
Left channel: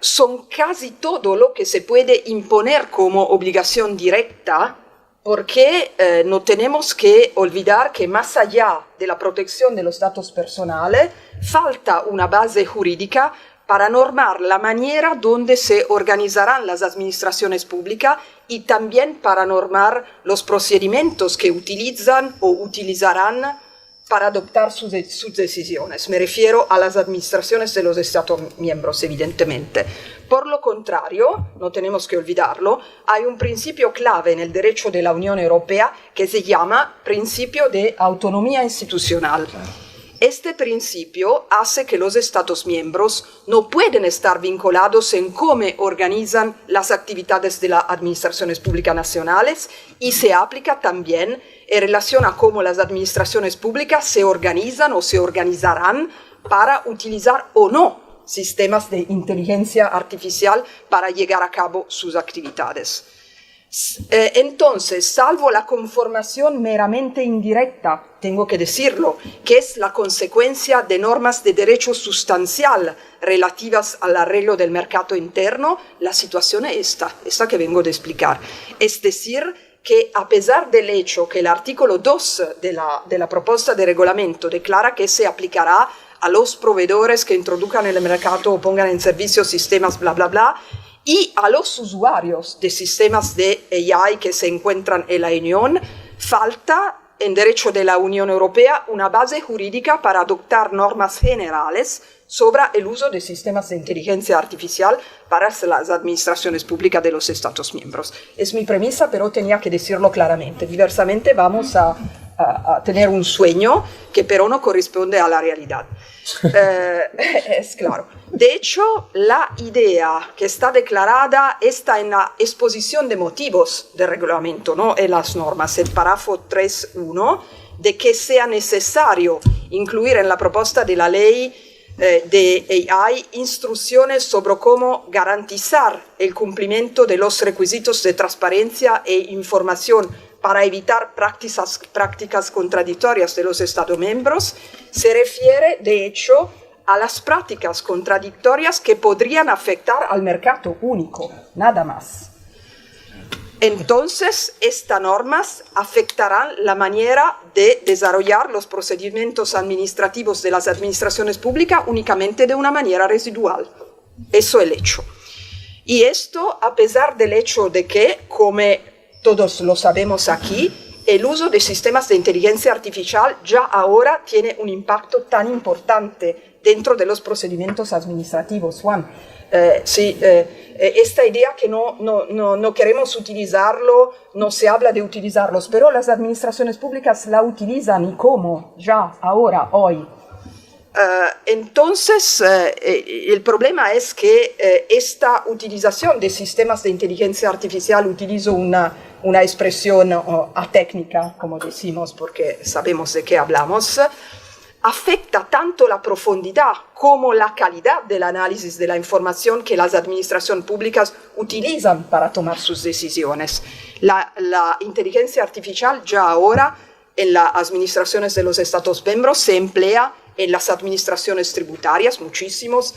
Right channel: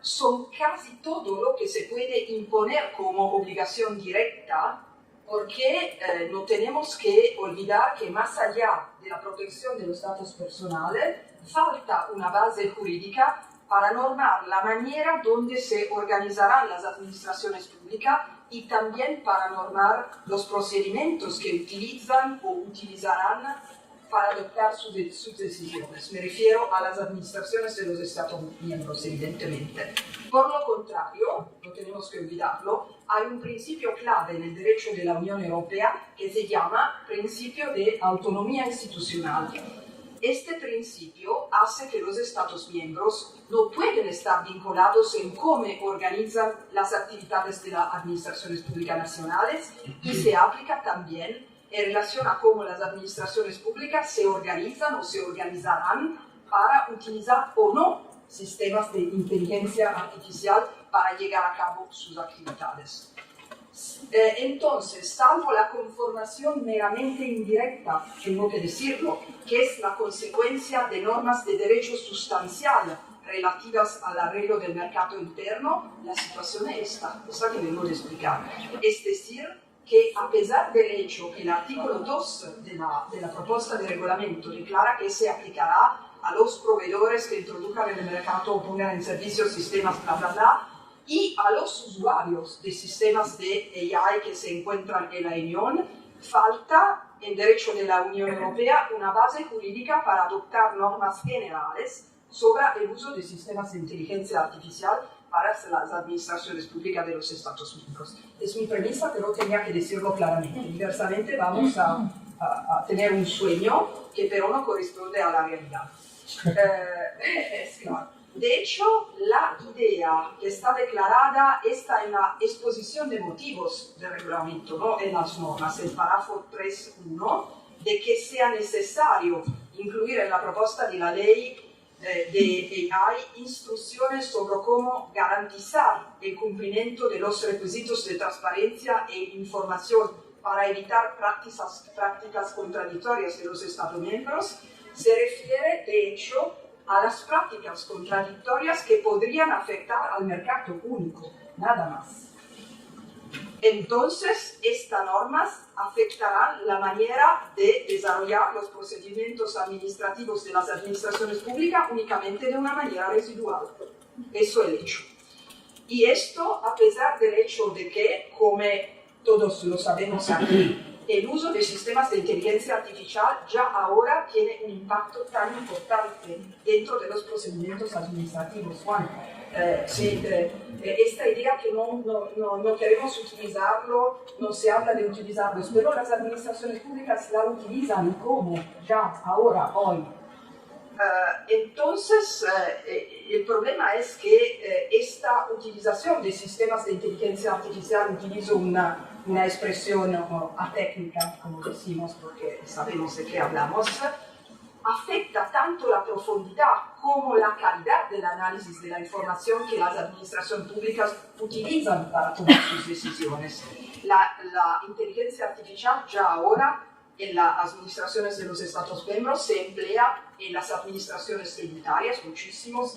son casi todo lo que se puede imponer como obligación directa, porque no tenemos que olvidar que más allá de la protección de los datos personales, falta una base jurídica para normar la manera donde se organizarán las administraciones públicas y también para normar los procedimientos que utilizan o utilizarán para adoptar sus decisiones. Me refiero a las administraciones de los Estados miembros, evidentemente. Por lo contrario, no tenemos que olvidarlo, hay un principio clave en el derecho de la Unión Europea que se llama principio de autonomía institucional. Este principio hace que los Estados miembros no pueden estar vinculados en cómo organizan las actividades de las administraciones públicas nacionales y se aplica también en relación a cómo las administraciones públicas se organizan o se organizarán para utilizar o no sistemas de inteligencia artificial para llevar a cabo sus actividades. Entonces, salvo la conformación meramente indirecta, tengo que decirlo, que es la consecuencia de normas de derecho sustancial relativas al arreglo del mercado interno, la situación es esta que vengo de explicar. Es decir, que a pesar del hecho que el artículo 2 de la propuesta de reglamento declara que se aplicará a los proveedores que introduzcan en el mercado o pongan en servicio sistemas bla bla bla, y a los usuarios de sistemas de AI que se encuentran en la Unión, falta en derecho de la Unión Europea una base jurídica para adoptar normas generales sobre el uso de sistemas de inteligencia artificial para las administraciones públicas de los Estados miembros. Es mi premisa, pero tenía que decirlo claramente. Diversamente vamos a tener un sueño que pero no corresponde a la realidad. Es claro. De hecho, la idea que está declarada está en la exposición de motivos del reglamento, no en las normas, el párrafo 3.1, de que sea necesario incluir en la propuesta de la ley de AI instrucciones sobre cómo garantizar el cumplimiento de los requisitos de transparencia e información para evitar prácticas contradictorias de los Estados miembros. Se refiere, de hecho, a las prácticas contradictorias que podrían afectar al mercado único, nada más. Entonces, estas normas afectarán la manera de desarrollar los procedimientos administrativos de las administraciones públicas únicamente de una manera residual. Eso es el hecho. Y esto a pesar del hecho de que, como todos lo sabemos aquí, el uso de sistemas de inteligencia artificial ya ahora tiene un impacto tan importante dentro de los procedimientos administrativos, Juan. Esta idea que no queremos utilizarlo, no se habla de utilizarlos, pero las administraciones públicas la utilizan y cómo, ya, ahora, hoy. Entonces, el problema es que esta utilización de sistemas de inteligencia artificial, utilizo una una expresión atécnica, como decimos, porque sabemos de qué hablamos, afecta tanto la profundidad como la calidad del análisis de la información que las administraciones públicas utilizan para tomar sus decisiones. La inteligencia artificial ya ahora en las administraciones de los Estados miembros se emplea en las administraciones tributarias, muchísimos,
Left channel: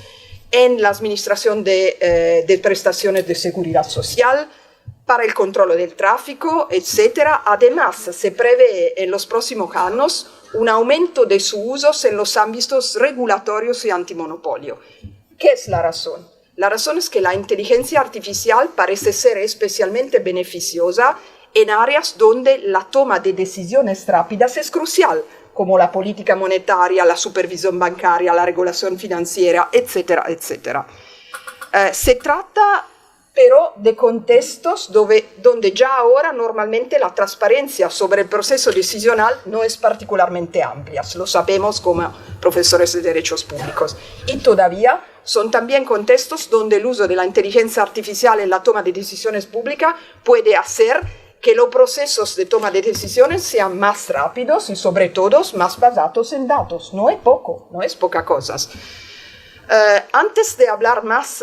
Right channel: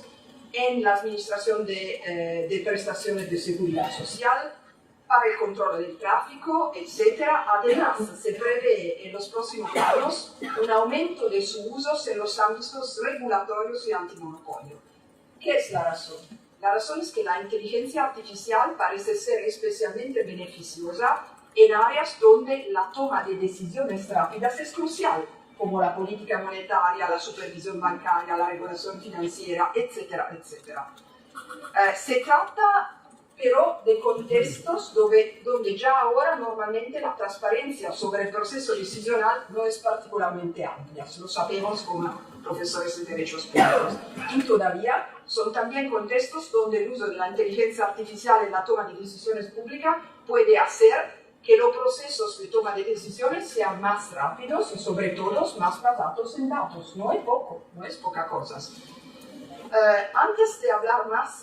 en la administración de prestaciones de seguridad social, para el control del tráfico, etc. Además, se prevé en los próximos años un aumento de su uso en los ámbitos regulatorios y antimonopolio. ¿Qué es la razón? La razón es que la inteligencia artificial parece ser especialmente beneficiosa en áreas donde la toma de decisiones rápidas es crucial, como la política monetaria, la supervisión bancaria, la regulación financiera, etcétera, etcétera. Se trata pero de contextos donde ya ahora normalmente la transparencia sobre el proceso decisional no es particularmente amplia, lo sabemos como profesores de derechos públicos. Y todavía son también contextos donde el uso de la inteligencia artificial en la toma de decisiones públicas puede hacer que los procesos de toma de decisiones sean más rápidos y sobre todo más basados en datos. No es poco, no es poca cosa. Antes de hablar más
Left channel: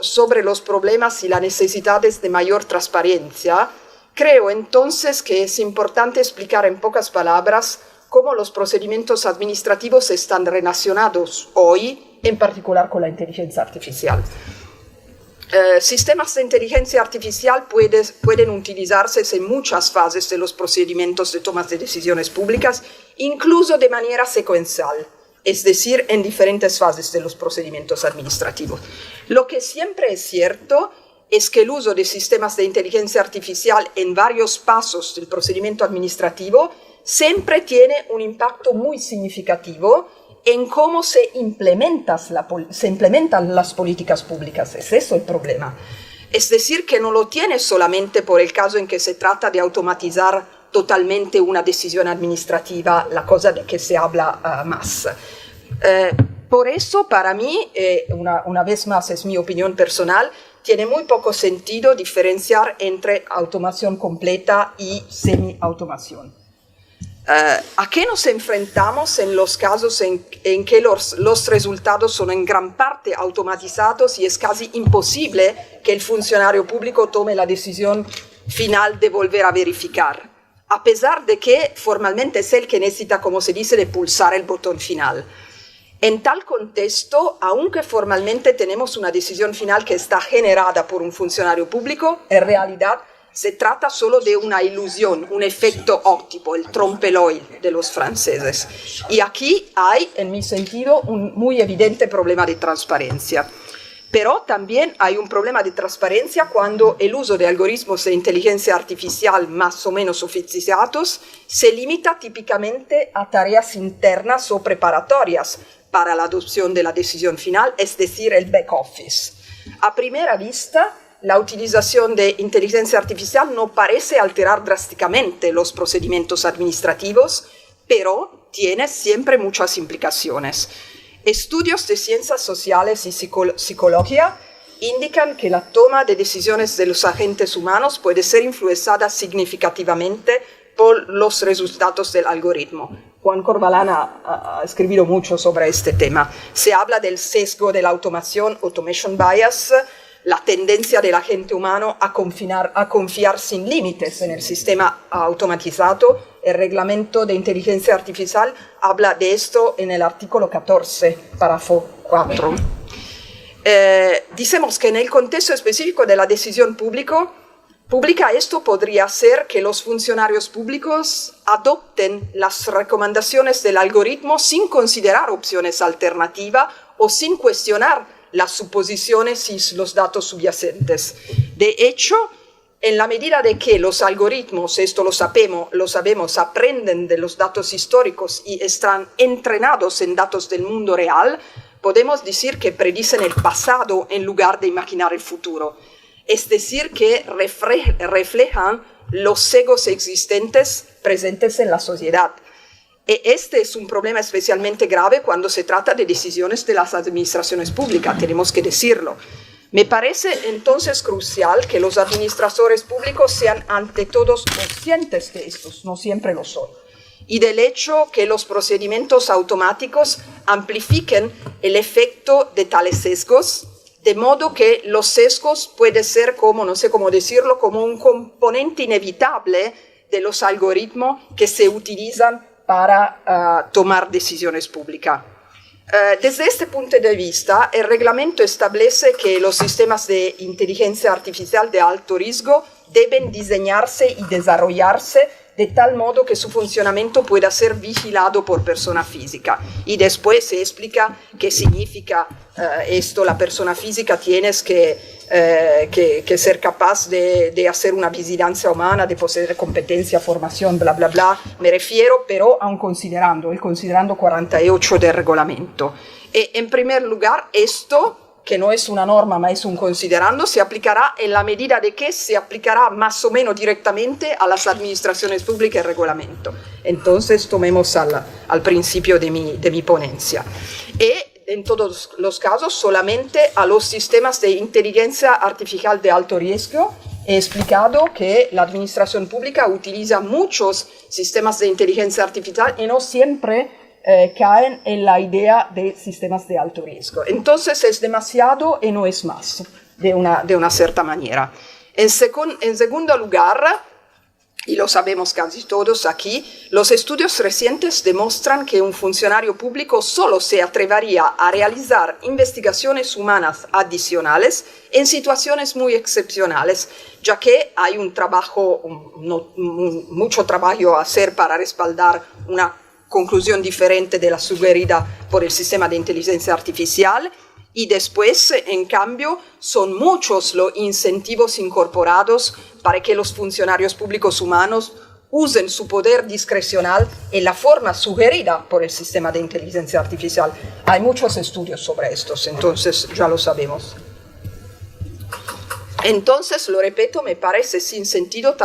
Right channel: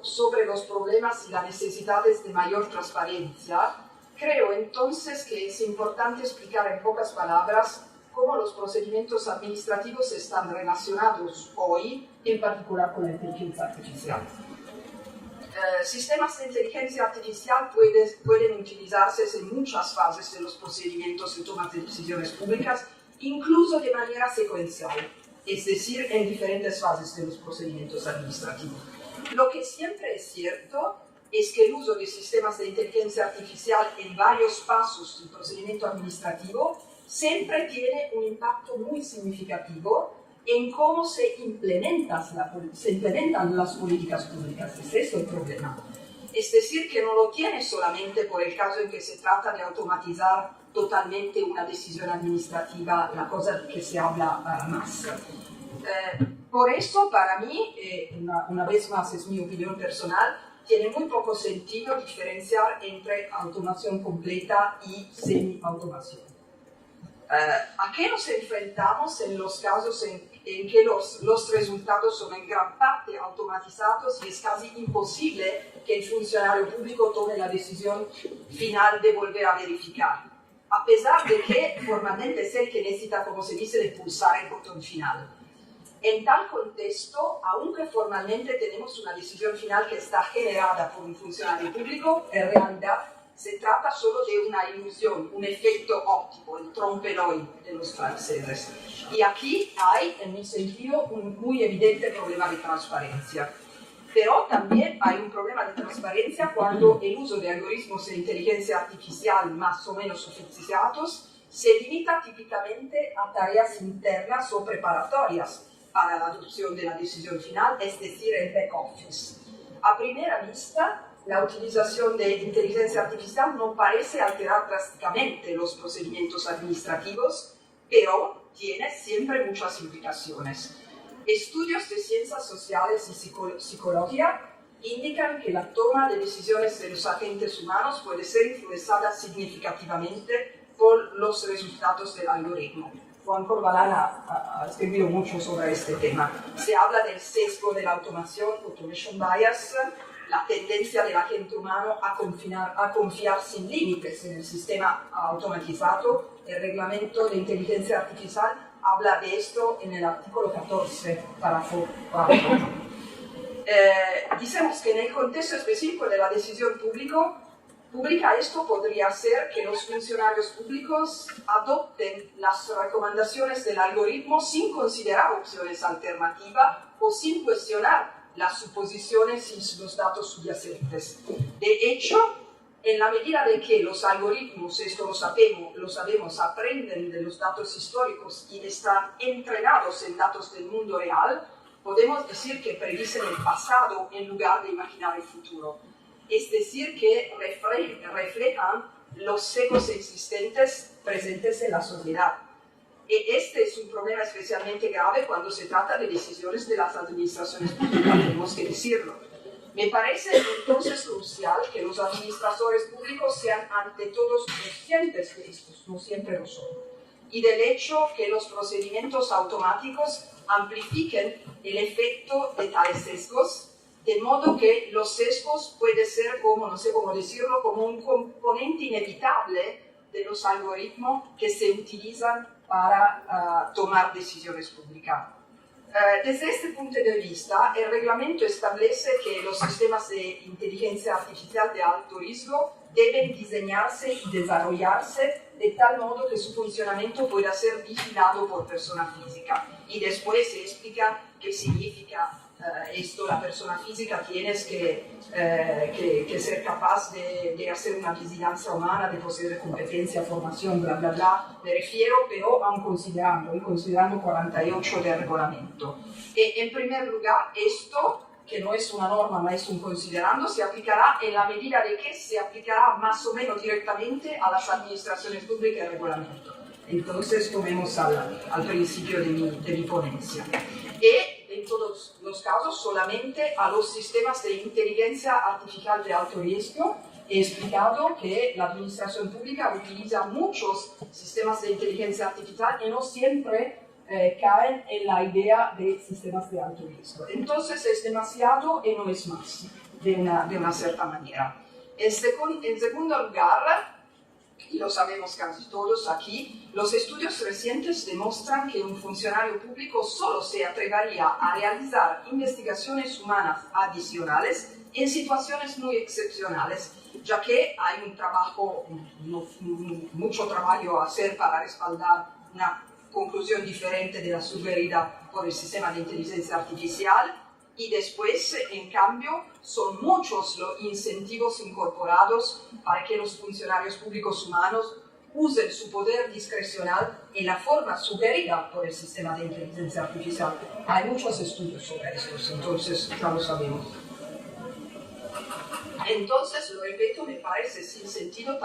sobre los problemas y las necesidades de mayor transparencia, creo entonces que es importante explicar en pocas palabras cómo los procedimientos administrativos están relacionados hoy, en particular con la inteligencia artificial. Sistemas de inteligencia artificial pueden utilizarse en muchas fases de los procedimientos de toma de decisiones públicas, incluso de manera secuencial, es decir, en diferentes fases de los procedimientos administrativos. Lo que siempre es cierto es que el uso de sistemas de inteligencia artificial en varios pasos del procedimiento administrativo siempre tiene un impacto muy significativo en cómo se implementan las políticas públicas. Es eso el problema. Es decir, que no lo tiene solamente por el caso en que se trata de automatizar totalmente una decisión administrativa, la cosa de que se habla más. Por eso, para mí, una vez más es mi opinión personal, tiene muy poco sentido diferenciar entre automación completa y semi-automación. ¿A qué nos enfrentamos en los casos en que los resultados son en gran parte automatizados y es casi imposible que el funcionario público tome la decisión final de volver a verificar, a pesar de que formalmente es él que necesita, como se dice, de pulsar el botón final? En tal contexto, aunque formalmente tenemos una decisión final que está generada por un funcionario público, en realidad se trata solo de una ilusión, un efecto óptico, el trompe-l'œil de los franceses. Y aquí hay, en mi sentido, un muy evidente problema de transparencia. Pero también hay un problema de transparencia cuando el uso de algoritmos de inteligencia artificial más o menos sofisticados se limita típicamente a tareas internas o preparatorias para la adopción de la decisión final, es decir, el back office. A primera vista, la utilización de inteligencia artificial no parece alterar drásticamente los procedimientos administrativos, pero tiene siempre muchas implicaciones. Estudios de ciencias sociales y psicología indican que la toma de decisiones de los agentes humanos puede ser influenciada significativamente por los resultados del algoritmo. Juan Corvalán ha escrito mucho sobre este tema. Se habla del sesgo de la automación, automation bias, la tendencia del agente humano a confiar sin límites en el sistema automatizado. El reglamento de inteligencia artificial habla de esto en el artículo 14, párrafo 4. Decimos que en el contexto específico de la decisión pública, esto podría hacer que los funcionarios públicos adopten las recomendaciones del algoritmo sin considerar opciones alternativas o sin cuestionar las suposiciones y los datos subyacentes. De hecho, en la medida de que los algoritmos, esto lo sabemos, aprenden de los datos históricos y están entrenados en datos del mundo real, podemos decir que predicen el pasado en lugar de imaginar el futuro. Es decir, que reflejan los sesgos existentes presentes en la sociedad. Este es un problema especialmente grave cuando se trata de decisiones de las administraciones públicas, tenemos que decirlo. Me parece entonces crucial que los administradores públicos sean ante todos conscientes de estos, no siempre lo son, y del hecho que los procedimientos automáticos amplifiquen el efecto de tales sesgos, de modo que los sesgos pueden ser como, no sé cómo decirlo, como un componente inevitable de los algoritmos que se utilizan para tomar decisiones públicas. Desde este punto de vista, el reglamento establece que los sistemas de inteligencia artificial de alto riesgo deben diseñarse y desarrollarse de tal modo que su funcionamiento pueda ser vigilado por persona física. Y después se explica qué significa esto. La persona física tienes que ser capaz de hacer una vigilancia humana, de poseer competencia, formación, bla, bla, bla. Me refiero pero a un considerando, el considerando 48 del reglamento. En primer lugar, esto, que no es una norma, ma es un considerando, se aplicará en la medida de que se aplicará más o menos directamente a las administraciones públicas el reglamento. Entonces, tomemos al principio de mi ponencia. Y en todos los casos, solamente a los sistemas de inteligencia artificial de alto riesgo. He explicado que la administración pública utiliza muchos sistemas de inteligencia artificial y no siempre caen en la idea de sistemas de alto riesgo. Entonces es demasiado y no es más, de una cierta manera. En segundo lugar, y lo sabemos casi todos aquí, los estudios recientes demuestran que un funcionario público solo se atrevería a realizar investigaciones humanas adicionales en situaciones muy excepcionales, ya que hay mucho trabajo a hacer para respaldar una conclusión diferente de la sugerida por el sistema de inteligencia artificial, y después, en cambio, son muchos los incentivos incorporados para que los funcionarios públicos humanos usen su poder discrecional en la forma sugerida por el sistema de inteligencia artificial. Hay muchos estudios sobre estos, entonces ya lo sabemos. Entonces, lo repito, me parece sin sentido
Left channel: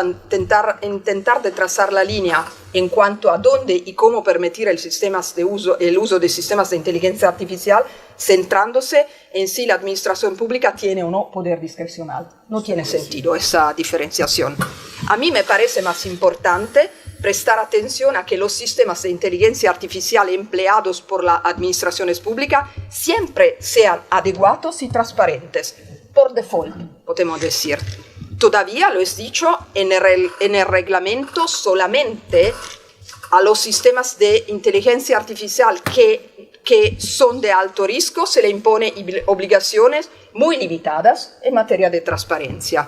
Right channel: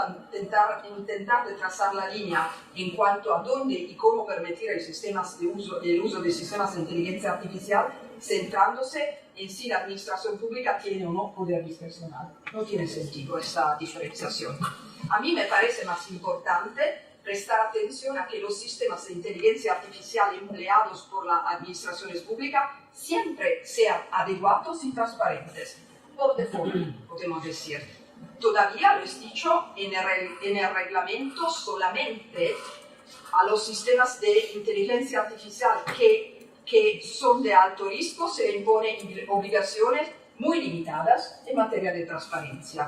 intentar de trazar la línea en cuanto a dónde y cómo permitir el uso de sistemas de inteligencia artificial, centrándose en si la administración pública tiene o no poder discrecional. No tiene sentido esa diferenciación. A mí me parece más importante prestar atención a que los sistemas de inteligencia artificial empleados por las administraciones públicas siempre sean adecuados y transparentes. Por default, podemos decir. Todavía, lo he dicho, en el reglamento solamente a los sistemas de inteligencia artificial que son de alto riesgo se le impone obligaciones muy limitadas en materia de transparencia.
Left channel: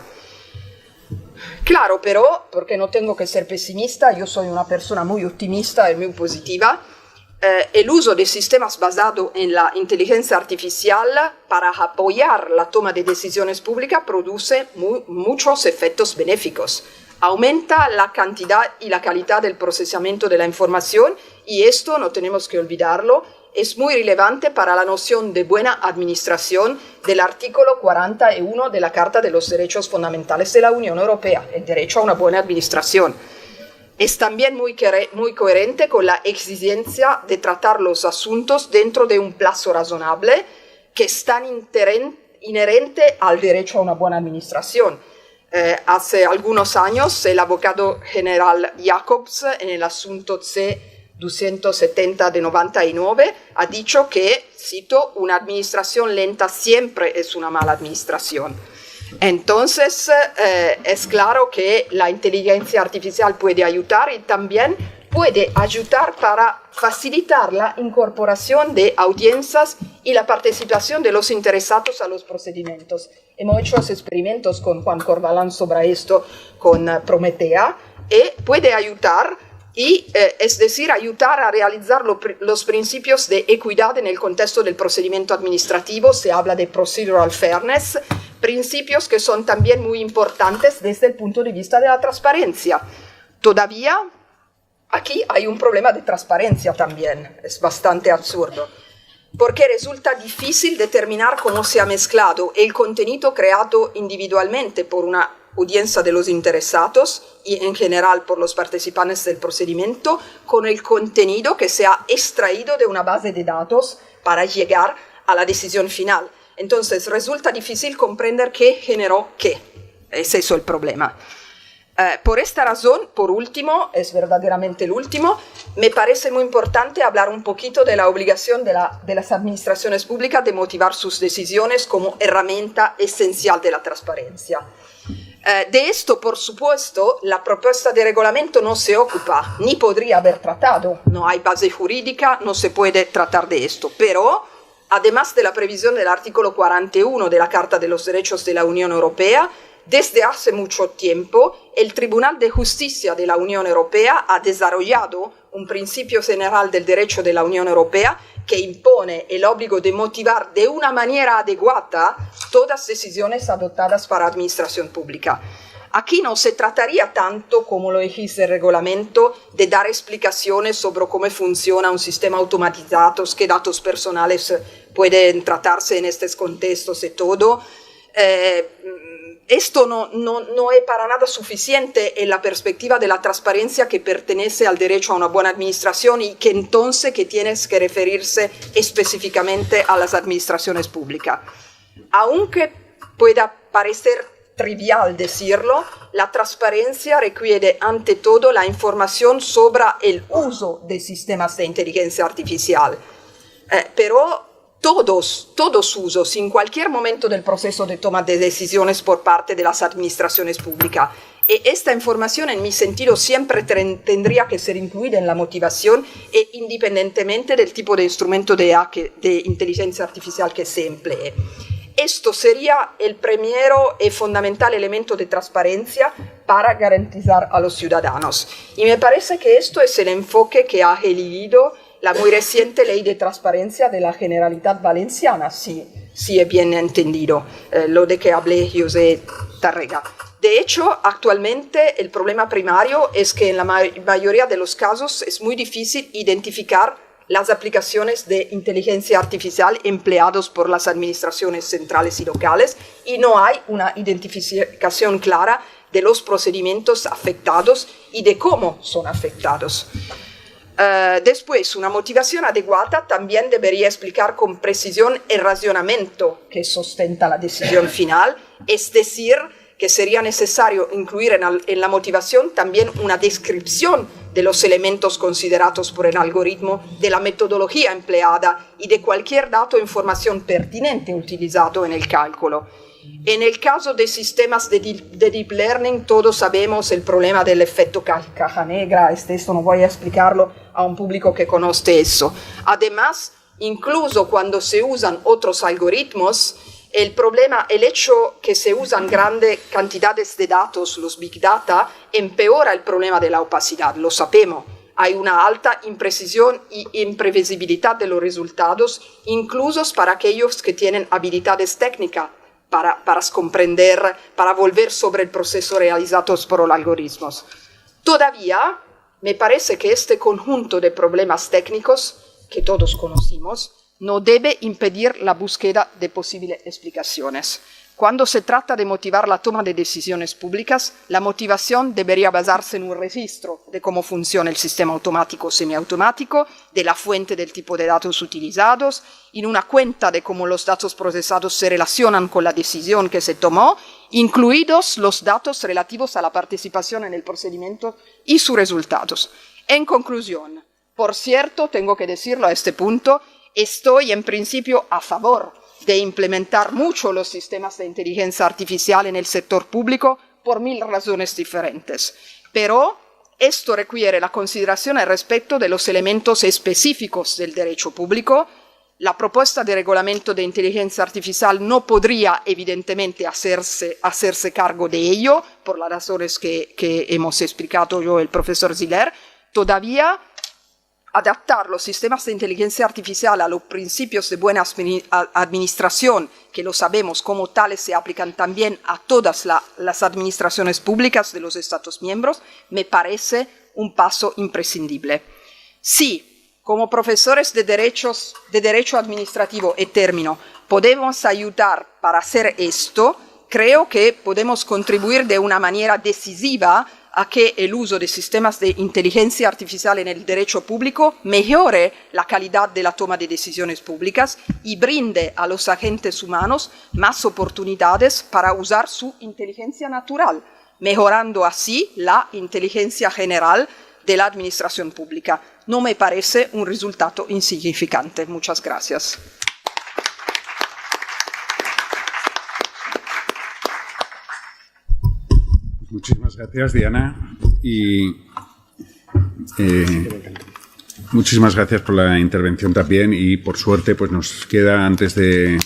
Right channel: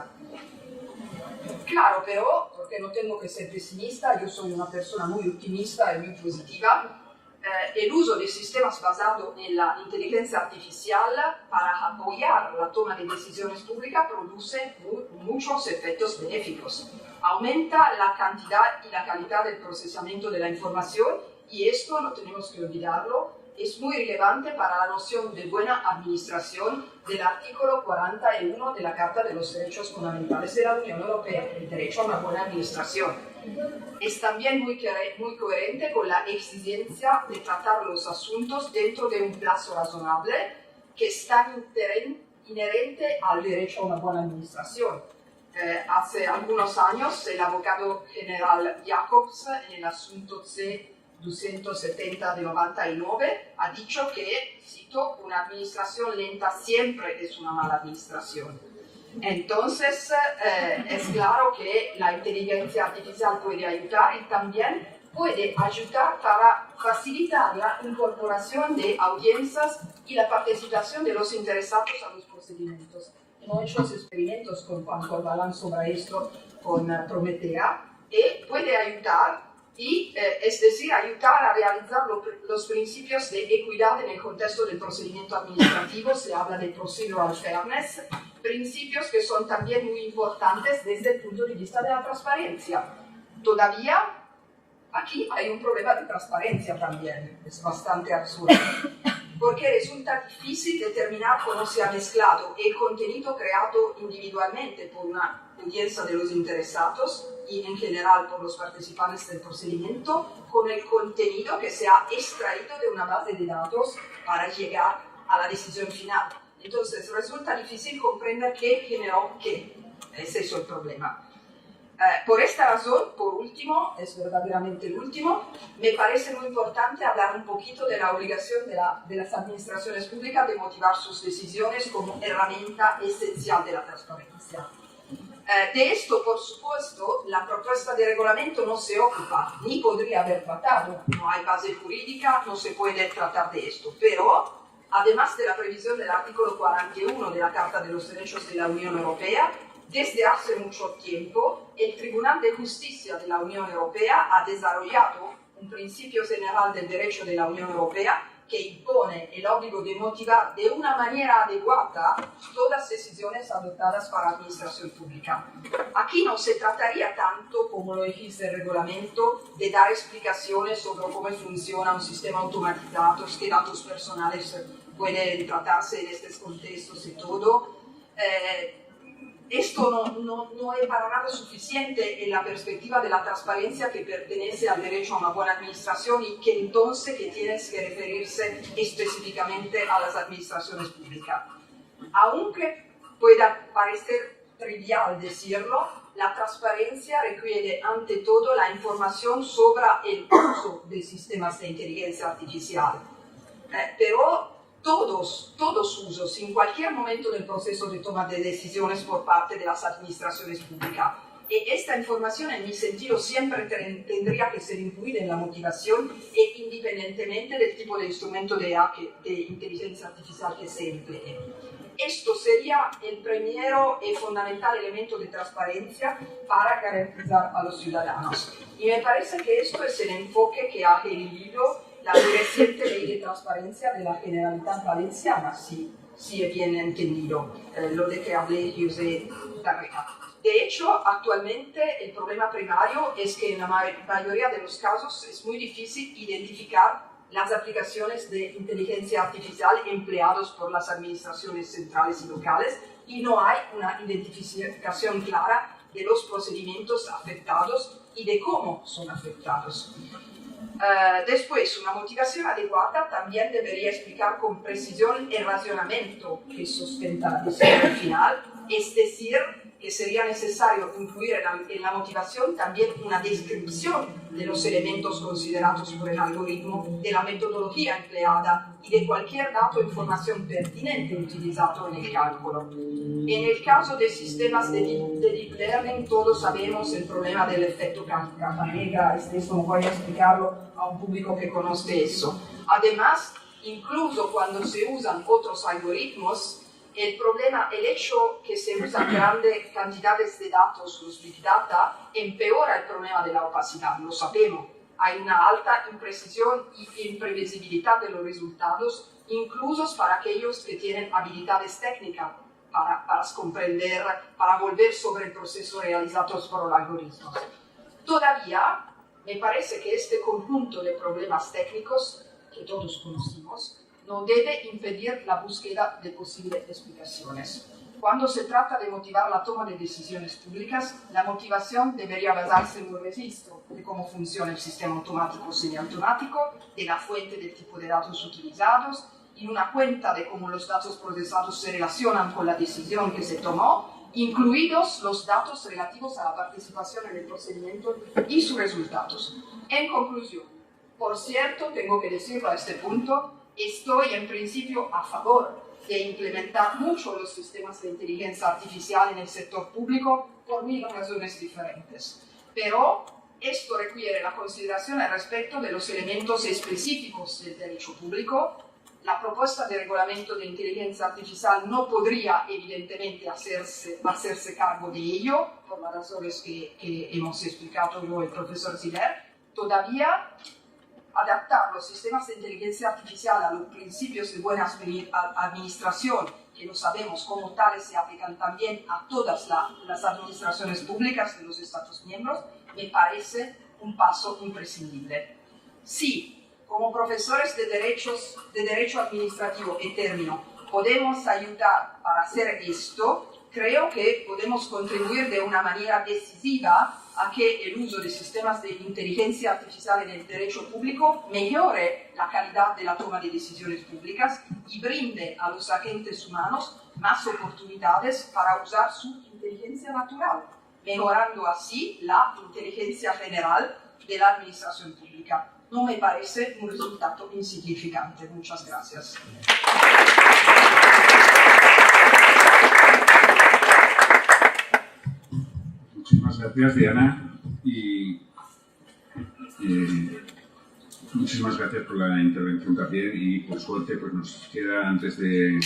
Claro, pero, porque no tengo que ser pesimista, yo soy una persona muy optimista y muy positiva, el uso de sistemas basados en la inteligencia artificial para apoyar la toma de decisiones públicas produce muchos efectos benéficos. Aumenta la cantidad y la calidad del procesamiento de la información, y esto, no tenemos que olvidarlo, es muy relevante para la noción de buena administración del artículo 41 de la Carta de los Derechos Fundamentales de la Unión Europea, el derecho a una buena administración. Es también muy coherente con la exigencia de tratar los asuntos dentro de un plazo razonable, que es tan inherente al derecho a una buena administración. Hace algunos años, el abogado general Jacobs, en el asunto C-270 de 99, ha dicho que, cito, una administración lenta siempre es una mala administración. Entonces, es claro que la inteligencia artificial puede ayudar, y también puede ayudar para facilitar la incorporación de audiencias y la participación de los interesados a los procedimientos. Hemos hecho los experimentos con Juan Corvalán sobre esto, con Prometea, y puede ayudar, es decir, ayudar a realizar los principios de equidad en el contexto del procedimiento administrativo. Se habla de procedural fairness, principios que son también muy importantes desde el punto de vista de la transparencia. Todavía aquí hay un problema de transparencia también, es bastante absurdo, porque resulta difícil determinar cómo se ha mezclado el contenido creado individualmente por una audiencia de los interesados y en general por los participantes del procedimiento con el contenido que se ha extraído de una base de datos para llegar a la decisión final. Entonces resulta difícil comprender qué generó qué. Es eso el problema. Por esta razón, por último, es verdaderamente el último, me parece muy importante hablar un poquito de la obligación de las administraciones públicas de motivar sus decisiones como herramienta esencial de la transparencia. De esto, por supuesto, la propuesta de reglamento no se ocupa, ni podría haber tratado. No hay base jurídica, no se puede tratar de esto. Pero, además de la previsión del artículo 41 de la Carta de los Derechos de la Unión Europea, desde hace mucho tiempo, el Tribunal de Justicia de la Unión Europea ha desarrollado un principio general del derecho de la Unión Europea que impone el obligo de motivar de una manera adecuada todas decisiones adoptadas para administración pública. Aquí no se trataría tanto, como lo exige el reglamento, de dar explicaciones sobre cómo funciona un sistema automatizado, qué datos personales pueden tratarse en estos contextos y todo. Esto no es para nada suficiente en la perspectiva de la transparencia que pertenece al derecho a una buena administración y que entonces que tienes que referirse específicamente a las administraciones públicas. Aunque pueda parecer trivial decirlo, la transparencia requiere ante todo la información sobre el uso de sistemas de inteligencia artificial. Pero todos usos, en cualquier momento del proceso de toma de decisiones por parte de las administraciones públicas. Y esta información, en mi sentido, siempre tendría que ser incluida en la motivación e independientemente del tipo de instrumento de inteligencia artificial que se emplee. Esto sería el primero y fundamental elemento de transparencia para garantizar a los ciudadanos. Y me parece que esto es el enfoque que ha elegido la muy reciente ley de transparencia de la Generalitat Valenciana, si he bien entendido lo de que hablé José Tárrega. De hecho, actualmente el problema primario es que en la mayoría de los casos es muy difícil identificar las aplicaciones de inteligencia artificial empleadas por las administraciones centrales y locales y no hay una identificación clara de los procedimientos afectados y de cómo son afectados. Después, una motivación adecuada también debería explicar con precisión el razonamiento que sustenta la decisión final, es decir, que sería necesario incluir en la motivación también una descripción de los elementos considerados por el algoritmo, de la metodología empleada y de cualquier dato o información pertinente utilizado en el cálculo. En el caso de sistemas de deep learning, todos sabemos el problema del efecto caja negra. Esto no voy a explicarlo a un público que conoce eso. Además, incluso cuando se usan otros algoritmos, el hecho que se usan grandes cantidades de datos, los big data, empeora el problema de la opacidad, lo sabemos. Hay una alta imprecisión y imprevisibilidad de los resultados, incluso para aquellos que tienen habilidades técnicas para comprender, para volver sobre el proceso realizado por los algoritmos. Todavía, me parece que este conjunto de problemas técnicos que todos conocimos no debe impedir la búsqueda de posibles explicaciones. Cuando se trata de motivar la toma de decisiones públicas, la motivación debería basarse en un registro de cómo funciona el sistema automático o semiautomático, de la fuente del tipo de datos utilizados, en una cuenta de cómo los datos procesados se relacionan con la decisión que se tomó, incluidos los datos relativos a la participación en el procedimiento y sus resultados. En conclusión, por cierto, tengo que decirlo a este punto, estoy en principio a favor de implementar mucho los sistemas de inteligencia artificial en el sector público por 1000 razones diferentes. Pero esto requiere la consideración al respecto de los elementos específicos del derecho público. La propuesta de reglamento de inteligencia artificial no podría evidentemente hacerse cargo de ello, por las razones que hemos explicado yo y el profesor Ziller. Todavía adaptar los sistemas de inteligencia artificial a los principios de buena administración, que lo sabemos como tales se aplican también a todas las administraciones públicas de los Estados miembros, me parece un paso imprescindible. Sí, como profesores de derecho administrativo y término, podemos ayudar para hacer esto, creo que podemos contribuir de una manera decisiva a que el uso de sistemas de inteligencia artificial en el derecho público mejore la calidad de la toma de decisiones públicas y brinde a los agentes humanos más oportunidades para usar su inteligencia natural, mejorando así la inteligencia general de la administración pública. No me parece un resultado insignificante. Muchas gracias. Muchísimas gracias, Diana. Y muchísimas gracias por la intervención también. Y por suerte, pues nos queda, antes de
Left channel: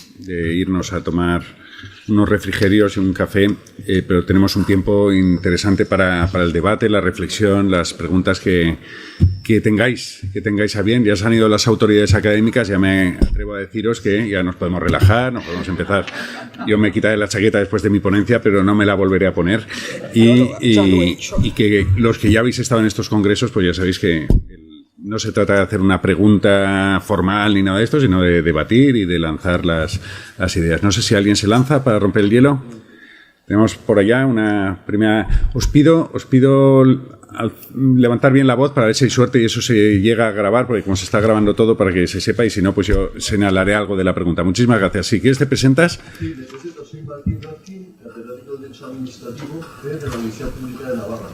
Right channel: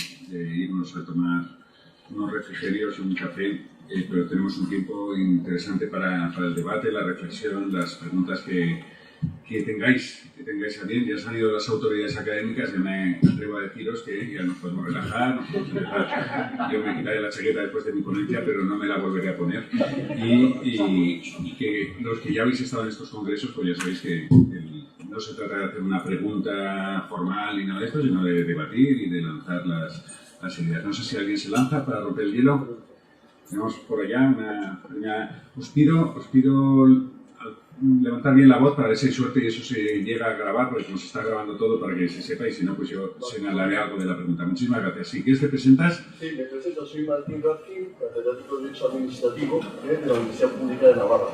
irnos a tomar unos refrigerios y un café, pero tenemos un tiempo interesante para el debate, la reflexión, las preguntas que tengáis a bien. Ya se han ido las autoridades académicas, ya me atrevo a deciros que ya nos podemos relajar, nos podemos empezar. Yo me quitaré la chaqueta después de mi ponencia, pero no me la volveré a poner. Y que los que ya habéis estado en estos congresos, pues ya sabéis que no se trata de hacer una pregunta formal ni nada de esto, sino de debatir y de lanzar las ideas. No sé si alguien se lanza para romper el hielo. Tenemos por allá una primera... Os pido levantar bien la voz para ver si hay suerte y eso se llega a grabar, porque como se está grabando todo, para que se sepa, y si no, pues yo señalaré algo de la pregunta. Muchísimas gracias. Si quieres, ¿te presentas? Sí, me presento. Soy Martín Garcín, catedrático de Derecho Administrativo de la Universidad Pública de Navarra.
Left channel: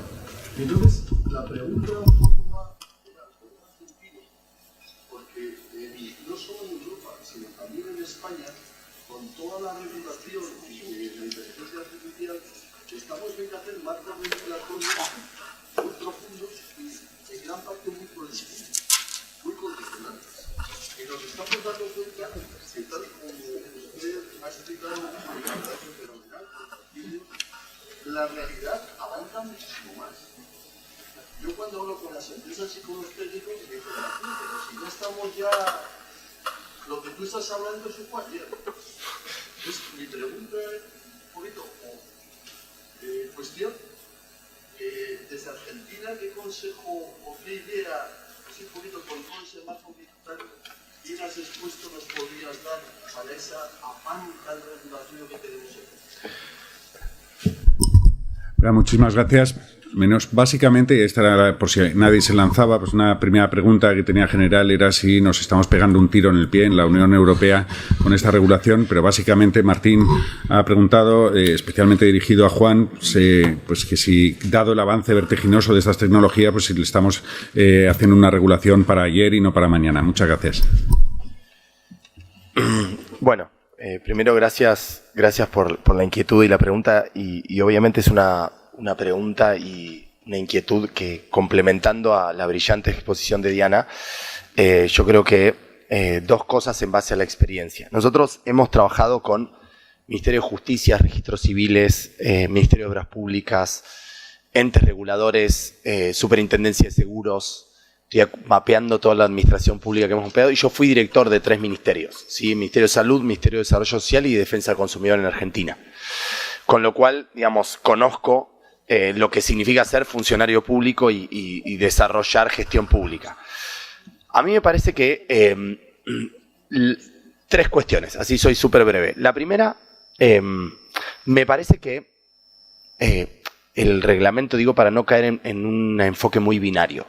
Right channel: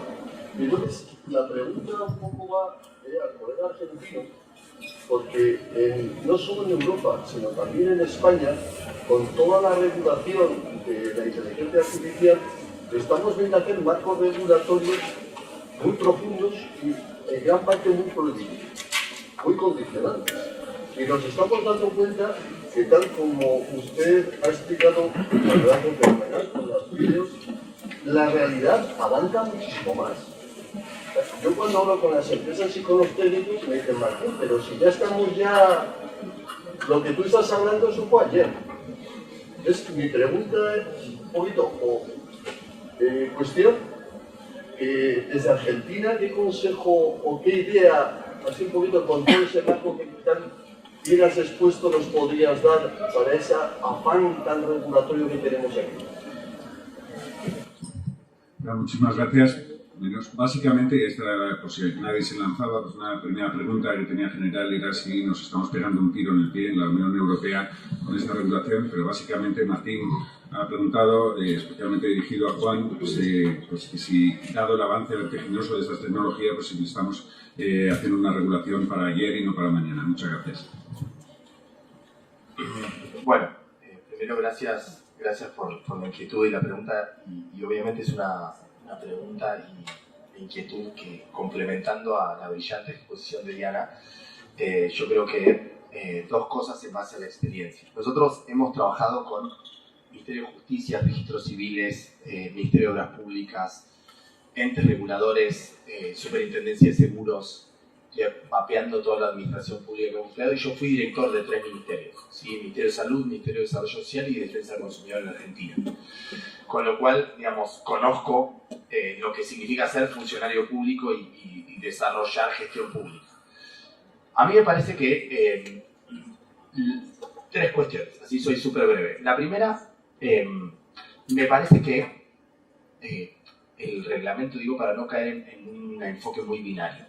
Entonces, la pregunta un poco va al colega argentino, porque no solo en Europa, sino también en España, con toda la regulación de la inteligencia artificial, estamos viendo hacer marcos regulatorios muy profundos y en gran parte muy prohibidos, muy condicionantes. Y nos estamos dando cuenta que, tal como usted ha explicado a lo largo del canal, con los vídeos, la realidad avanza muchísimo más. Yo cuando hablo con las empresas y con los técnicos me dicen, Martín, pero si ya estamos lo que tú estás hablando eso fue ayer. Entonces mi pregunta es un poquito, cuestión, desde Argentina, ¿qué consejo o qué idea, así un poquito con todo ese marco que tan bien has expuesto, nos podrías dar para ese afán tan regulatorio que tenemos aquí? Muchísimas gracias. Básicamente, esta era, por si nadie se lanzaba, pues una primera pregunta que tenía general era si nos estamos pegando un tiro en el pie en la Unión Europea con esta regulación, pero básicamente Martín ha preguntado, especialmente dirigido a Juan, pues que si, dado el avance vertiginoso de estas tecnologías, pues si le estamos haciendo una regulación para ayer y no para mañana. Muchas gracias. Bueno, primero gracias por la inquietud y la pregunta, y obviamente es una pregunta y una inquietud que, complementando a la brillante exposición de Diana, yo creo que dos cosas en base a la experiencia. Nosotros hemos trabajado con Ministerio de Justicia, Registros Civiles, Ministerio de Obras Públicas, entes reguladores, Superintendencia de Seguros, estoy mapeando toda la administración pública que hemos mapeado, y yo fui director de 3 ministerios, ¿sí? Ministerio de Salud, Ministerio de Desarrollo Social y Defensa del Consumidor en Argentina. Con lo cual, digamos, conozco lo que significa ser funcionario público y desarrollar gestión pública. A mí me parece que 3 cuestiones, así soy súper breve. La primera, me parece que el reglamento, digo, para no caer en un enfoque muy binario,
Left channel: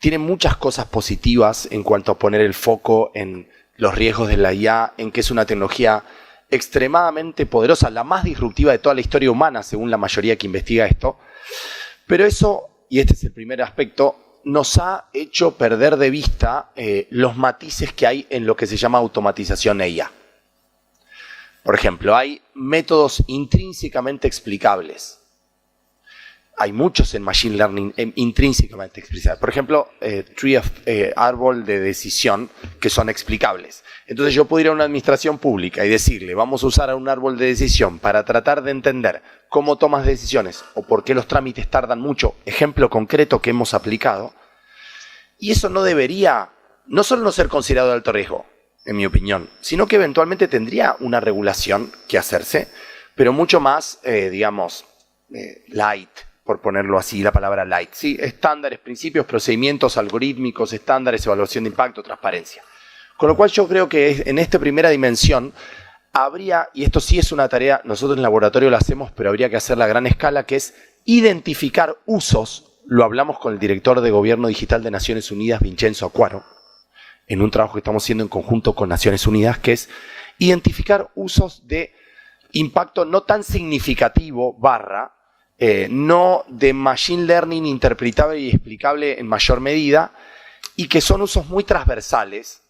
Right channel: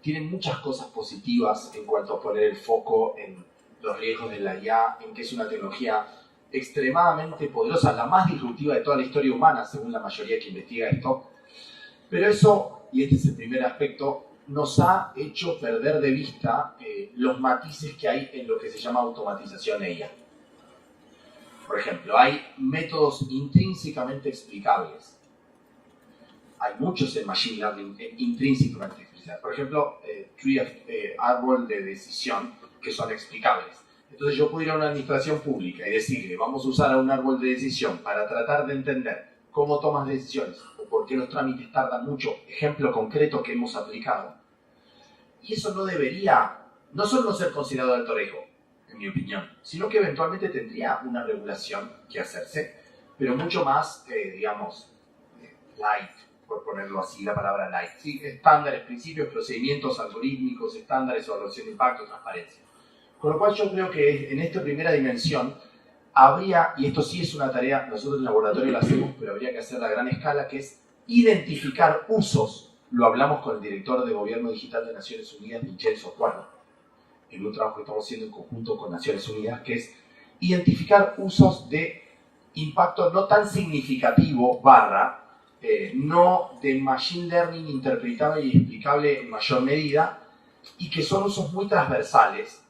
tiene muchas cosas positivas en cuanto a poner el foco en los riesgos de la IA, en que es una tecnología extremadamente poderosa, la más disruptiva de toda la historia humana, según la mayoría que investiga esto. Pero eso, y este es el primer aspecto, nos ha hecho perder de vista los matices que hay en lo que se llama automatización IA. Por ejemplo, hay métodos intrínsecamente explicables. Hay muchos en Machine Learning intrínsecamente explicables. Por ejemplo, árbol de decisión, que son explicables. Entonces yo puedo ir a una administración pública y decirle, vamos a usar un árbol de decisión para tratar de entender cómo tomas decisiones o por qué los trámites tardan mucho. Ejemplo concreto que hemos aplicado. Y eso no debería, no solo no ser considerado de alto riesgo, en mi opinión, sino que eventualmente tendría una regulación que hacerse, pero mucho más, light, por ponerlo así, la palabra light. ¿Sí? Estándares, principios, procedimientos algorítmicos, estándares, evaluación de impacto, transparencia. Con lo cual yo creo que en esta primera dimensión habría, y esto sí es una tarea, nosotros en el laboratorio lo hacemos, pero habría que hacerla a gran escala, que es identificar usos, lo hablamos con el director de Gobierno Digital de Naciones Unidas, Vincenzo Acquaro, en un trabajo que estamos haciendo en conjunto con Naciones Unidas, que es identificar usos de impacto no tan significativo, no de machine learning interpretable y explicable en mayor medida, y que son usos muy transversales,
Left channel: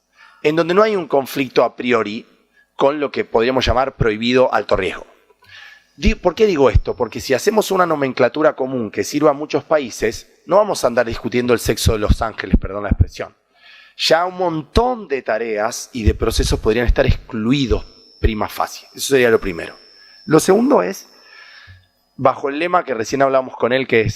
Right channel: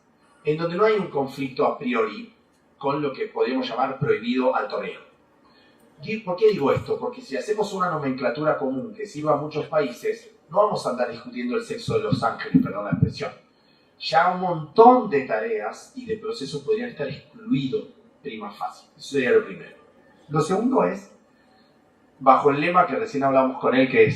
en donde no hay un conflicto a priori con lo que podríamos llamar prohibido alto riesgo. ¿Por qué digo esto? Porque si hacemos una nomenclatura común que sirva a muchos países, no vamos a andar discutiendo el sexo de los ángeles, perdón la expresión. Ya un montón de tareas y de procesos podrían estar excluidos prima facie. Eso sería lo primero. Lo segundo es, bajo el lema que recién hablamos con él, que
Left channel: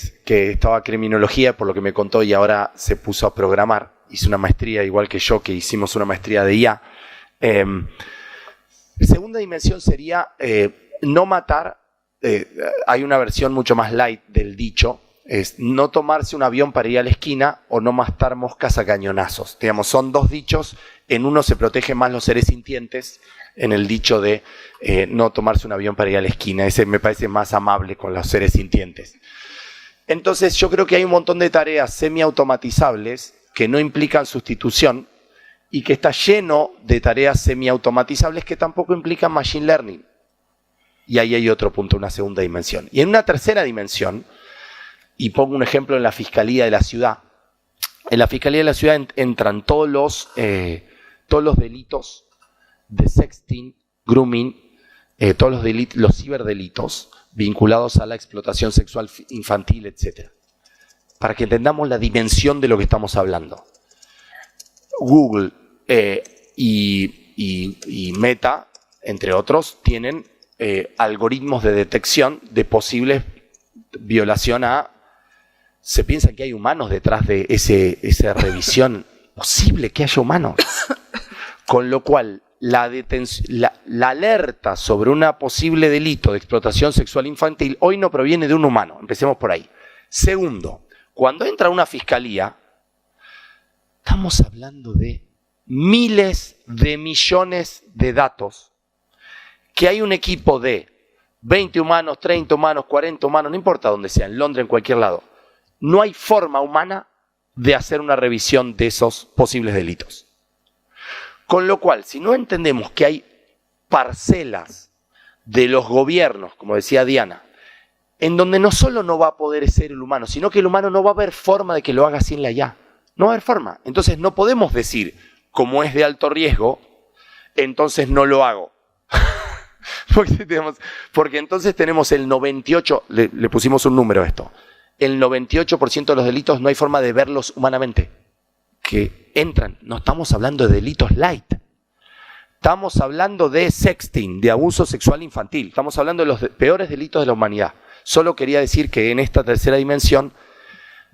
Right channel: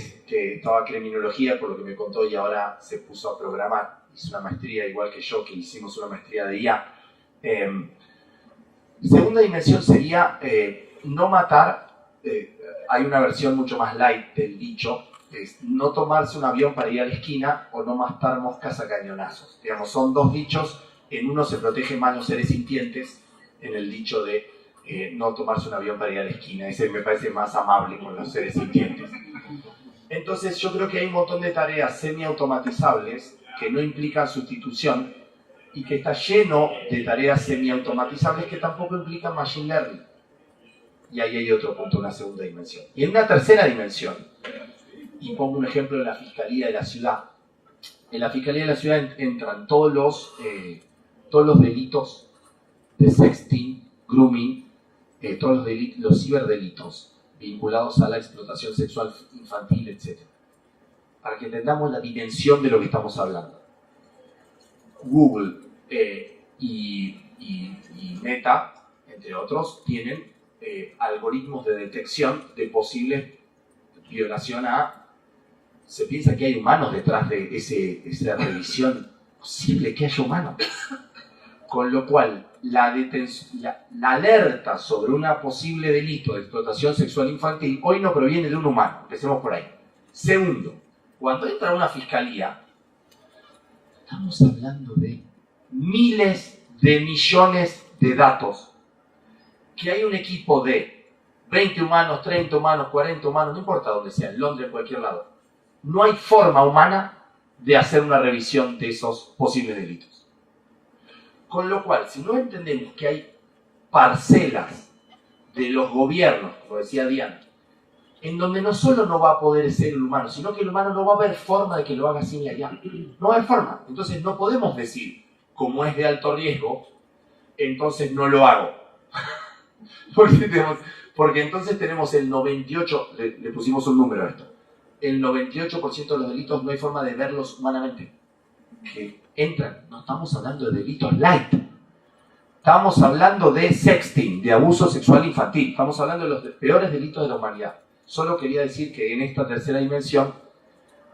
estaba criminología, por lo que me contó, y ahora se puso a programar, hizo una maestría igual que yo, que hicimos una maestría de IA. Segunda dimensión sería no matar. Hay una versión mucho más light del dicho, es no tomarse un avión para ir a la esquina o no matar moscas a cañonazos. Digamos, son dos dichos. En uno se protegen más los seres sintientes, en el dicho de no tomarse un avión para ir a la esquina. Ese me parece más amable con los seres sintientes. Entonces yo creo que hay un montón de tareas semiautomatizables que no implican sustitución y que está lleno de tareas semiautomatizables que tampoco implican machine learning. Y ahí hay otro punto, una segunda dimensión. Y en una tercera dimensión, y pongo un ejemplo en la Fiscalía de la Ciudad. En la Fiscalía de la Ciudad entran todos los delitos de sexting, grooming, todos los ciberdelitos vinculados a la explotación sexual infantil, etc. Para que entendamos la dimensión de lo que estamos hablando. Google y Meta, entre otros, tienen algoritmos de detección de posibles violación a... Se piensa que hay humanos detrás de esa revisión. Posible que haya humanos. Con lo cual, la alerta sobre un posible delito de explotación sexual infantil hoy no proviene de un humano. Empecemos por ahí. Segundo, cuando entra una fiscalía, estamos hablando de miles de millones de datos. Que hay un equipo de 20 humanos, 30 humanos, 40 humanos, no importa dónde sea, en Londres, en cualquier lado. No hay forma humana de hacer una revisión de esos posibles delitos. Con lo cual, si no entendemos que hay parcelas de los gobiernos, como decía Diana, en donde no solo no va a poder ser el humano, sino que el humano no va a haber forma de que lo haga sin la IA. No va a haber forma. Entonces no podemos decir, como es de alto riesgo, entonces no lo hago. Porque entonces tenemos el 98%, le pusimos un número a esto, el 98% de los delitos no hay forma de verlos humanamente. Que entran, no estamos hablando de delitos light. Estamos hablando de sexting, de abuso sexual infantil. Estamos hablando de los peores delitos de la humanidad. Solo quería decir que en esta tercera dimensión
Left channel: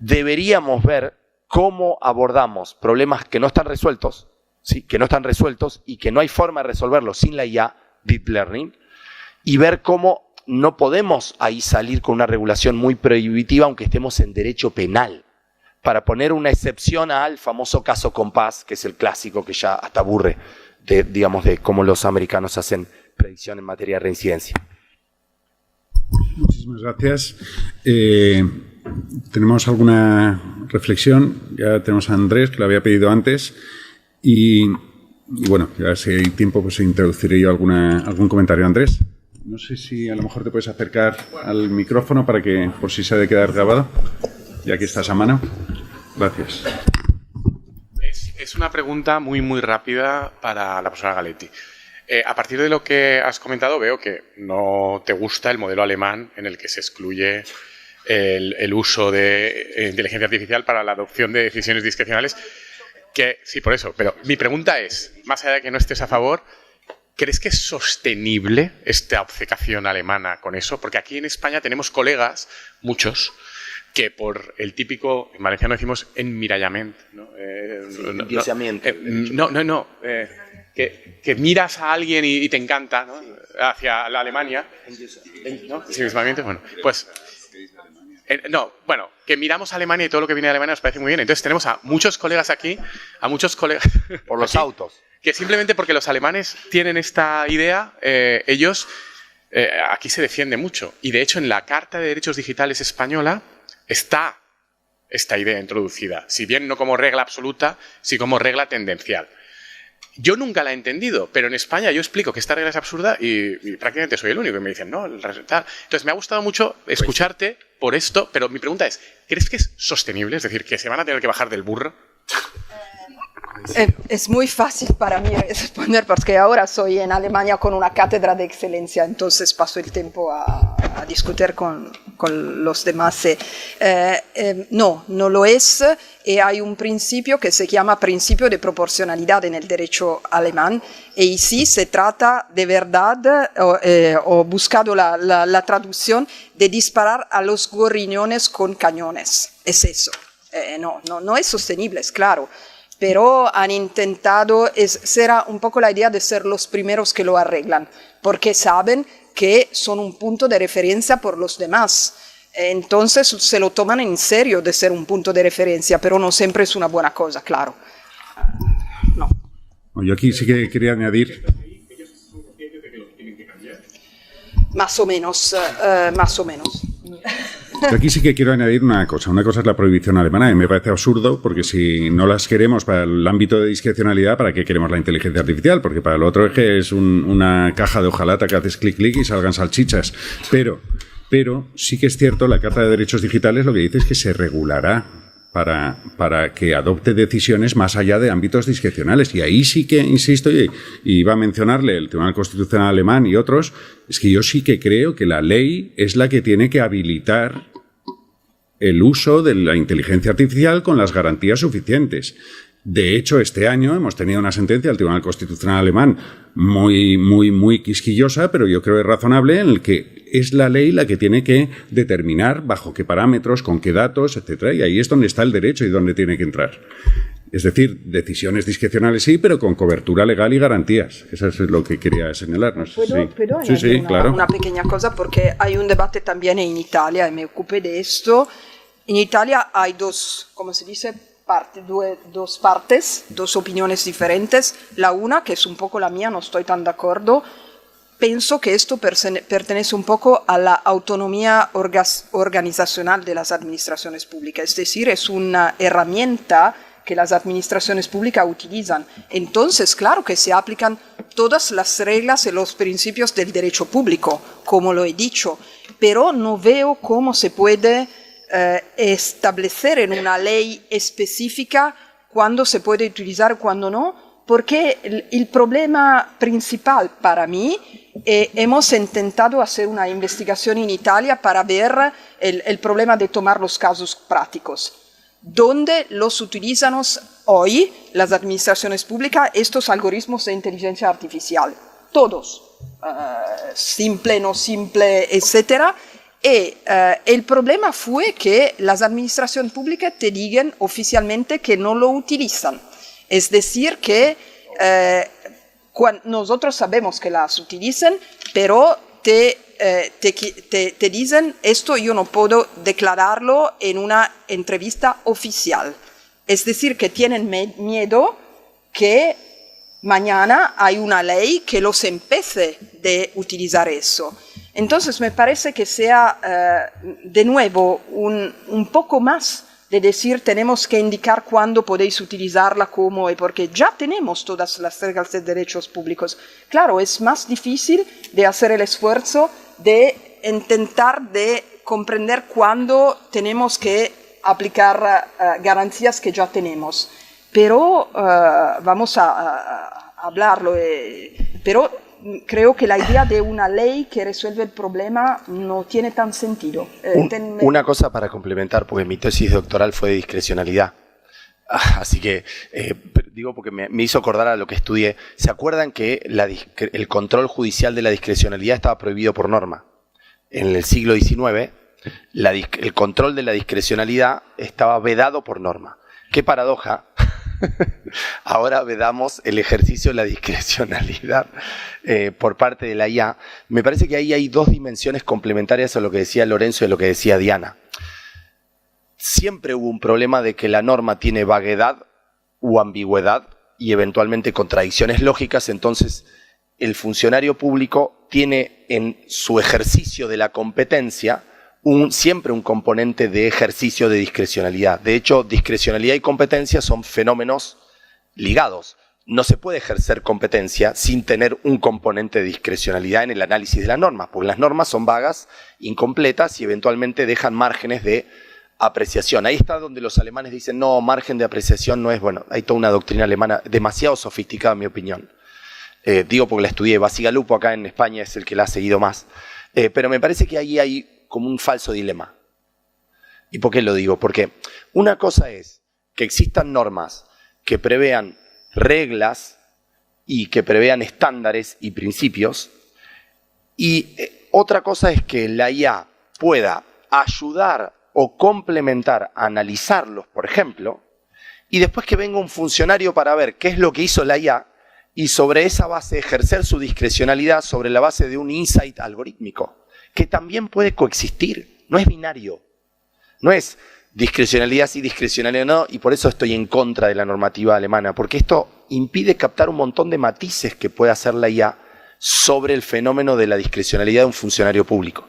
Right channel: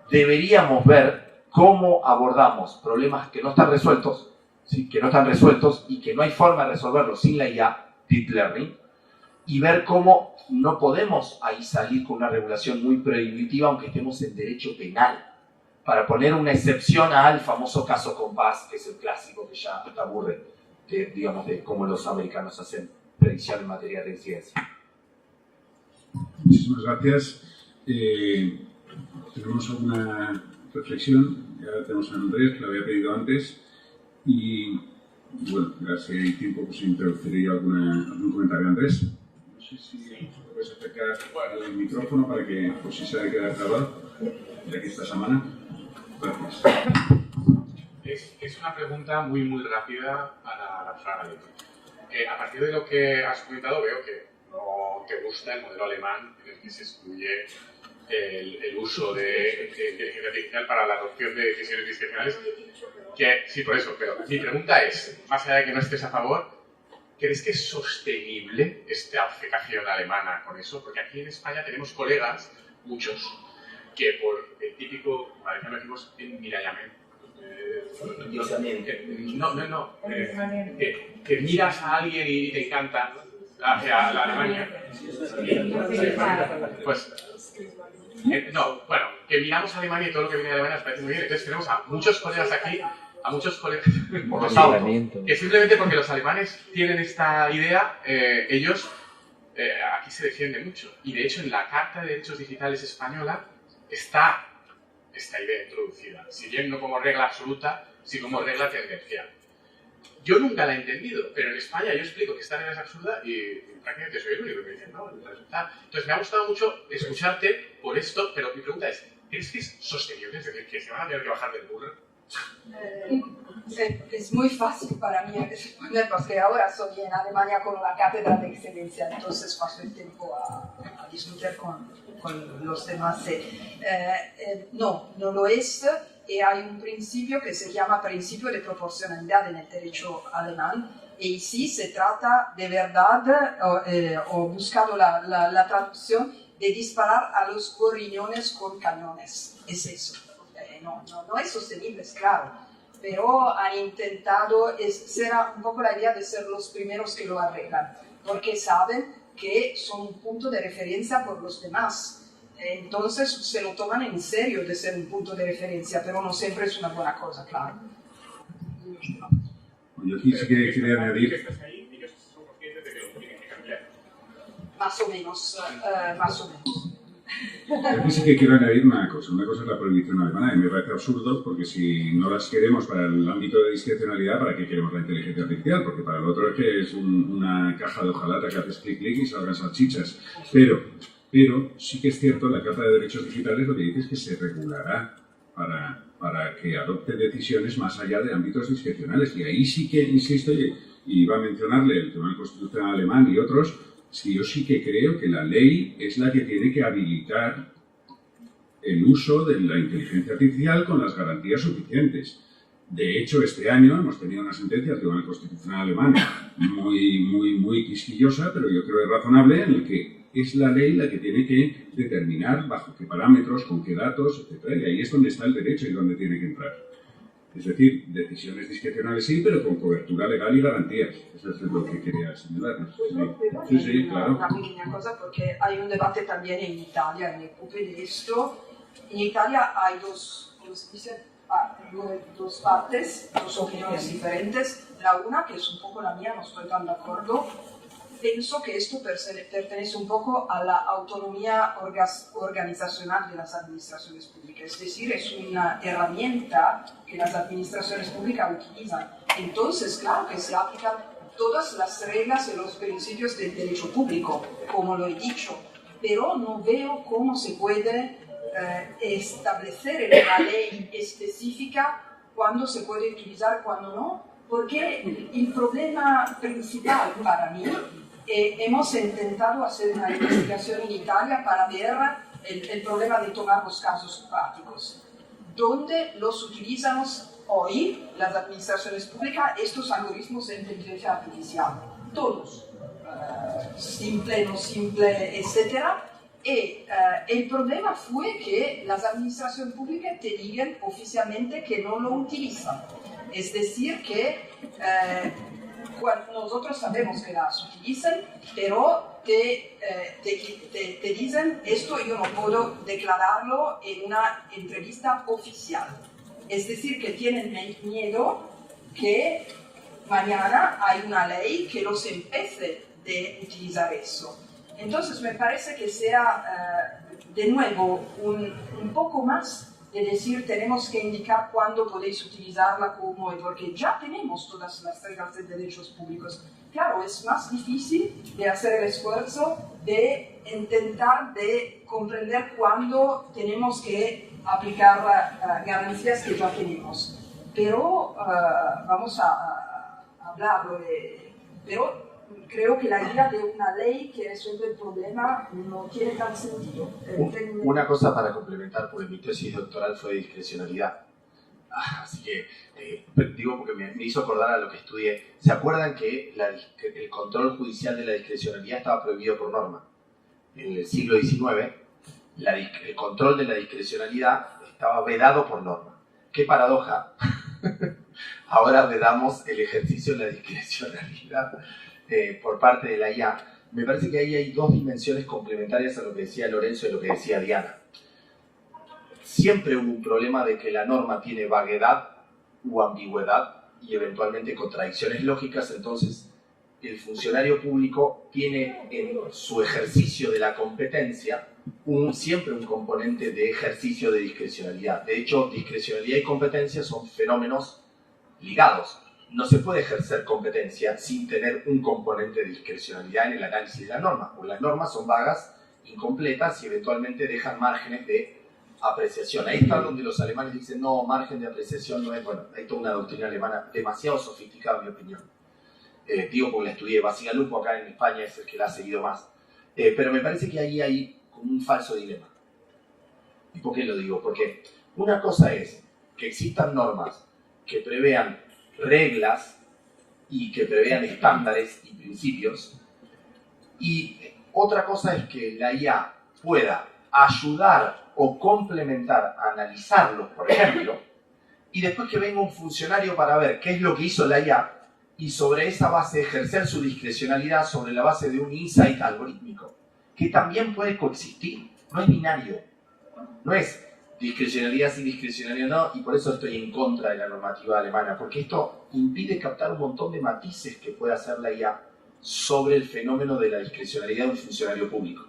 deberíamos ver cómo abordamos problemas que no están resueltos, ¿sí? Que no están resueltos y que no hay forma de resolverlos sin la IA, Deep Learning, y ver cómo no podemos ahí salir con una regulación muy prohibitiva, aunque estemos en derecho penal, para poner una excepción al famoso caso Compass, que es el clásico que ya hasta aburre de cómo los americanos hacen predicción en materia de reincidencia. Muchísimas gracias. ¿Tenemos alguna reflexión? Ya tenemos a Andrés, que lo había pedido antes. Y bueno, ya si hay tiempo, pues introduciré yo algún comentario. Andrés, no sé si a lo mejor te puedes acercar al micrófono para que, por si se ha de quedar grabado, ya que estás a mano. Gracias. Es una pregunta muy, muy rápida para la profesora Galetti. A partir de lo que has comentado, veo que no te gusta el modelo alemán en el que se excluye el uso de inteligencia artificial para la adopción de decisiones discrecionales. Que, sí, por eso. Pero mi pregunta es, más allá de que no estés a favor, ¿crees que es sostenible esta obcecación alemana con eso? Porque aquí en España tenemos colegas, muchos, que por el típico, en valenciano decimos enmirallamiento, ¿no? Que miras a alguien y te encanta, ¿no? Hacia la Alemania. ¿No? Bueno, pues... que miramos a Alemania y todo lo que viene de Alemania nos parece muy bien. Entonces tenemos a muchos colegas aquí, por los autos, que simplemente porque los alemanes tienen esta idea, ellos aquí se defiende mucho. Y de hecho en la Carta de Derechos Digitales española está esta idea introducida, si bien no como regla absoluta, sí como regla tendencial. Yo nunca la he entendido, pero en España yo explico que esta regla es absurda y prácticamente soy el único. Y me dicen, no, el resultado... Entonces me ha gustado mucho escucharte por esto, pero mi pregunta es, ¿crees que es sostenible? Es decir, que se van a tener que bajar del burro. Es muy fácil para mí responder porque ahora soy en Alemania con una cátedra de excelencia, entonces paso el tiempo a discutir con los demás. No lo es, y hay un principio que se llama principio de proporcionalidad en el derecho alemán, y sí se trata de verdad, o buscado la traducción, de disparar a los gorriones con cañones. Es eso. No es sostenible, es claro. Pero han intentado, será un poco la idea de ser los primeros que lo arreglan, porque saben que son un punto de referencia por los demás. Entonces se lo toman en serio de ser un punto de referencia, pero no siempre es una buena cosa, claro. No. Yo aquí sí que quería añadir... Más o menos. Yo aquí sí que quiero añadir una cosa. Una cosa es la prohibición alemana, y me parece absurdo, porque si no las queremos para el ámbito de discrecionalidad, ¿para qué queremos la inteligencia artificial? Porque para lo otro es que es una caja de hojalata que haces clic, clic y salgan salchichas. Pero sí que es cierto, la Carta de Derechos Digitales lo que dice es que se regulará para que adopte decisiones más allá de ámbitos discrecionales. Y ahí sí que, insisto, y iba a mencionarle el Tribunal Constitucional alemán y otros, es que yo sí que creo que la ley es la que tiene que habilitar el uso de la inteligencia artificial con las garantías suficientes. De hecho, este año hemos tenido una sentencia del Tribunal Constitucional alemán muy quisquillosa, pero yo creo que razonable, en el que es la ley la que tiene que determinar bajo qué parámetros, con qué datos, etcétera. Y ahí es donde está el derecho y donde tiene que entrar. Es decir, decisiones discrecionales sí, pero con cobertura legal y garantías. Eso es lo que quería señalar. No sé ¿Puedo sí, claro. Una pequeña cosa, porque hay un debate también en Italia, y me ocupé de esto. En Italia hay dos partes, dos opiniones diferentes. La una, que es un poco la mía, no estoy tan de acuerdo. Pienso que esto pertenece un poco a la autonomía organizacional de las administraciones públicas, es decir, es una herramienta que las administraciones públicas utilizan. Entonces, claro que se aplican todas las reglas y los principios del derecho público, como lo he dicho, pero no veo cómo se puede establecer en una ley específica cuándo se puede utilizar, cuándo no, porque el problema principal para mí, hemos intentado hacer una investigación en Italia para ver el problema de tomar los casos prácticos. ¿Dónde los utilizan hoy las administraciones públicas estos algoritmos de inteligencia artificial? Todos, simple, no simple, etc. Y el problema fue que las administraciones públicas te digan oficialmente que no lo utilizan. Es decir, que nosotros sabemos que las utilizan, pero te dicen, esto yo no puedo declararlo en una entrevista oficial. Es decir, que tienen miedo que mañana hay una ley que los empiece de utilizar eso. Entonces me parece que sea de nuevo un poco más de decir tenemos que indicar cuándo podéis utilizarla, cómo, y porque ya tenemos todas las reglas de derechos públicos. Claro, es más difícil de hacer el esfuerzo de intentar de comprender cuándo tenemos que aplicar garantías que ya tenemos. Pero vamos a hablarlo. Pero creo que la idea de una ley que resuelve el problema no tiene tan sentido. Una cosa para complementar, porque mi tesis doctoral fue de discrecionalidad. Así que, digo porque me hizo acordar a lo que estudié. ¿Se acuerdan que el control judicial de la discrecionalidad estaba prohibido por norma? En el siglo XIX, el control de la discrecionalidad estaba vedado por norma. ¡Qué paradoja! Ahora vedamos el ejercicio de la discrecionalidad por parte de la IA. Me parece que ahí hay dos dimensiones complementarias a lo que decía Lorenzo y a lo que decía Diana. Siempre hubo un problema de que la norma tiene vaguedad o ambigüedad y eventualmente contradicciones lógicas, entonces el funcionario público tiene en su ejercicio de la competencia siempre un componente de ejercicio de discrecionalidad. De hecho, discrecionalidad y competencia son fenómenos ligados. No se puede ejercer competencia sin tener un componente de discrecionalidad en el análisis de las normas, porque las normas son vagas, incompletas y eventualmente dejan márgenes de apreciación. Ahí está donde los alemanes dicen, no, margen de apreciación no es bueno. Hay toda una doctrina alemana demasiado sofisticada, en mi opinión. Digo porque la estudié. Bacigalupo acá en España es el que la ha seguido más. Pero me parece que ahí hay como un falso dilema. ¿Y por qué lo digo? Porque una cosa es que existan normas que prevean reglas y que prevean estándares y principios, y otra cosa es que la IA pueda ayudar o complementar a analizarlos, por ejemplo, y después que venga un funcionario para ver qué es lo que hizo la IA y sobre esa base ejercer su discrecionalidad sobre la base de un insight algorítmico, que también puede coexistir, no es binario, no es discrecionalidad sí, discrecionalidad no, y por eso estoy en contra de la normativa alemana, porque esto impide captar un montón de matices que puede hacer la IA sobre el fenómeno de la discrecionalidad de un funcionario público.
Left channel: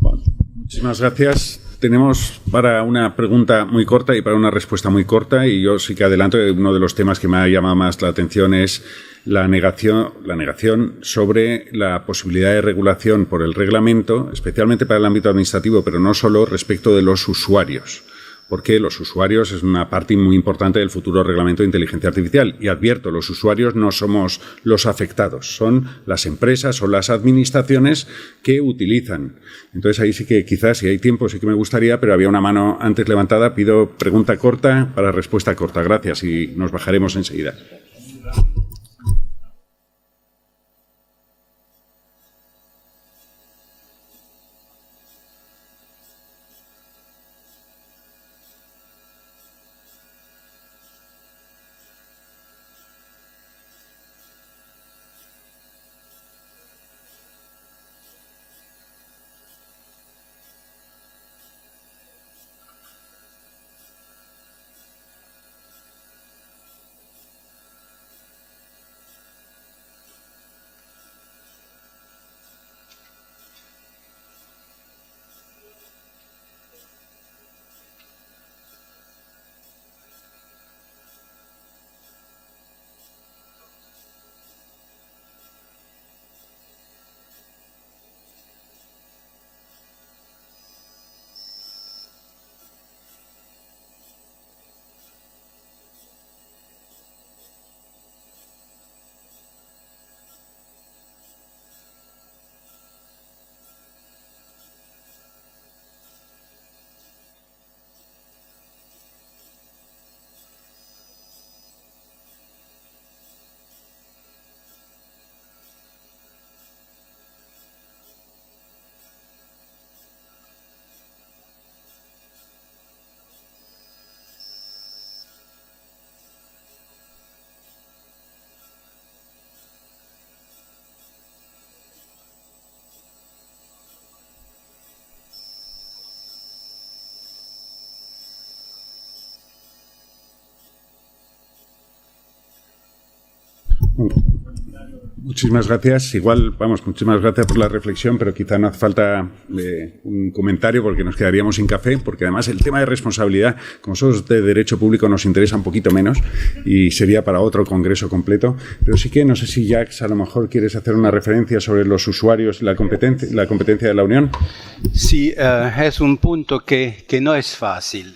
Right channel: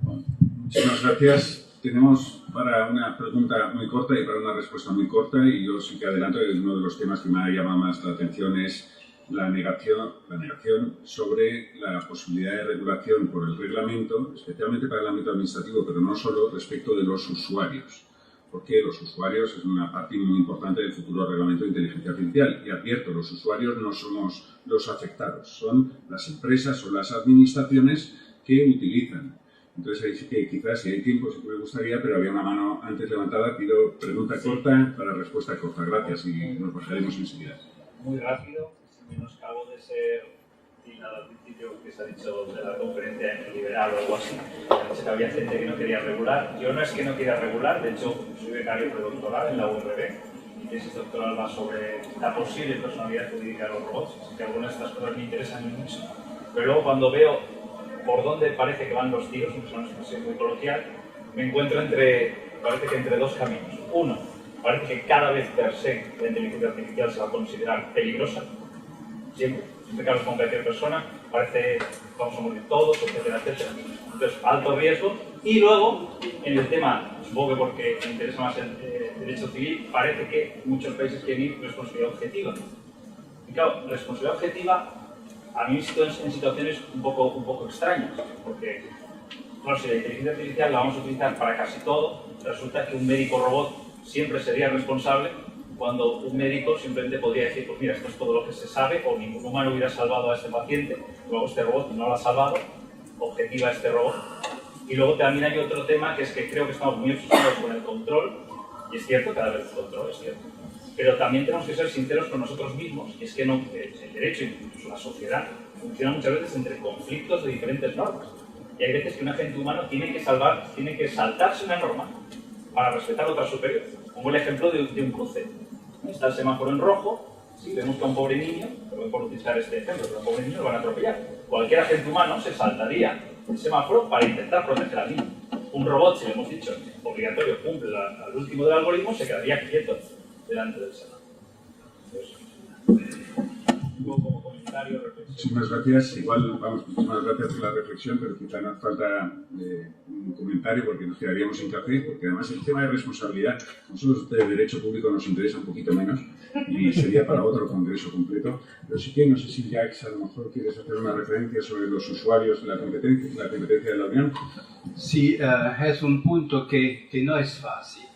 Bueno, muchísimas gracias. Tenemos para una pregunta muy corta y para una respuesta muy corta, y yo sí que adelanto que uno de los temas que me ha llamado más la atención es la negación sobre la posibilidad de regulación por el reglamento, especialmente para el ámbito administrativo, pero no solo respecto de los usuarios, porque los usuarios es una parte muy importante del futuro reglamento de inteligencia artificial. Y advierto, los usuarios no somos los afectados, son las empresas o las administraciones que utilizan. Entonces ahí sí que quizás, si hay tiempo, sí que me gustaría, pero había una mano antes levantada. Pido pregunta corta para respuesta corta. Gracias y nos bajaremos enseguida. Muy rápido. O algo así. Pensé que había gente que no quería regular. Yo no es que no quiera regular, de hecho soy becario predoctoral en la URB. Mi tesis doctoral va sobre la posible personalidad jurídica de los robots, que algunas de estas cosas me interesan mucho. Pero luego cuando veo por dónde parece que van los tiros, que es una expresión muy coloquial, me encuentro parece que entre dos caminos. Uno, parece que cada vez per se la inteligencia artificial se va a considerar peligrosa, siempre que hablas con cualquier persona, parece vamos a morir todos, etcétera, etcétera. Entonces, alto riesgo. Y luego, en el tema, supongo que porque me interesa más el derecho civil, parece que muchos países quieren ir responsabilidad objetiva. Y claro, responsabilidad objetiva a mí me siento en situaciones un poco extrañas, porque claro, si la inteligencia artificial la vamos a utilizar para casi todo, resulta que un médico robot siempre sería responsable, cuando un médico simplemente podría decir, pues mira, esto es todo lo que se sabe, o ningún humano hubiera salvado a este paciente, luego este robot no lo ha salvado, objetiva este robot. Y luego también hay otro tema, que es que creo que estamos muy obsesionados con el control, y es cierto, cada vez el control es cierto, pero también tenemos que ser sinceros con nosotros mismos, y es que no, el derecho, incluso la sociedad, funciona muchas veces entre conflictos de diferentes normas. Y hay veces que un agente humano tiene que saltarse una norma para respetar otra superior, como el ejemplo de un cruce. Está el semáforo en rojo, si vemos que a un pobre niño, por utilizar este ejemplo, que a un pobre niño lo van a atropellar. Cualquier agente humano se saltaría el semáforo para intentar proteger al niño. Un robot, si le hemos dicho obligatorio, cumple al último del algoritmo, se quedaría quieto delante del semáforo. Muchísimas gracias. Igual, muchísimas gracias por la reflexión, pero quizá no hace falta un comentario porque nos quedaríamos sin café, porque además el tema de responsabilidad, como somos de derecho público, nos interesa un poquito menos y sería para otro congreso completo. Pero sí que no sé si, Jacques, a lo mejor quieres hacer una referencia sobre los usuarios y la competencia de la Unión. Sí, es un punto que no es fácil.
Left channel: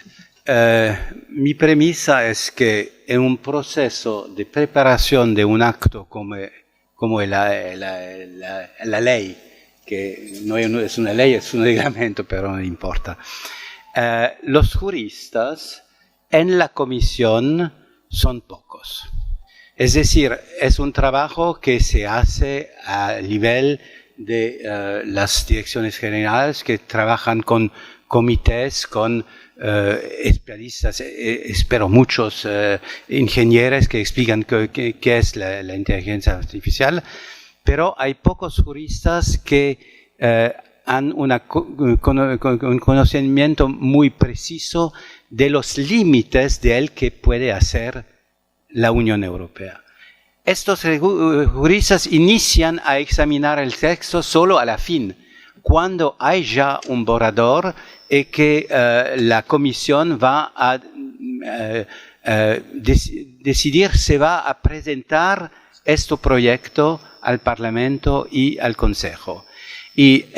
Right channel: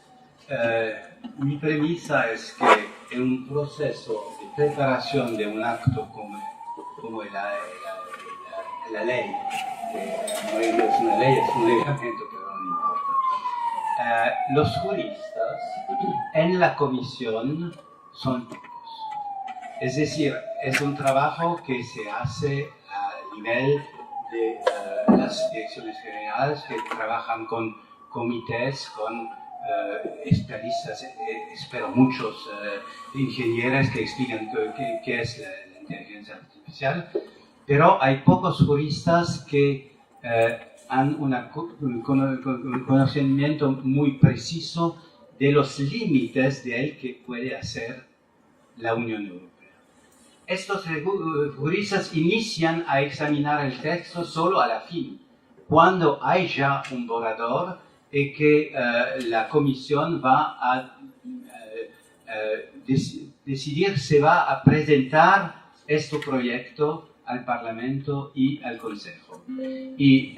Mi premisa es que en un proceso de preparación de un acto como la ley, que no es una ley, es un reglamento, pero no importa, los juristas en la comisión son pocos. Es decir, es un trabajo que se hace a nivel de las direcciones generales que trabajan con comités, con especialistas, espero muchos ingenieros que explican qué es la inteligencia artificial, pero hay pocos juristas que han un conocimiento muy preciso de los límites de él que puede hacer la Unión Europea. estos juristas inician a examinar el texto solo a la fin, cuando hay ya un borrador y que la comisión va a decidir si va a presentar este proyecto al Parlamento y al Consejo. Y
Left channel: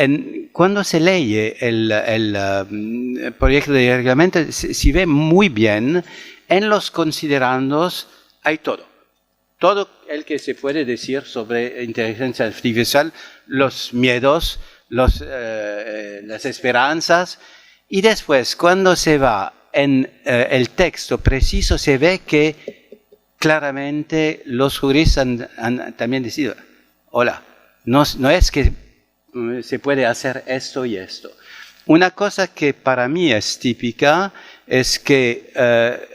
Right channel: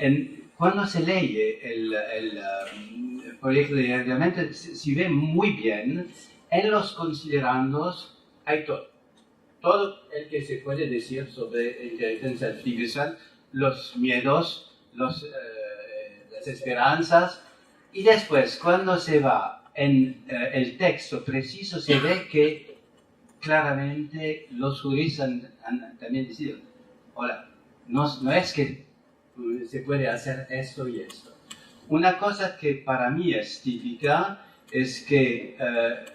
cuando se lee el proyecto de reglamento, se ve muy bien, en los considerandos hay todo. Todo el que se puede decir sobre inteligencia artificial, los miedos, las esperanzas, y después cuando se va en el texto preciso se ve que claramente los juristas han también decidido, hola, no es que se puede hacer esto y esto. Una cosa que para mí es típica es que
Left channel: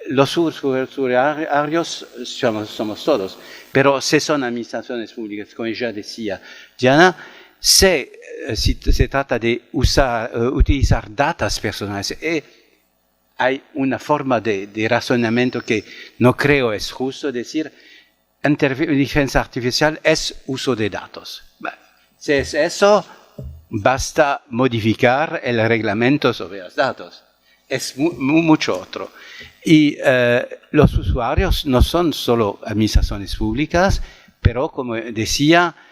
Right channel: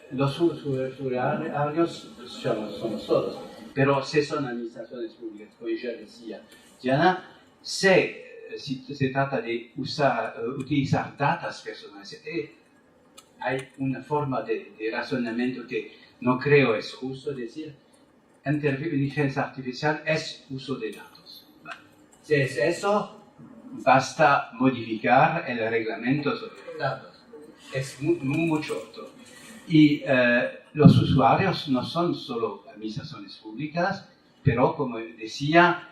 los usuarios somos todos, pero si son administraciones públicas, como ya decía Diana, si se trata de utilizar datos personales, hay una forma de razonamiento que no creo es justo decir, inteligencia artificial es uso de datos. Si es eso, basta modificar el reglamento sobre los datos. Es mucho otro. Y los usuarios no son solo administraciones públicas, pero como decía,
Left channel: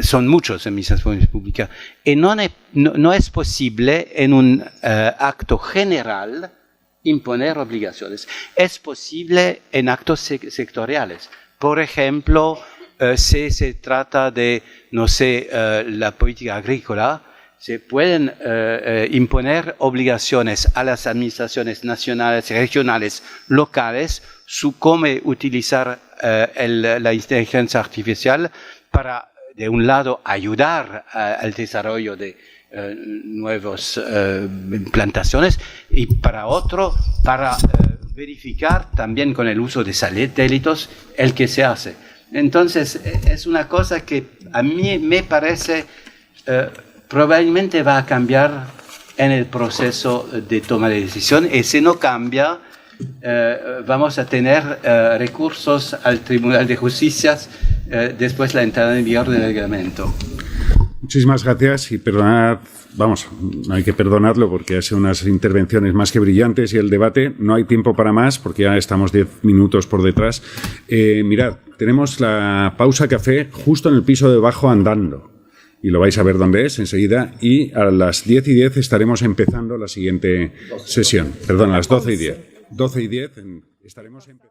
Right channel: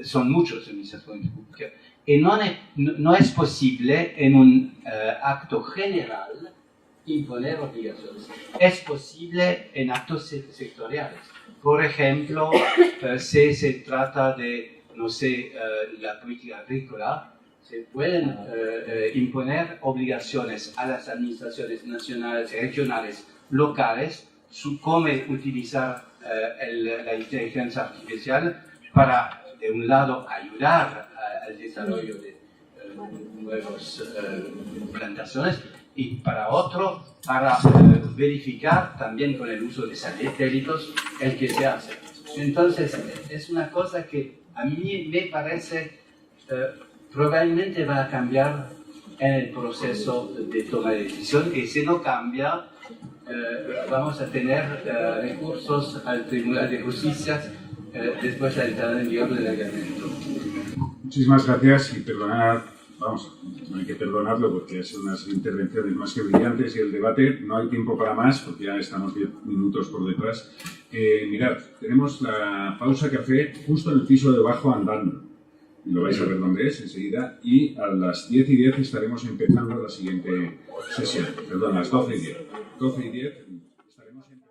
son muchas administraciones públicas. Y no es posible en un acto general imponer obligaciones. Es posible en actos sectoriales. Por ejemplo, si se trata de, no sé, la política agrícola, se pueden imponer obligaciones a las administraciones nacionales, regionales, locales, sobre cómo utilizar la inteligencia artificial para, de un lado, ayudar al desarrollo de nuevas plantaciones y para otro, para verificar también con el uso de satélites el que se hace. Entonces, es una cosa que a mí me parece probablemente va a cambiar en el proceso de toma de decisión y si no cambia, vamos a tener recursos al Tribunal de Justicia después de la entrada en vigor del reglamento. Muchísimas gracias y perdonad, vamos, no hay que perdonarlo porque ha sido unas intervenciones más que brillantes y el debate no hay tiempo para más porque ya estamos 10 minutos por detrás. Mirad, tenemos la pausa café justo en el piso de abajo andando y lo vais a ver dónde es enseguida y a las 10:10 estaremos empezando la siguiente sesión. Perdón, a las 12:10. 12:10 estaremos empezando.